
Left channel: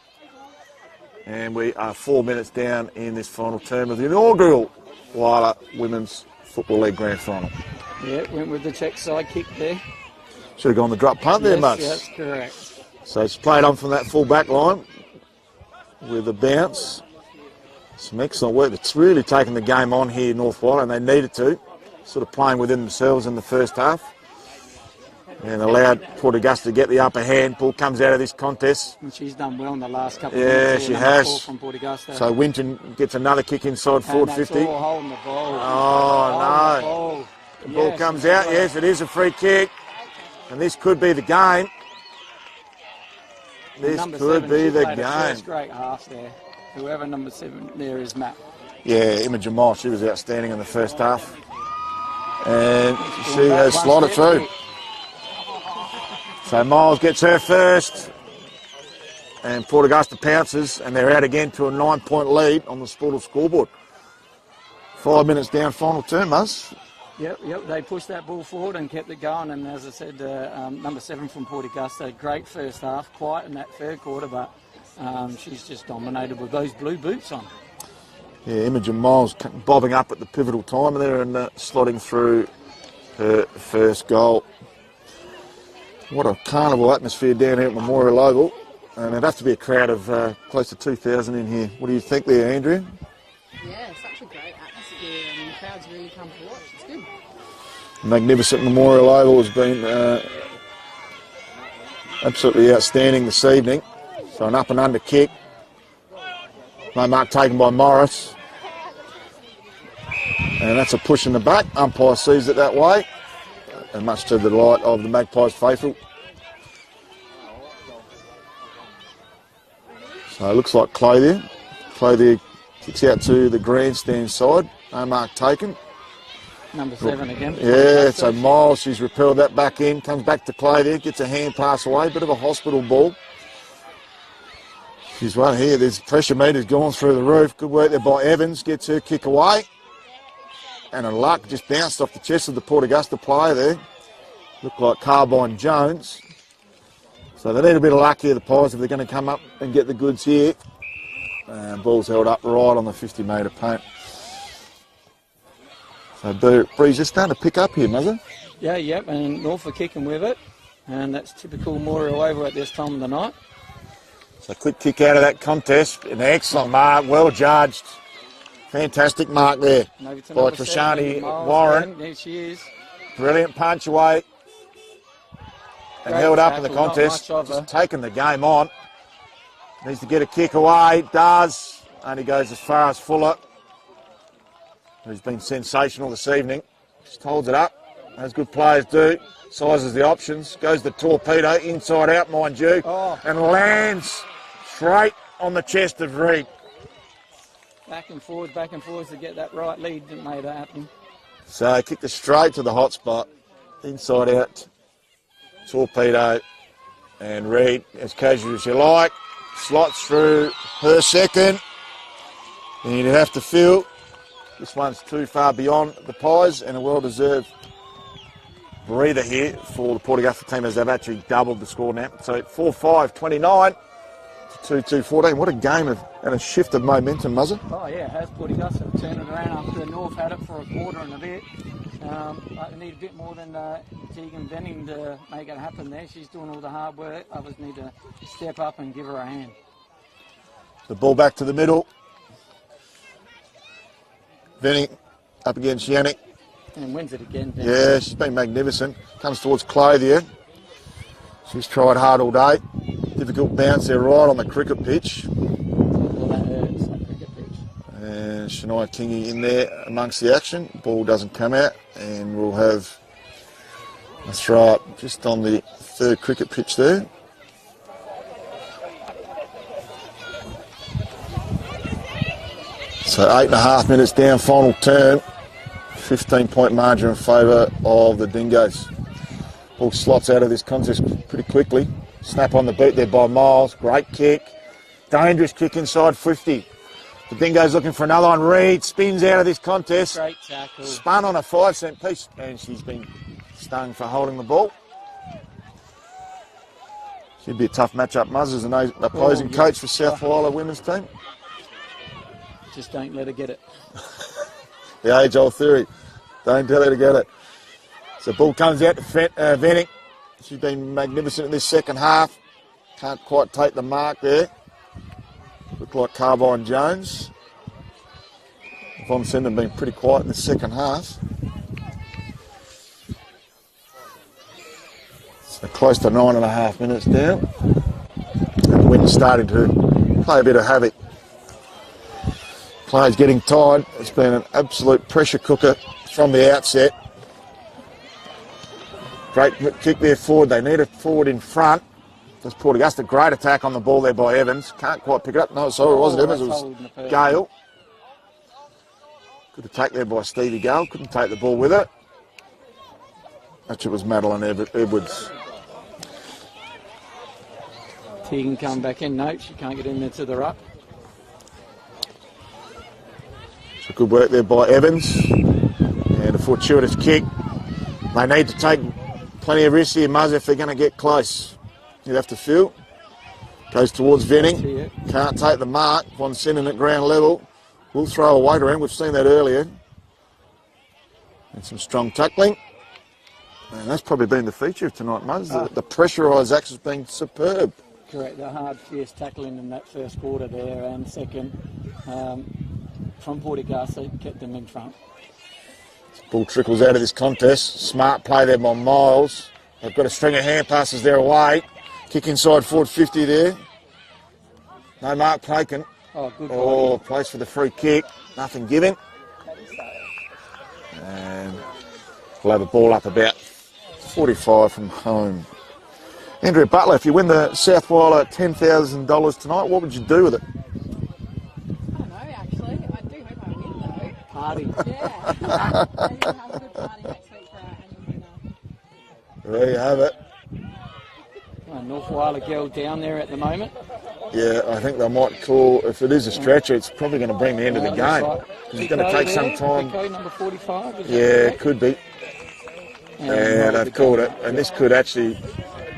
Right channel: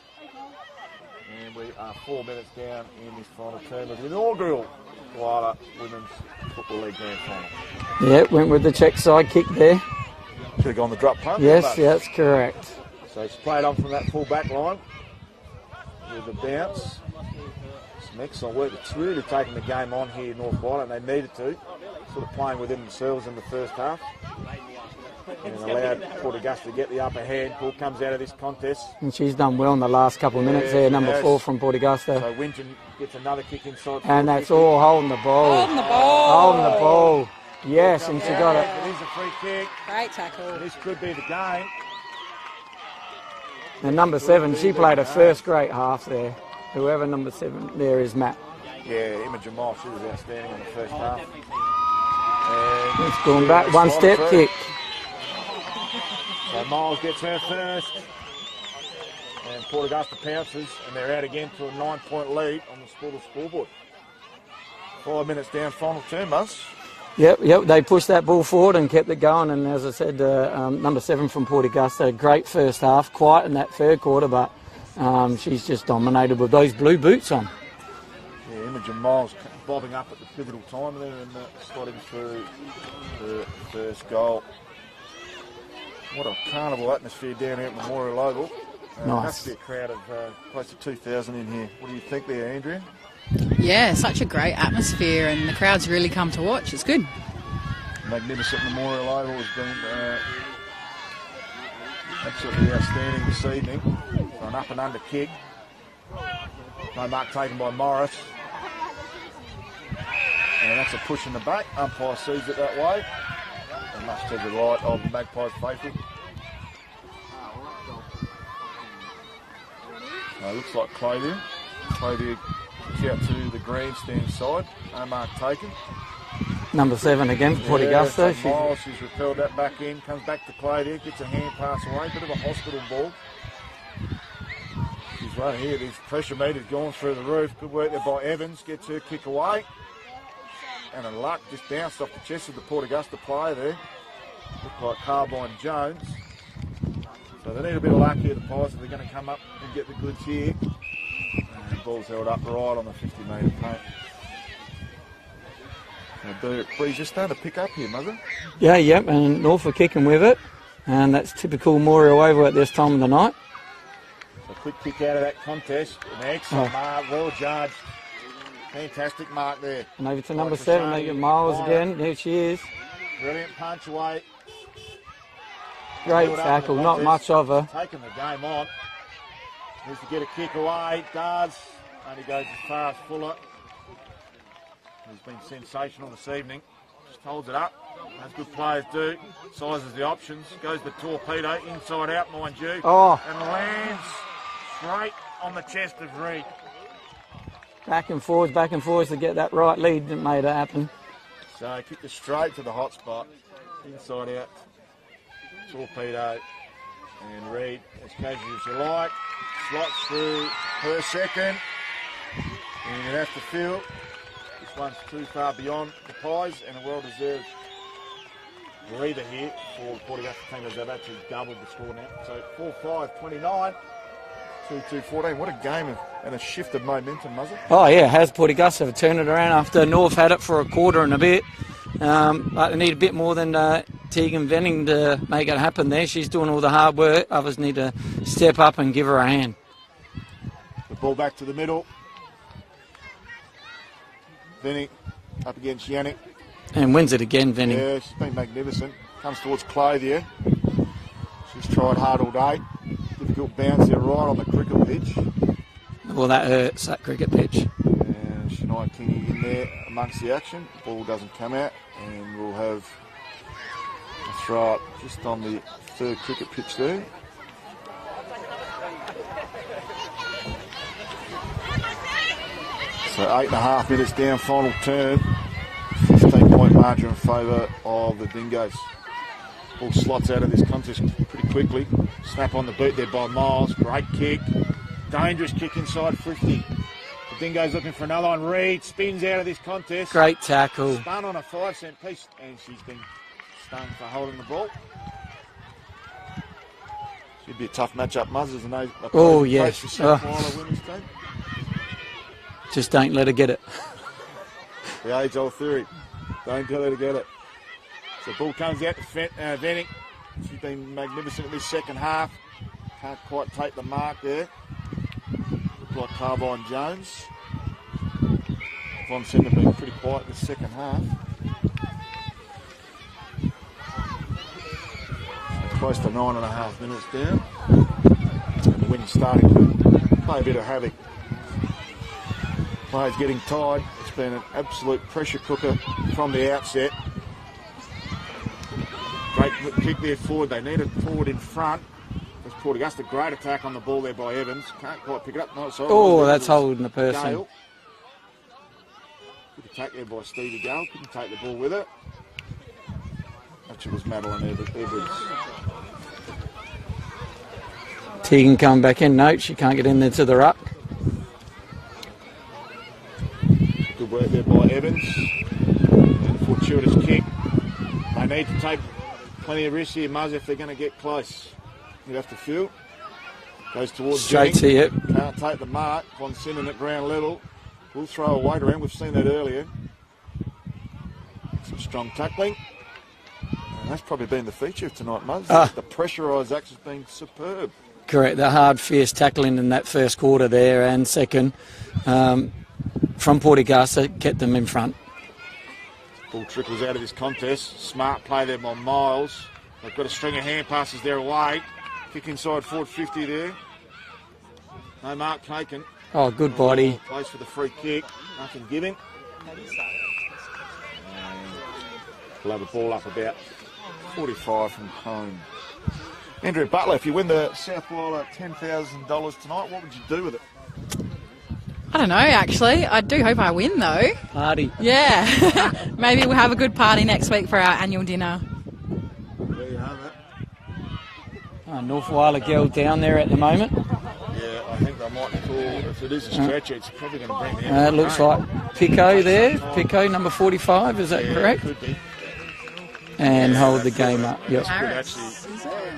And we are 4 minutes down in this final term of the inaugural Whyalla Women's Football League Grand Final. Yeah, went with the check side kick there. Should have gone the drop punt there, Buzz. Yes, that's correct. So it's played on from that full back line with a bounce. Some excellent work. It's really taken the game on here in North Whyalla, and they needed to. Sort of playing within themselves in the first half. And allowed Port Augusta to get the upper hand. Ball comes out of this contest. And she's done well in the last couple of minutes there, number 4 from Port Augusta. So Winton gets another kick inside forward 50. And that's all holding the ball. Holding the ball. The ball comes out. Yes, it is a free kick. Great tackle. And this could be the game. And number 7, she played a first-rate half there. Whoever number 7 there is, Matt. Yeah, Imogen Moss, she was outstanding in the first half. And Going back, one step kick. So Miles gets her first. And Port Augusta pounces, and they're out again to a 9-point lead on the Sportal scoreboard. 5 minutes down, final term, Muzz. Yep. They pushed that ball forward and kept it going. And as I said, number 7 from Port Augusta, great first half, quiet in that third quarter, but she's just dominated with those blue boots on. Yeah, Imogen Miles bobbing up at the pivotal time there and slotting through her first goal. What a carnival atmosphere down here at Memorial Oval. Nice. It'd have to be a crowd of close to 2,000 in here. What do you think there, Andrea? Yeah, such a great atmosphere, and the crowds really come to watch. It's good. Magnificent Memorial Oval has been absolutely outstanding this evening. So an up and under kick. No mark taken by Morris. And that's a push in the back. Umpire sees it that way. And much to the delight of the Magpies faithful. So it looks like Clothier. Clothier kicks out to the grandstand side. No mark taken. Number 7 again. Yeah, so Miles, she's repelled that back in. Comes back to Clothier, gets a hand pass away. Bit of a hospital ball. She's right here. There's pressure meters going through the roof. Good work there by Evans. Gets her kick away. And a luck just bounced off the chest of the Port Augusta player there. Looked like Carbine Jones. So they need a bit of luck here, the Pies, if they're going to come up and get the goods here. Ball's held up right on the 50-metre paint. So Breeze just starting to pick up here, Mother. Yeah, and Norfolk kicking with it. And that's typical Memorial Oval at this time of the night. So quick kick out of that contest. An excellent mark, well judged. Fantastic mark there. And over to by number 7, Trishani Miles Warren. again. There she is. Brilliant punch away. And Great held up in tackle, the not contest. much of her. She's taken the game on. Needs to get a kick away. Does. Only goes as far as Fuller, who's been sensational this evening. Just holds it up, as good players do. Sizes the options. Goes the torpedo, inside out, mind you. And lands straight on the chest of Reed. Back and forwards to get that right lead that made it happen. So kicked it straight to the hot spot. Inside out. Torpedo. And Reed, as casual as you like, slots through her second. And you'd have to feel this one's too far beyond the Pies, and a well-deserved breather here for the Port Augusta team as they've actually doubled the score now. So 4-5-29 to 2-2-14. What a game and a shift of momentum, Muzzer. Oh, yeah, has Port Augusta turned it around after North had it for a quarter and a bit. But they need a bit more than Tegan Venning to make it happen there. She's doing all the hard work. Others need to step up and give her a hand. The ball back to the middle. Venning up against Yannick. And wins it again, Venning. Yeah, she's been magnificent. Comes towards Clothier. She's tried hard all day. Difficult bounce there right on the cricket pitch. Well, that hurts, that cricket pitch. And Shania Kingy in there amongst the action. Ball doesn't come out, and we'll have a throw up just on the third cricket pitch there. So 8.5 minutes down, final turn. 15-point margin in favour of the Dingoes. Ball slots out of this contest pretty quickly. Snap on the boot there by Miles. Great kick. Dangerous kick inside 50. The Dingoes looking for another one. Reed spins out of this contest. Great tackle. Spun on a 5-cent piece, and she's been stung for holding the ball. Should be a tough matchup, Muzz, as an opposing coach for South Whyalla women's team. Just don't let her get it. The age-old theory. Don't let her get it. So ball comes out to Venning. She's been magnificent in this second half. Can't quite take the mark there. Look like Carbine Jones. Von Senden been pretty quiet in the second half. So close to 9.5 minutes down. And the wind's starting to play a bit of havoc. Players getting tired. It's been an absolute pressure cooker from the outset. Great kick there forward. They need it forward in front. There's Port Augusta. Great attack on the ball there by Evans. Can't quite pick it up. No, sorry, it was that's holding the person. Gale. Good attack there by Stevie Gale. Couldn't take the ball with it. Actually, it was Madeline Edwards. She can come back in. No, she can't get in there to the ruck. Good work there by Evans. And a fortuitous kick. They need to take plenty of risks here, Muzz, if they're going to get close. You'd have to feel. Goes towards Straight Jennings. to you. Can't take the mark. Von Sinnen at ground level. We'll throw a weight around. We've seen that earlier. And some strong tackling. And that's probably been the feature of tonight, Muzz. The pressurised acts has been superb. Correct. The hard, fierce tackling in that first quarter there and second from Port Augusta kept them in front. Ball trickles out of this contest. Smart play there by Miles. They've got a string of hand passes there away. Kick inside forward 50 there. No mark taken. Oh, good body. Place for the free kick. Nothing given. And we'll have a ball up about 45 from home. Andrea Butler, if you win the South Whyalla $10,000 tonight, what would you do with it? I don't know, actually. I do hope I win, though. Party. Yeah. Maybe we'll have a good party next week for our annual dinner. There you have it. North Whyalla girl down there at the moment. Yeah, I think they might call, if it is a stretcher, it's probably going to bring the end of the Looks game. like Pico there. Pico, number 45, is that correct? Yeah, could be. And hold the game it. up. And Yep. this could actually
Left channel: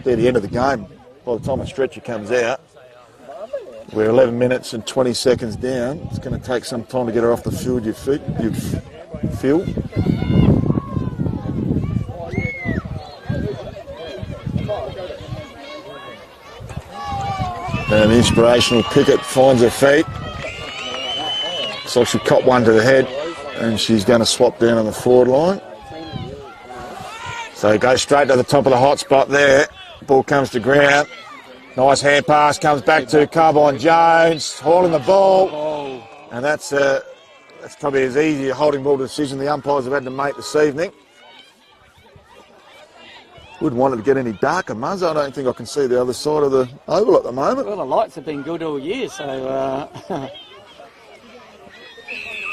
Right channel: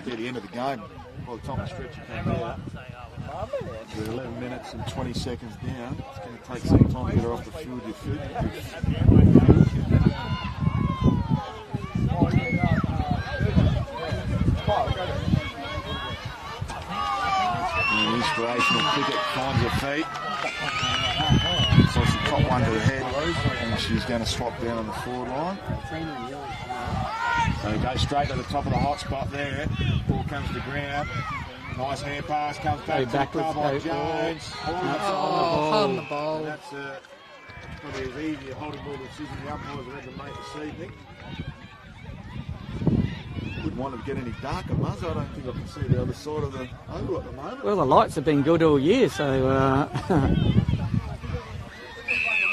be the end of the game by the time the stretcher comes out. We're 11 minutes and 20 seconds down. It's going to take some time to get her off the field, you feel. And the inspirational Pickett finds her feet. So she caught one to the head and she's going to swap down on the forward line. So go straight to the top of the hot spot there. Ball comes to ground. Nice hand pass, comes back to Carbine Jones, hauling the ball. And that's probably as easy a holding ball decision the umpires have had to make this evening. Wouldn't want it to get any darker, Muzz. I don't think I can see the other side of the oval at the moment. Well, the lights have been good all year, so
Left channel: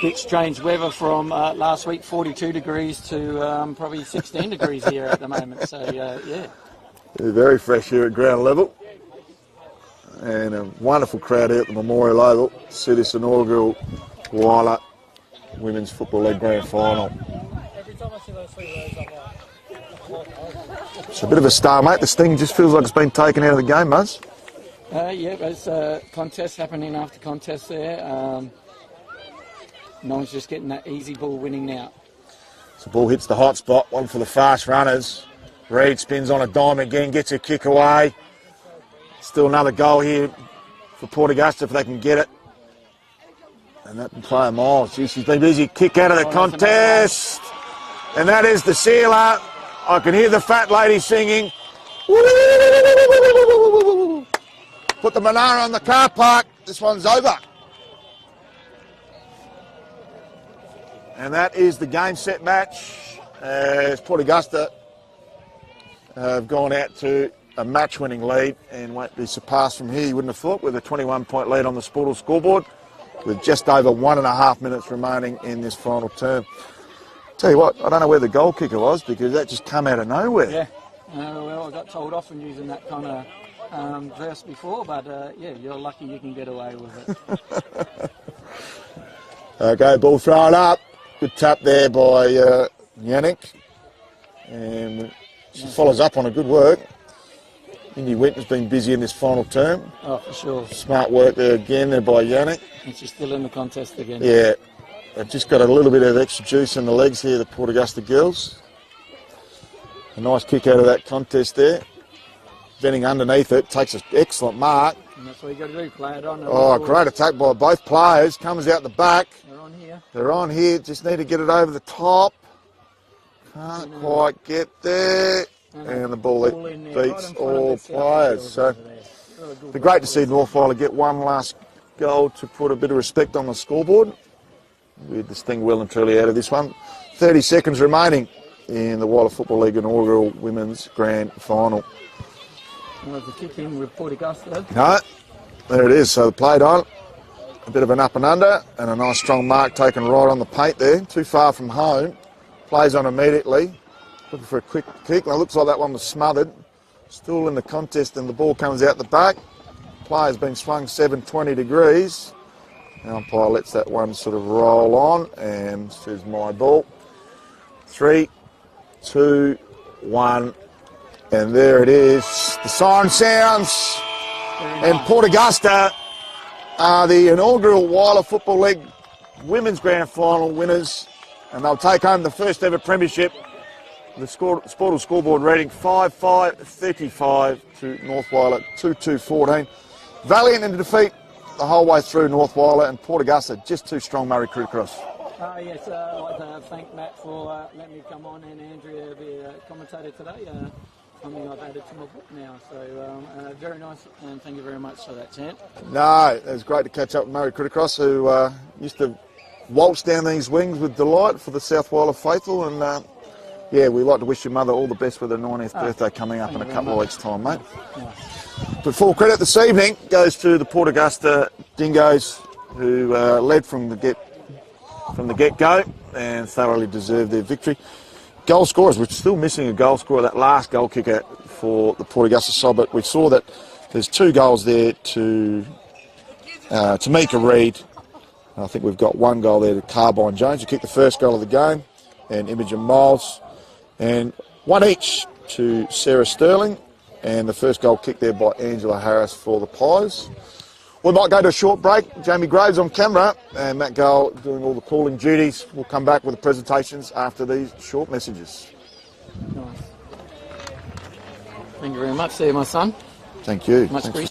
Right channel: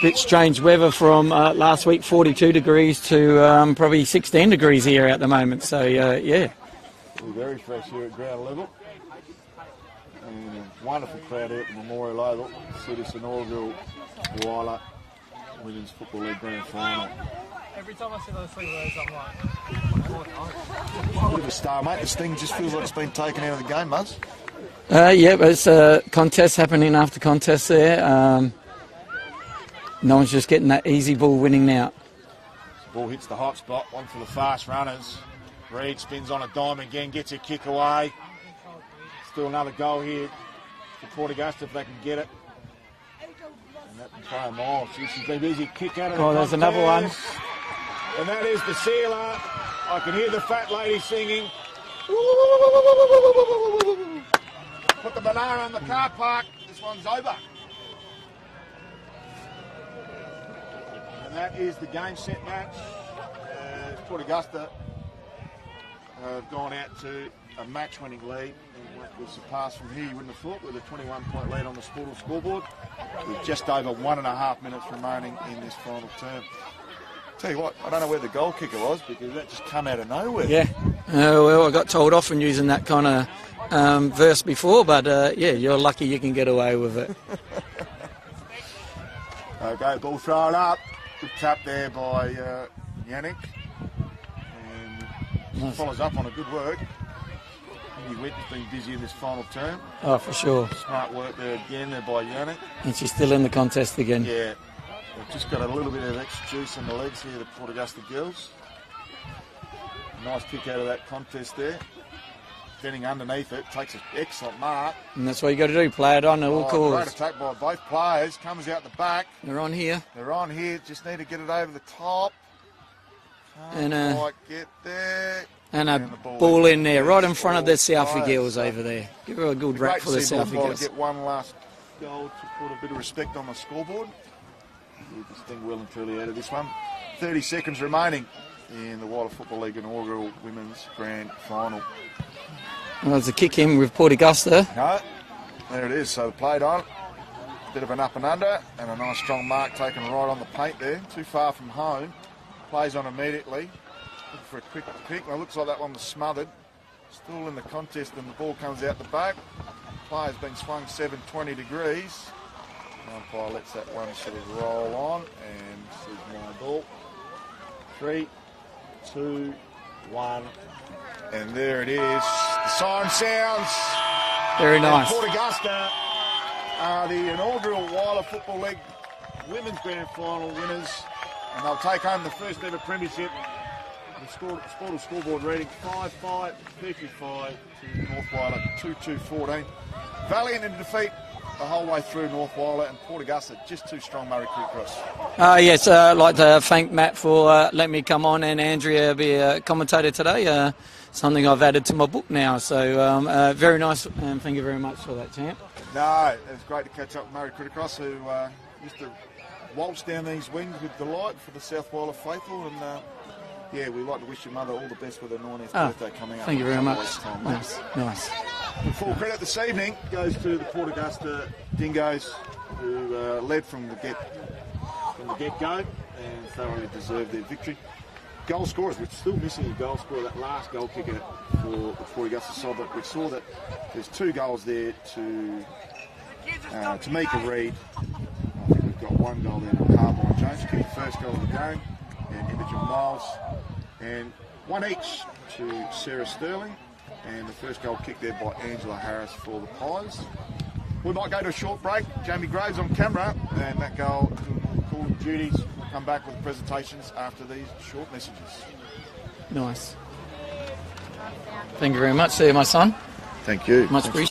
bit strange weather from last week, 42 degrees to probably 16 degrees here at the moment. So, yeah. We're very fresh here at ground level. And a wonderful crowd here at the Memorial Oval to see this inaugural Whyalla Women's Football League Grand Final. It's a bit of a stalemate. This thing just feels like it's been taken out of the game, Muzz. Yeah, it's a contest happening after contest there. No one's just getting that easy ball winning now. So the ball hits the hot spot, one for the fast runners. Reed spins on a dime again, gets a kick away. Still another goal here for Port Augusta if they can get it. And that player Miles, she's been busy. Kick out of the contest. And that is the sealer. I can hear the fat lady singing. Put the Monaro on the car park. This one's over. And that is the game set match. As Port Augusta have gone out to a match-winning lead and won't be surpassed from here, you wouldn't have thought, with a 21-point lead on the Sportal scoreboard with just over 1.5 minutes remaining in this final term. Tell you what, I don't know where the goal kicker was because that just come out of nowhere. Yeah, well, I got told off on using that kind of verse before, but yeah, you're lucky you can get away with it. Okay, ball thrown up. Good tap there by Yannick. And she follows up on a good work. Indy Wint has been busy in this final term. Oh, for sure. Smart work there again there by Yannick. And she's still in the contest again. Yeah, they've just got a little bit of extra juice in the legs here, the Port Augusta girls. A nice kick out of that contest there. Venning underneath it, takes an excellent mark. And that's what you got to do, play it on. Oh, great attack by both players. Comes out the back. They're on here. They're on here, just need to get it over the top. Can't quite get there. And the ball in there, right in front of the Southie girls over there. Give her a good great to see North Whyalla get one last goal to put a bit of respect on the scoreboard. With this thing well and truly out of this one. 30 seconds remaining in the Whyalla Football League inaugural Women's Grand Final. Well, there's a kick in with Port Augusta. No, there it is. So the played on. A bit of an up and under and a nice strong mark taken right on the paint there. Too far from home. Plays on immediately. Looking for a quick kick. It looks like that one was smothered. Still in the contest and the ball comes out the back. player's been swung 720 degrees. The umpire lets that one sort of roll on and says my ball. 3, 2, 1, and there it is. The siren sounds. Very nice. And Port Augusta are the inaugural Whyalla Football League Women's Grand Final winners, and they'll take home the first ever premiership. The Sportal scoreboard rating 5-5-35 to North Whyalla 2-2-14. Valiant in defeat the whole way through North Whyalla, and Port Augusta just too strong Murray Crew Cross. Yes, I'd like to thank Matt for letting me come on and Andrea be a commentator today. Something I've added to my book now. So very nice, and thank you very much for that, champ. No, it was great to catch up with Murray Crew Cross, who used to waltz down these wings with delight for the South Whyalla faithful, and yeah, we'd like to wish your mother all the best with her 90th birthday coming up in a couple of weeks' time, mate. Nice. But full credit this evening goes to the Port Augusta Dingoes, who led from the get-go and thoroughly deserved their victory. Goal scorers, we're still missing a goal scorer, that last goal kicker for the Port Augusta side, but we saw that there's 2 goals there to Tamika Reid. I think we've got 1 goal there to Carbine Jones, who kicked the first goal of the game, and Imogen Miles, and 1 each to Sarah Sterling, and the first goal kicked there by Angela Harris for the Pies. We might go to a short break. Jamie Graves on camera and Matt Gale doing all the calling duties. We'll come back with the presentations after these short messages. Nice. Thank you very much. See you, my son. Thank you. Much appreciated.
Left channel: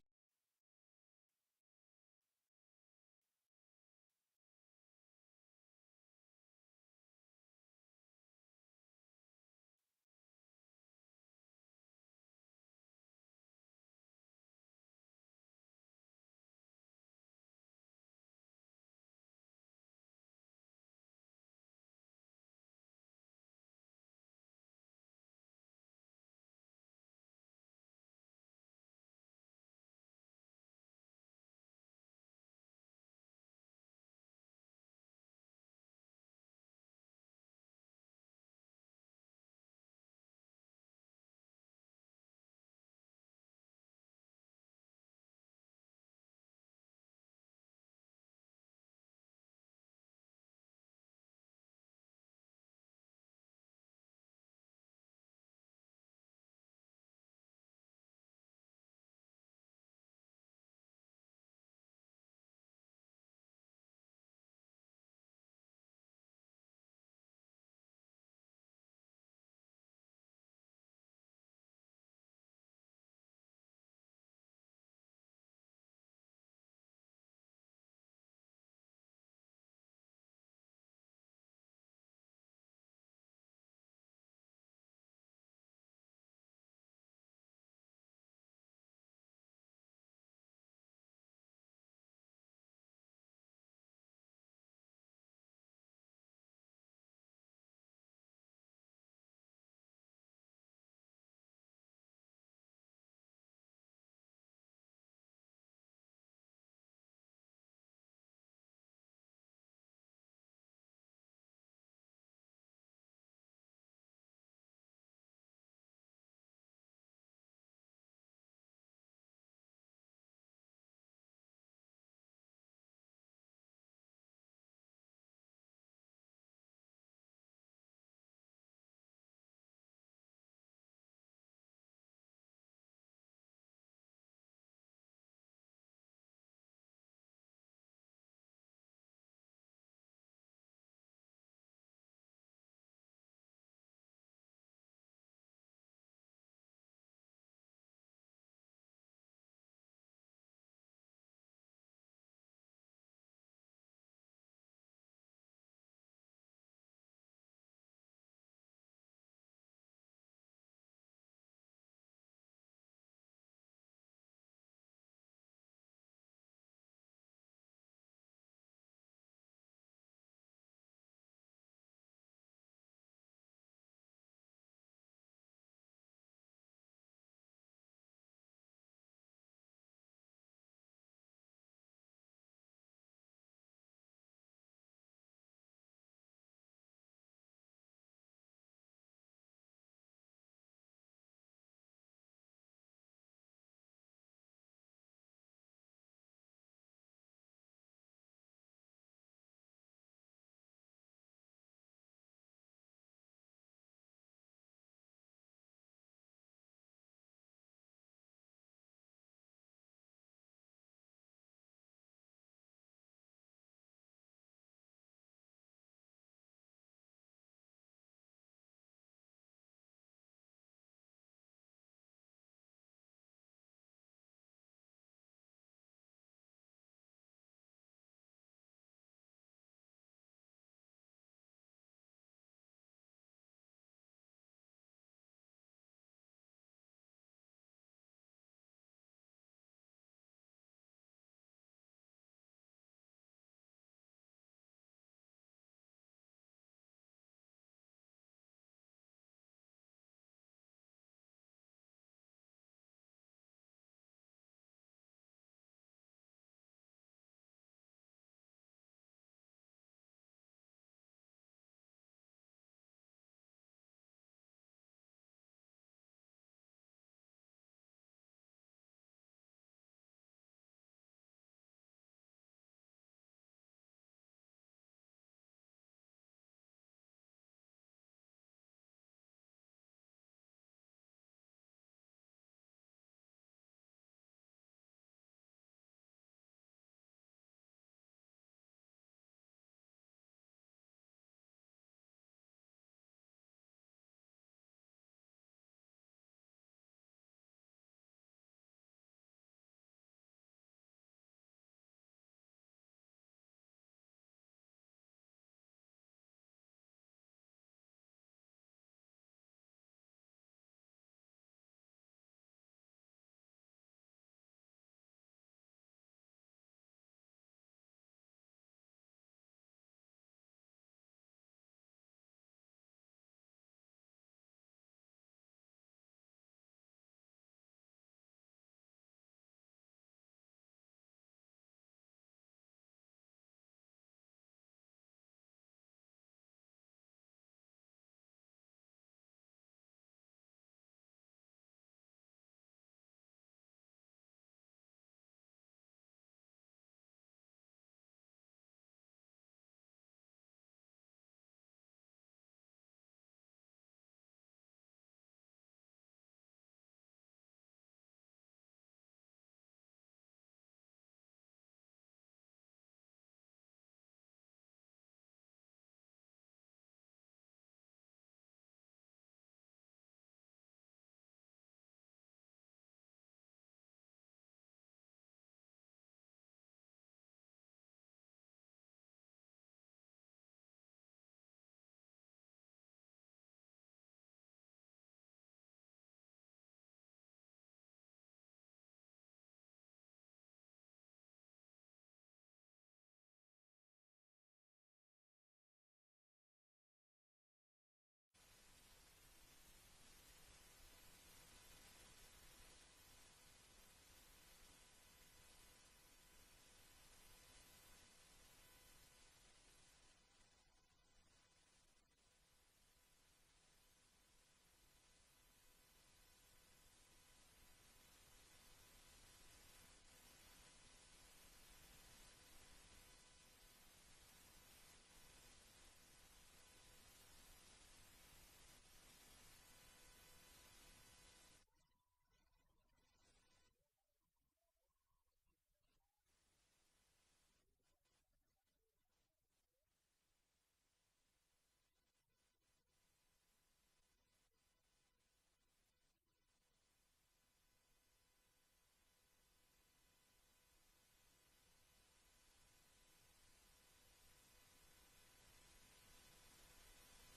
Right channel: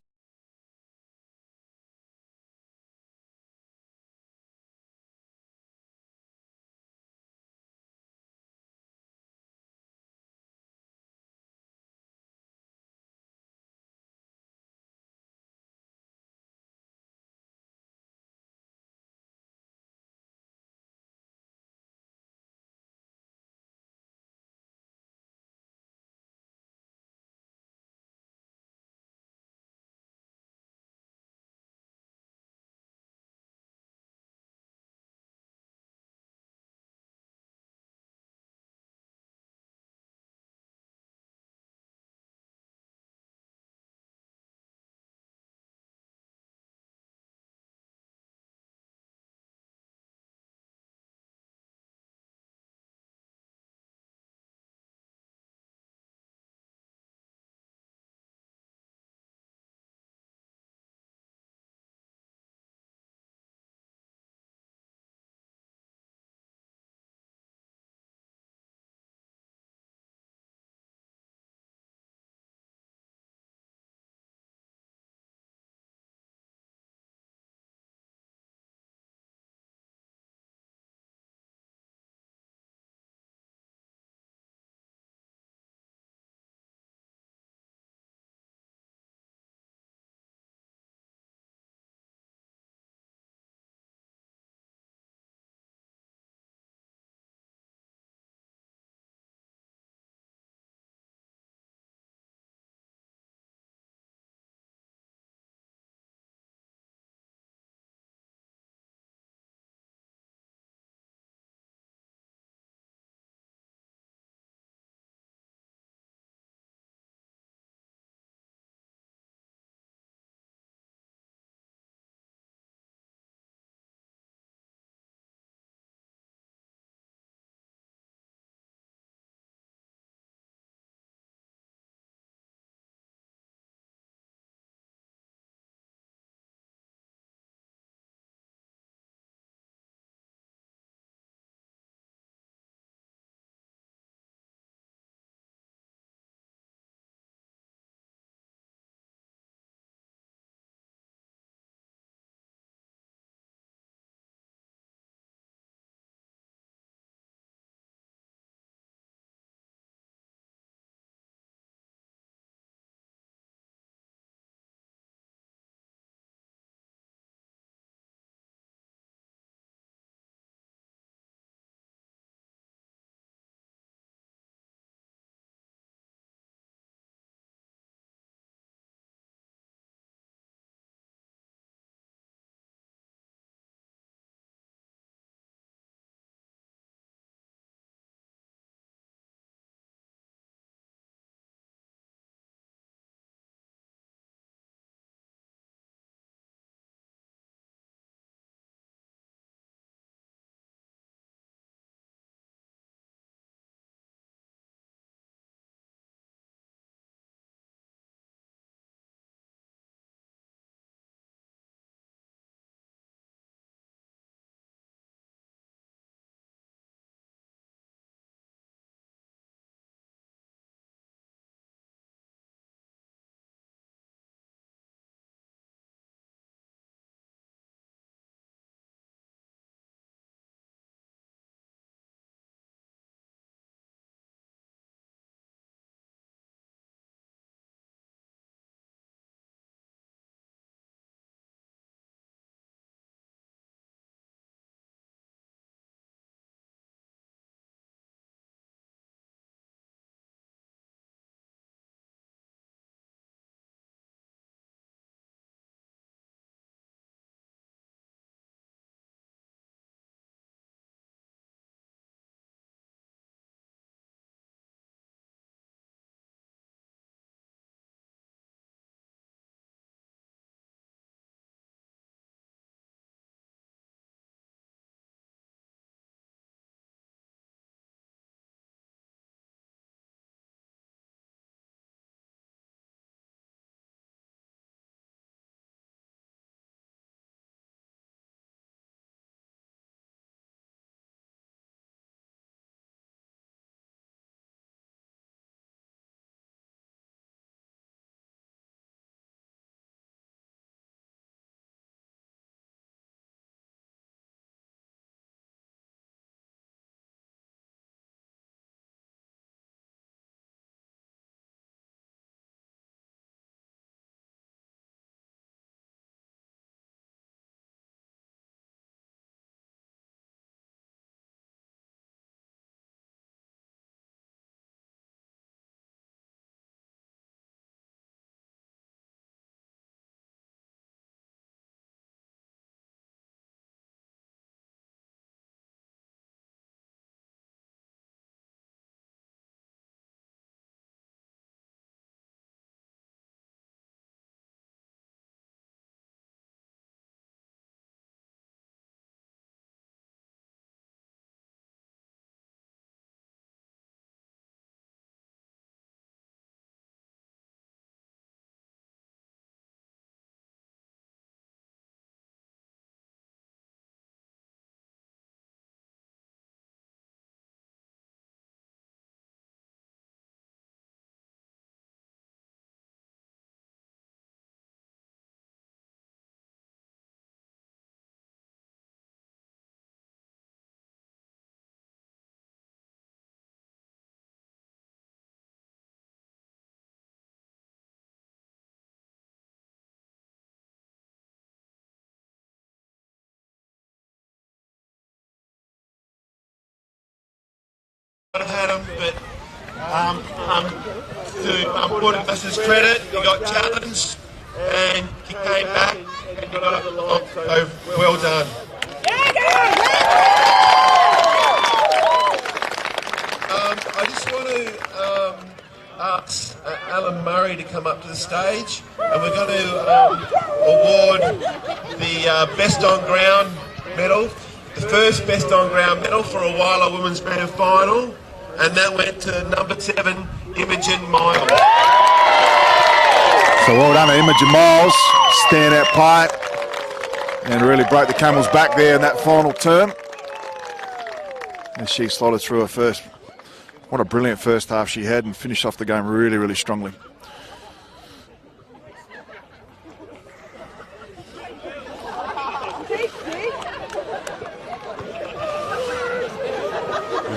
I've had him, but to put Augusta's credit, he got challenged and he came back and got up the line. So well done. I just want to ask Alan Murray to come up to the stage, and we're going to award the Best on Ground medal, the first Best on Ground medal for a Whyalla Women's Grand Final, and that went to number 7, Imogen Miles. So well done to Imogen Miles, standout player, and really broke the camel's back there in that final term. And she slotted through her first. What a brilliant first half she had, and finished off the game really, really strongly.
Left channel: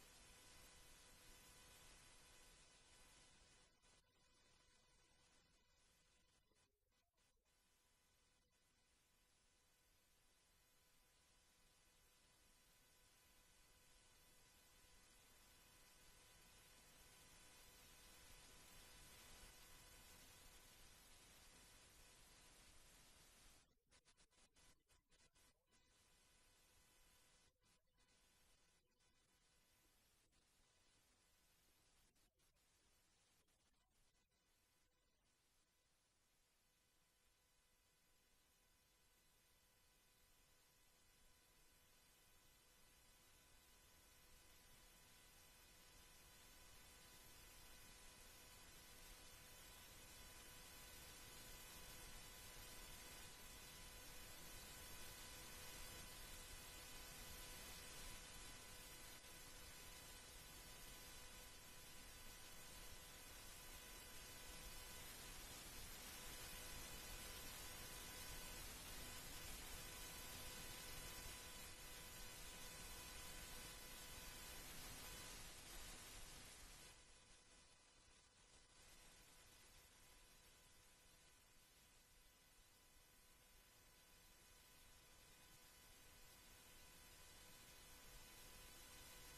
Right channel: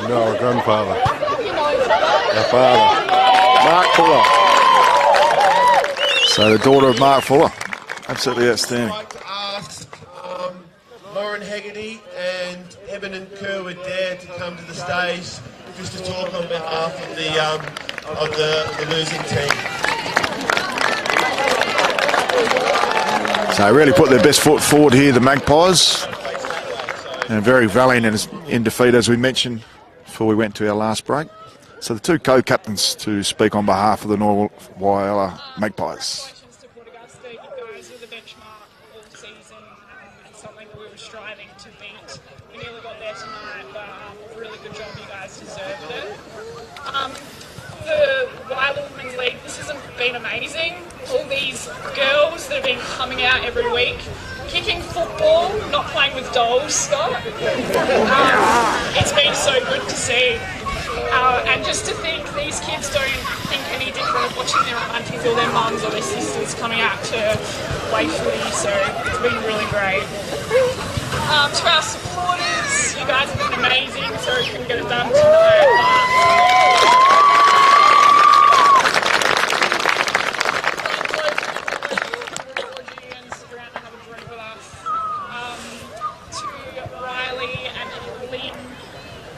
You know our grandfather. Our father. Mark Fuller. So the daughter of Mark Fuller. Absolutely outstanding. I'd like to ask Lauren Hegarty and Eben and Kerwood Dare to come to the stage just to talk on behalf of the losing team. So really put their best foot forward here, the Magpies. And very valiant in defeat, as we mentioned before we went to our last break. So the two co-captains to speak on behalf of the North Whyalla Magpies. Congratulations to Port Augusta. You guys were the benchmark all season and something that we were striving to beat. We nearly got there tonight, but really good job. You guys deserved it. The Whyalla Women's League, this has been amazing. All these girls that have been coming out every week, kicking football, not playing with dolls, Scott. It's been so good to see. And just to think these kids don't think any different of watching their aunties or their mums or their sisters coming out to play footy, so it's been really great. To our supporters, you guys have been amazing. Sorry we couldn't get it done tonight.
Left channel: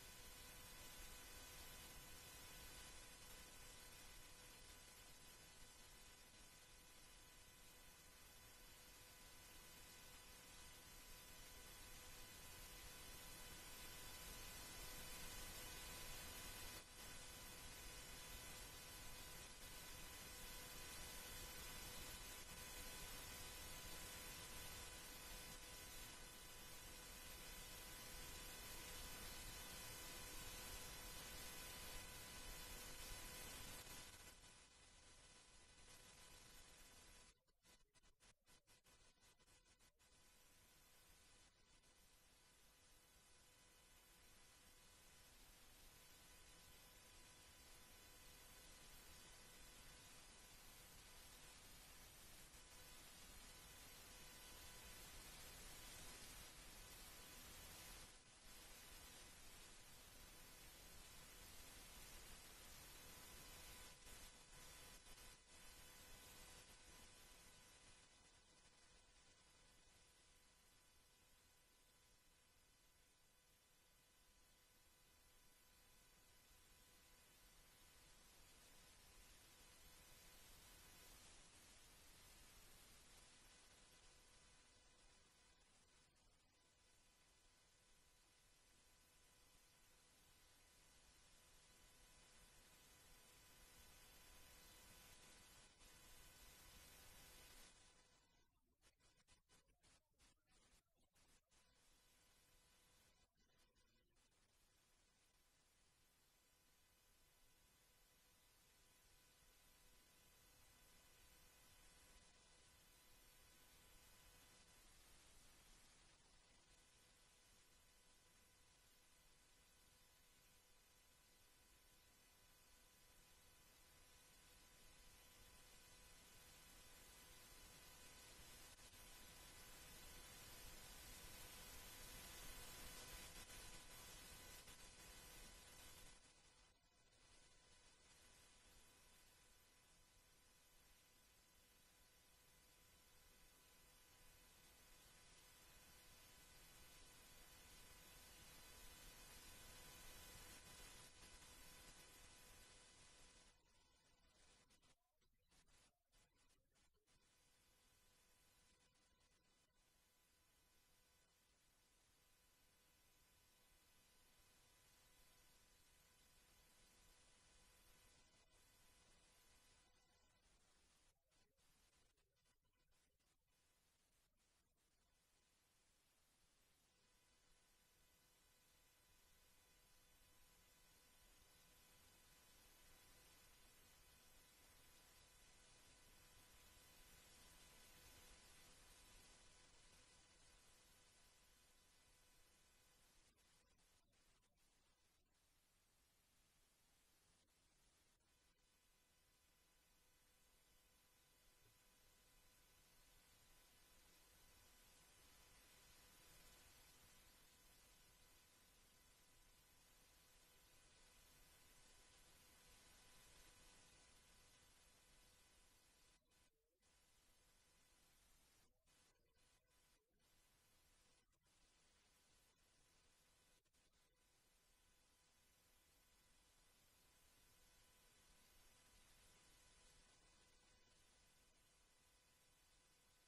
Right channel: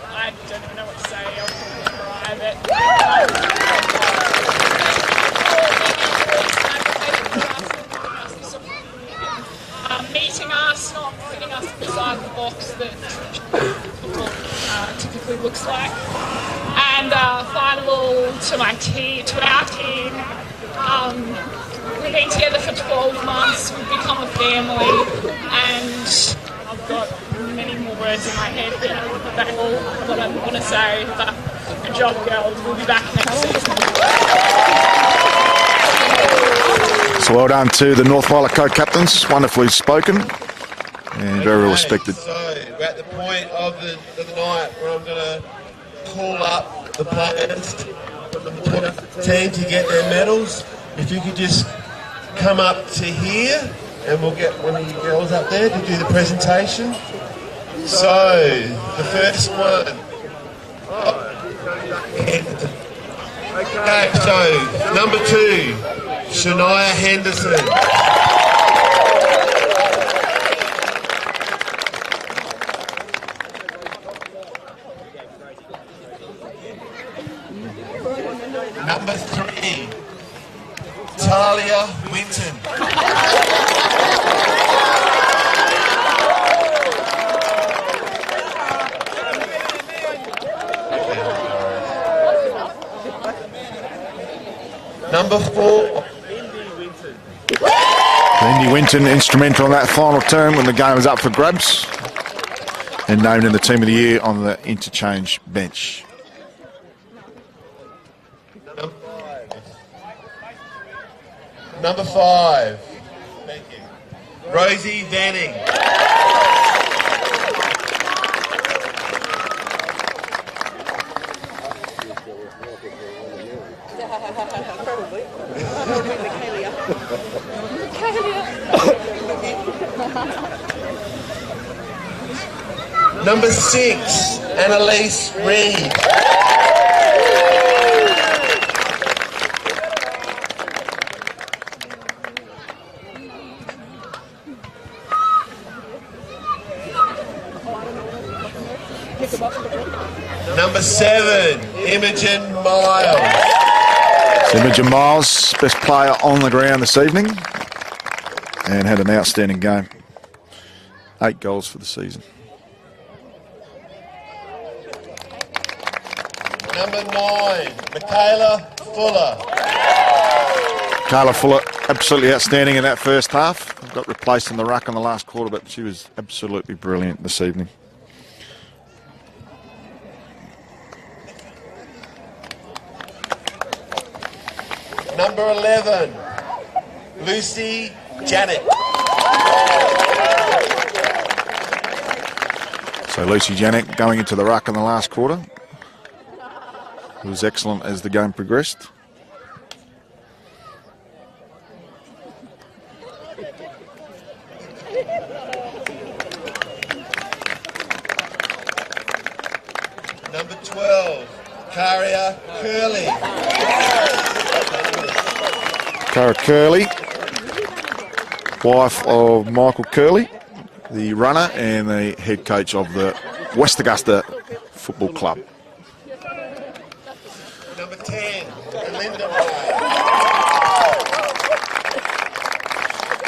I don't even know what to say. I'll describe it. Meeting us, not putting us inside the box that typically looks like. And final to my team, to our team. We've been together for 12 months. We've become a family, and I've got many more words in my head than all what I want to say, but good job, girls. We'll be back next season. So well done to the North Whyalla co-captains, wonderfully spoken and very well respected. So we're at the point of the night where I'm going to call up the players from the team to get their medals. If you could just come up to here, and we'll get one of you girls up there to do the presentation. So, the first one. Okay, so number 2, Shania Henderson. Number 3, Talia Winton. Number 4. Lindy Winton instrumental in that final term when the game was up for grabs and named in the Team of the Year on the interchange bench. Number 5. Thank you. Rosie Vanning. Number 6, Annalise Reed. Number 7, Imogen Miles. Imogen Miles, best player on the ground this evening, and had an outstanding game. 8 goals for the season. Number 9, Michaela Fuller. Carla Fuller, absolutely outstanding in that first half. Got replaced in the ruck in the last quarter, but she was absolutely brilliant this evening. Number 11, Lucy Janik. So Lucy Janik going into the ruck in the last quarter. It was excellent as the game progressed. Number 12, Karia Curley. Cara Curley, wife of Michael Curley, the runner and the head coach of the West Augusta Football Club. Number 10, Belinda Ray.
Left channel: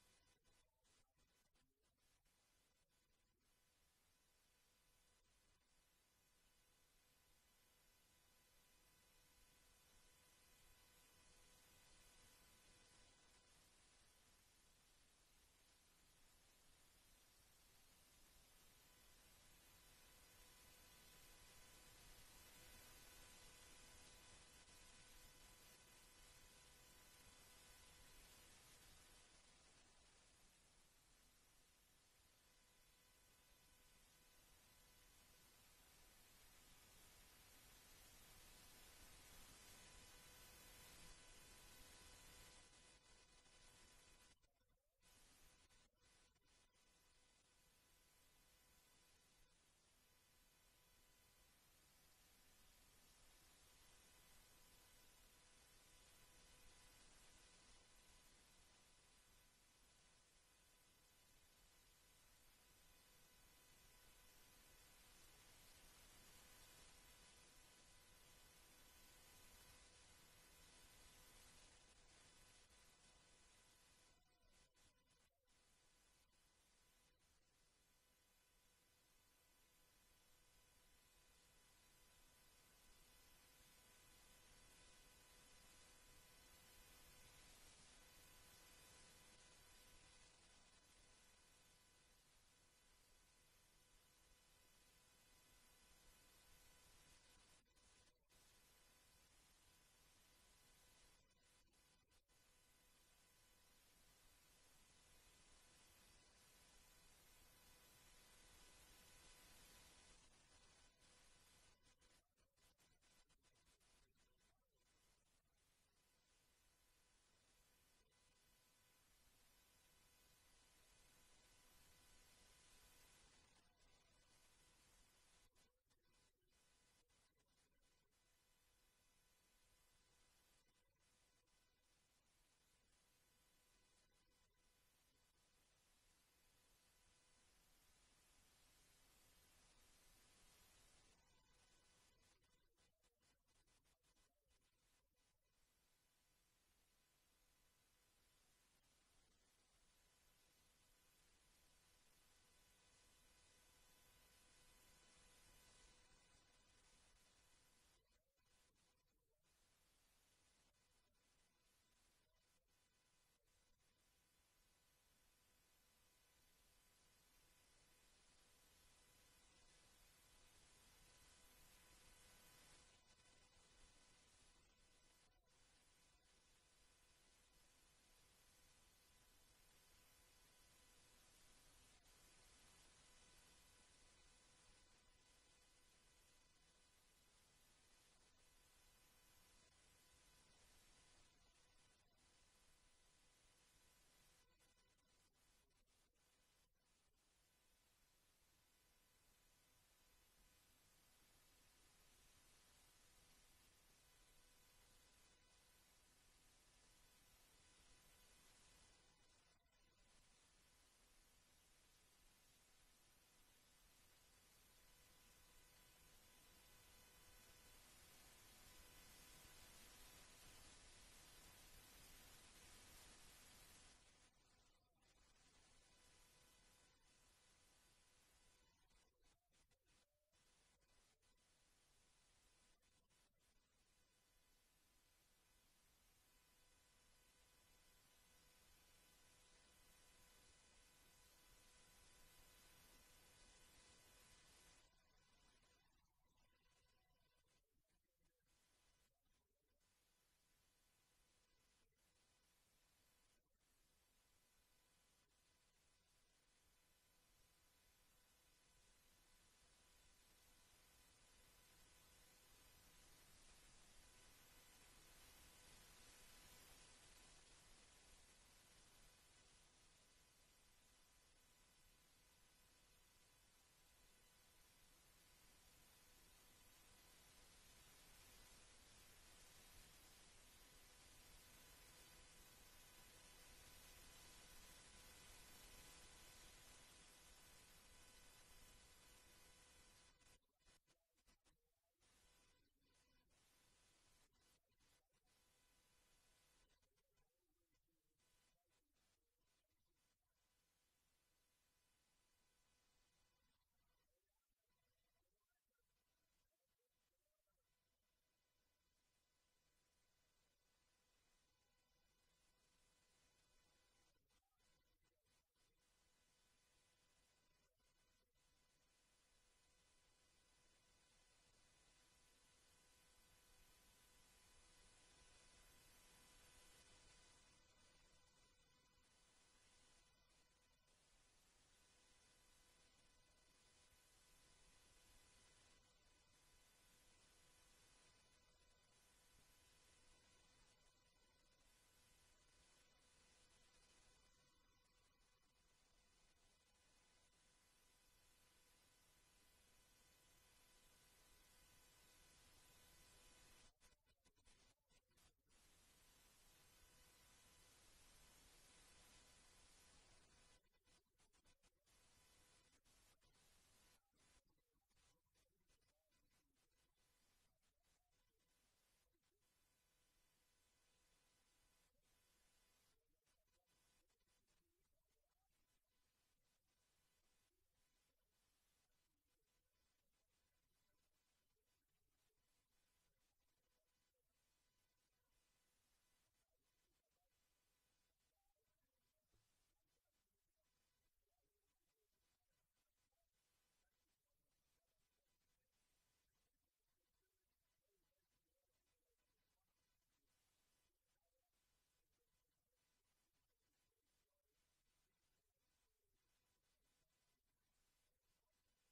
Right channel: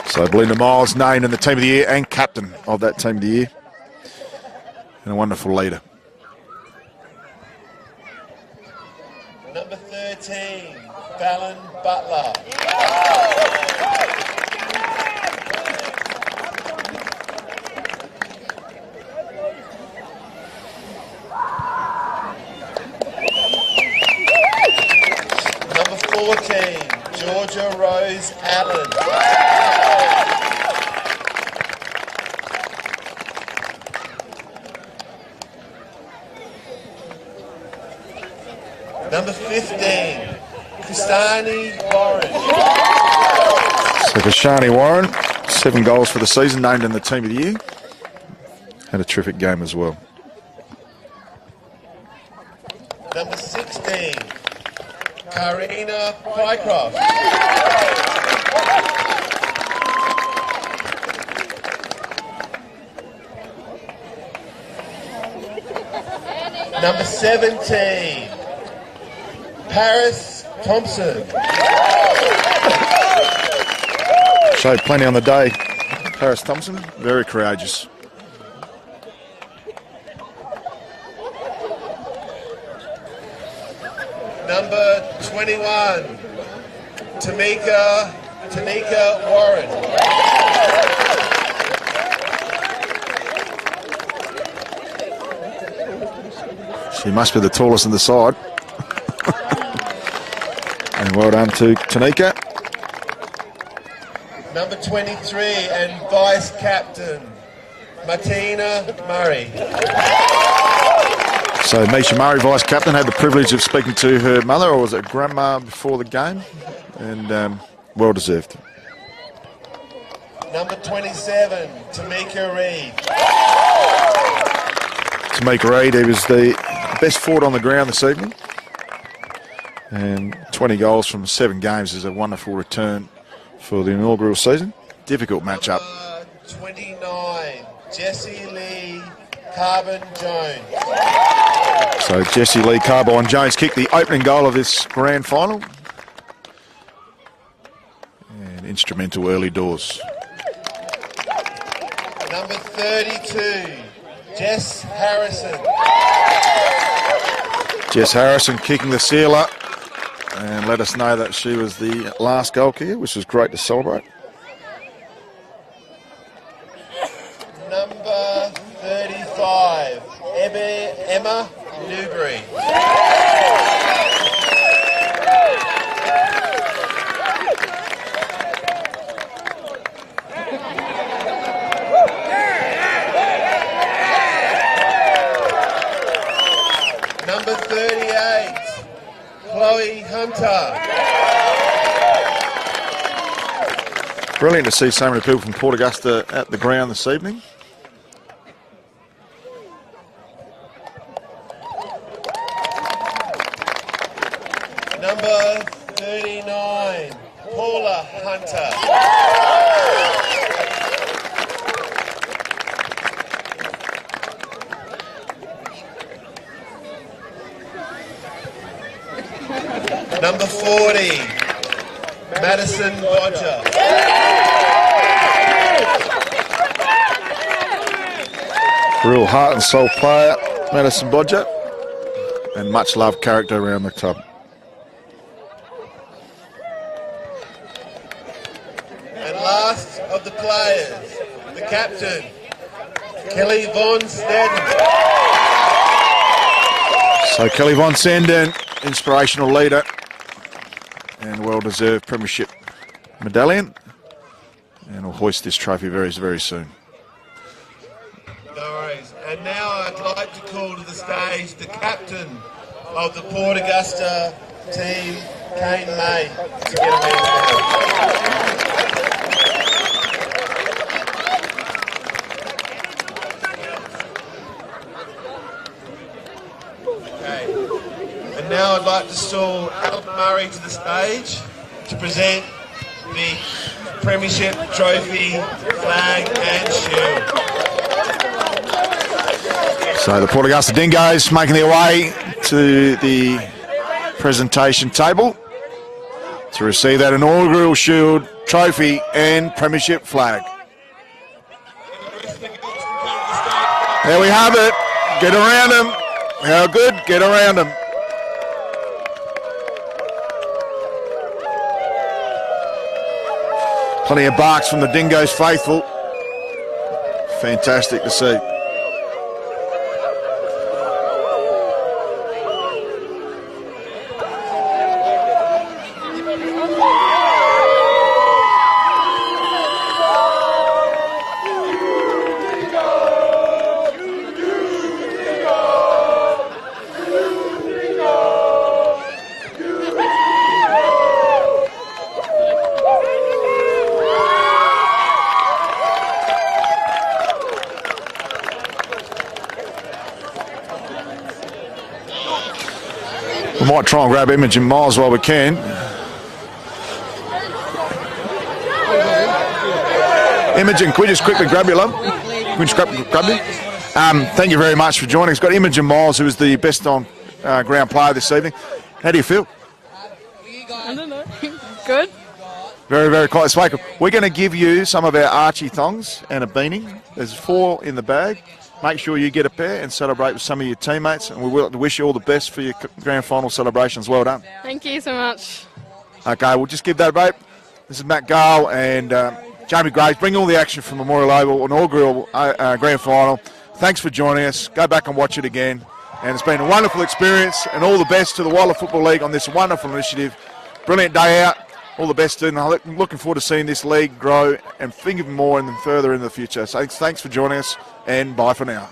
So Belinda Miles named in the Team of the Year and captain of that Team of the Year. And a wonderful leader. Number 13, Fallon Butler. Number 14, Georgia Rose Allen. Number 15, Kristani Warren. So Kashani Warren, 7 goals for the season, named in the Team of the Year. Had a terrific game as well. Number 16, Karina Pycroft. Number 17, Paris Thompson. Showed plenty on the day. Paris Thompson, very courageous. Number 21, Tanika Warren. She must be the tallest in the side. And well done to Tanika. Number 23 and vice captain, Martina Murray. So Misha Murray, vice captain, had the privilege of speaking to her mother, or was it grandma, before the game, and well deserved. Number 27, Tamika Reid. Tamika Reid, he was the best forward on the ground this evening, and 20 goals from 7 games is a wonderful return for the inaugural season. Difficult matchup. 29, Jessie Lee Carbon Jones. So Jessie Lee Carbine Jones kicked the opening goal of this grand final. And instrumental early doors. Number 32, Jess Harrison. Jess Harrison kicking the sealer and let us know that she was the last goal kicker, which was great to celebrate. Number 35, Emma Newbury. Number 38, Chloe Hunter. Brilliant to see so many people from Port Augusta at the ground this evening. Number 39, Paula Hunter. Number 40, Madison Bodger. Real heart and soul player, Madison Bodger, and much loved character around the club. And last of the players, the captain, Kelly Von Steden. So Kelly Von Senden, inspirational leader and well-deserved premiership medallion, and will hoist this trophy very, very soon. No worries. And now I'd like to call to the stage the captain of the Port Augusta team, Kane May, to get a man. Now I'd like to call Alan Murray to the stage to present the Premiership Trophy, flag and shield. So the Port Augusta Dingoes making their way to the presentation table to receive that inaugural shield, trophy and premiership flag. There we have it. Get around them. How good? Get around them. Plenty of barks from the Dingoes faithful. Fantastic to see. We might try and grab Imogen Miles while we can. Imogen, can we just quickly grab you, love? Can we just grab you? Thank you very much for joining us. Got Imogen Miles, who is the best on ground player this evening. How do you feel? I don't know. Good. Very, very close. We're going to give you some of our Archie thongs and a beanie. There's 4 in the bag. Make sure you get a pair and celebrate with some of your teammates. And we will wish you all the best for your grand final celebrations. Well done. Thank you so much. Okay, we'll just give that a break. This is Matt Gale and Jamie Graves. Bring all the action from Memorial Oval, inaugural grand final. Thanks for joining us. Go back and watch it again. And it's been a wonderful experience. And all the best to the Whyalla Football League on this wonderful initiative. Brilliant day out. All the best, and I'm looking forward to seeing this league grow and think even more and further in the future. So thanks for joining us, and bye for now.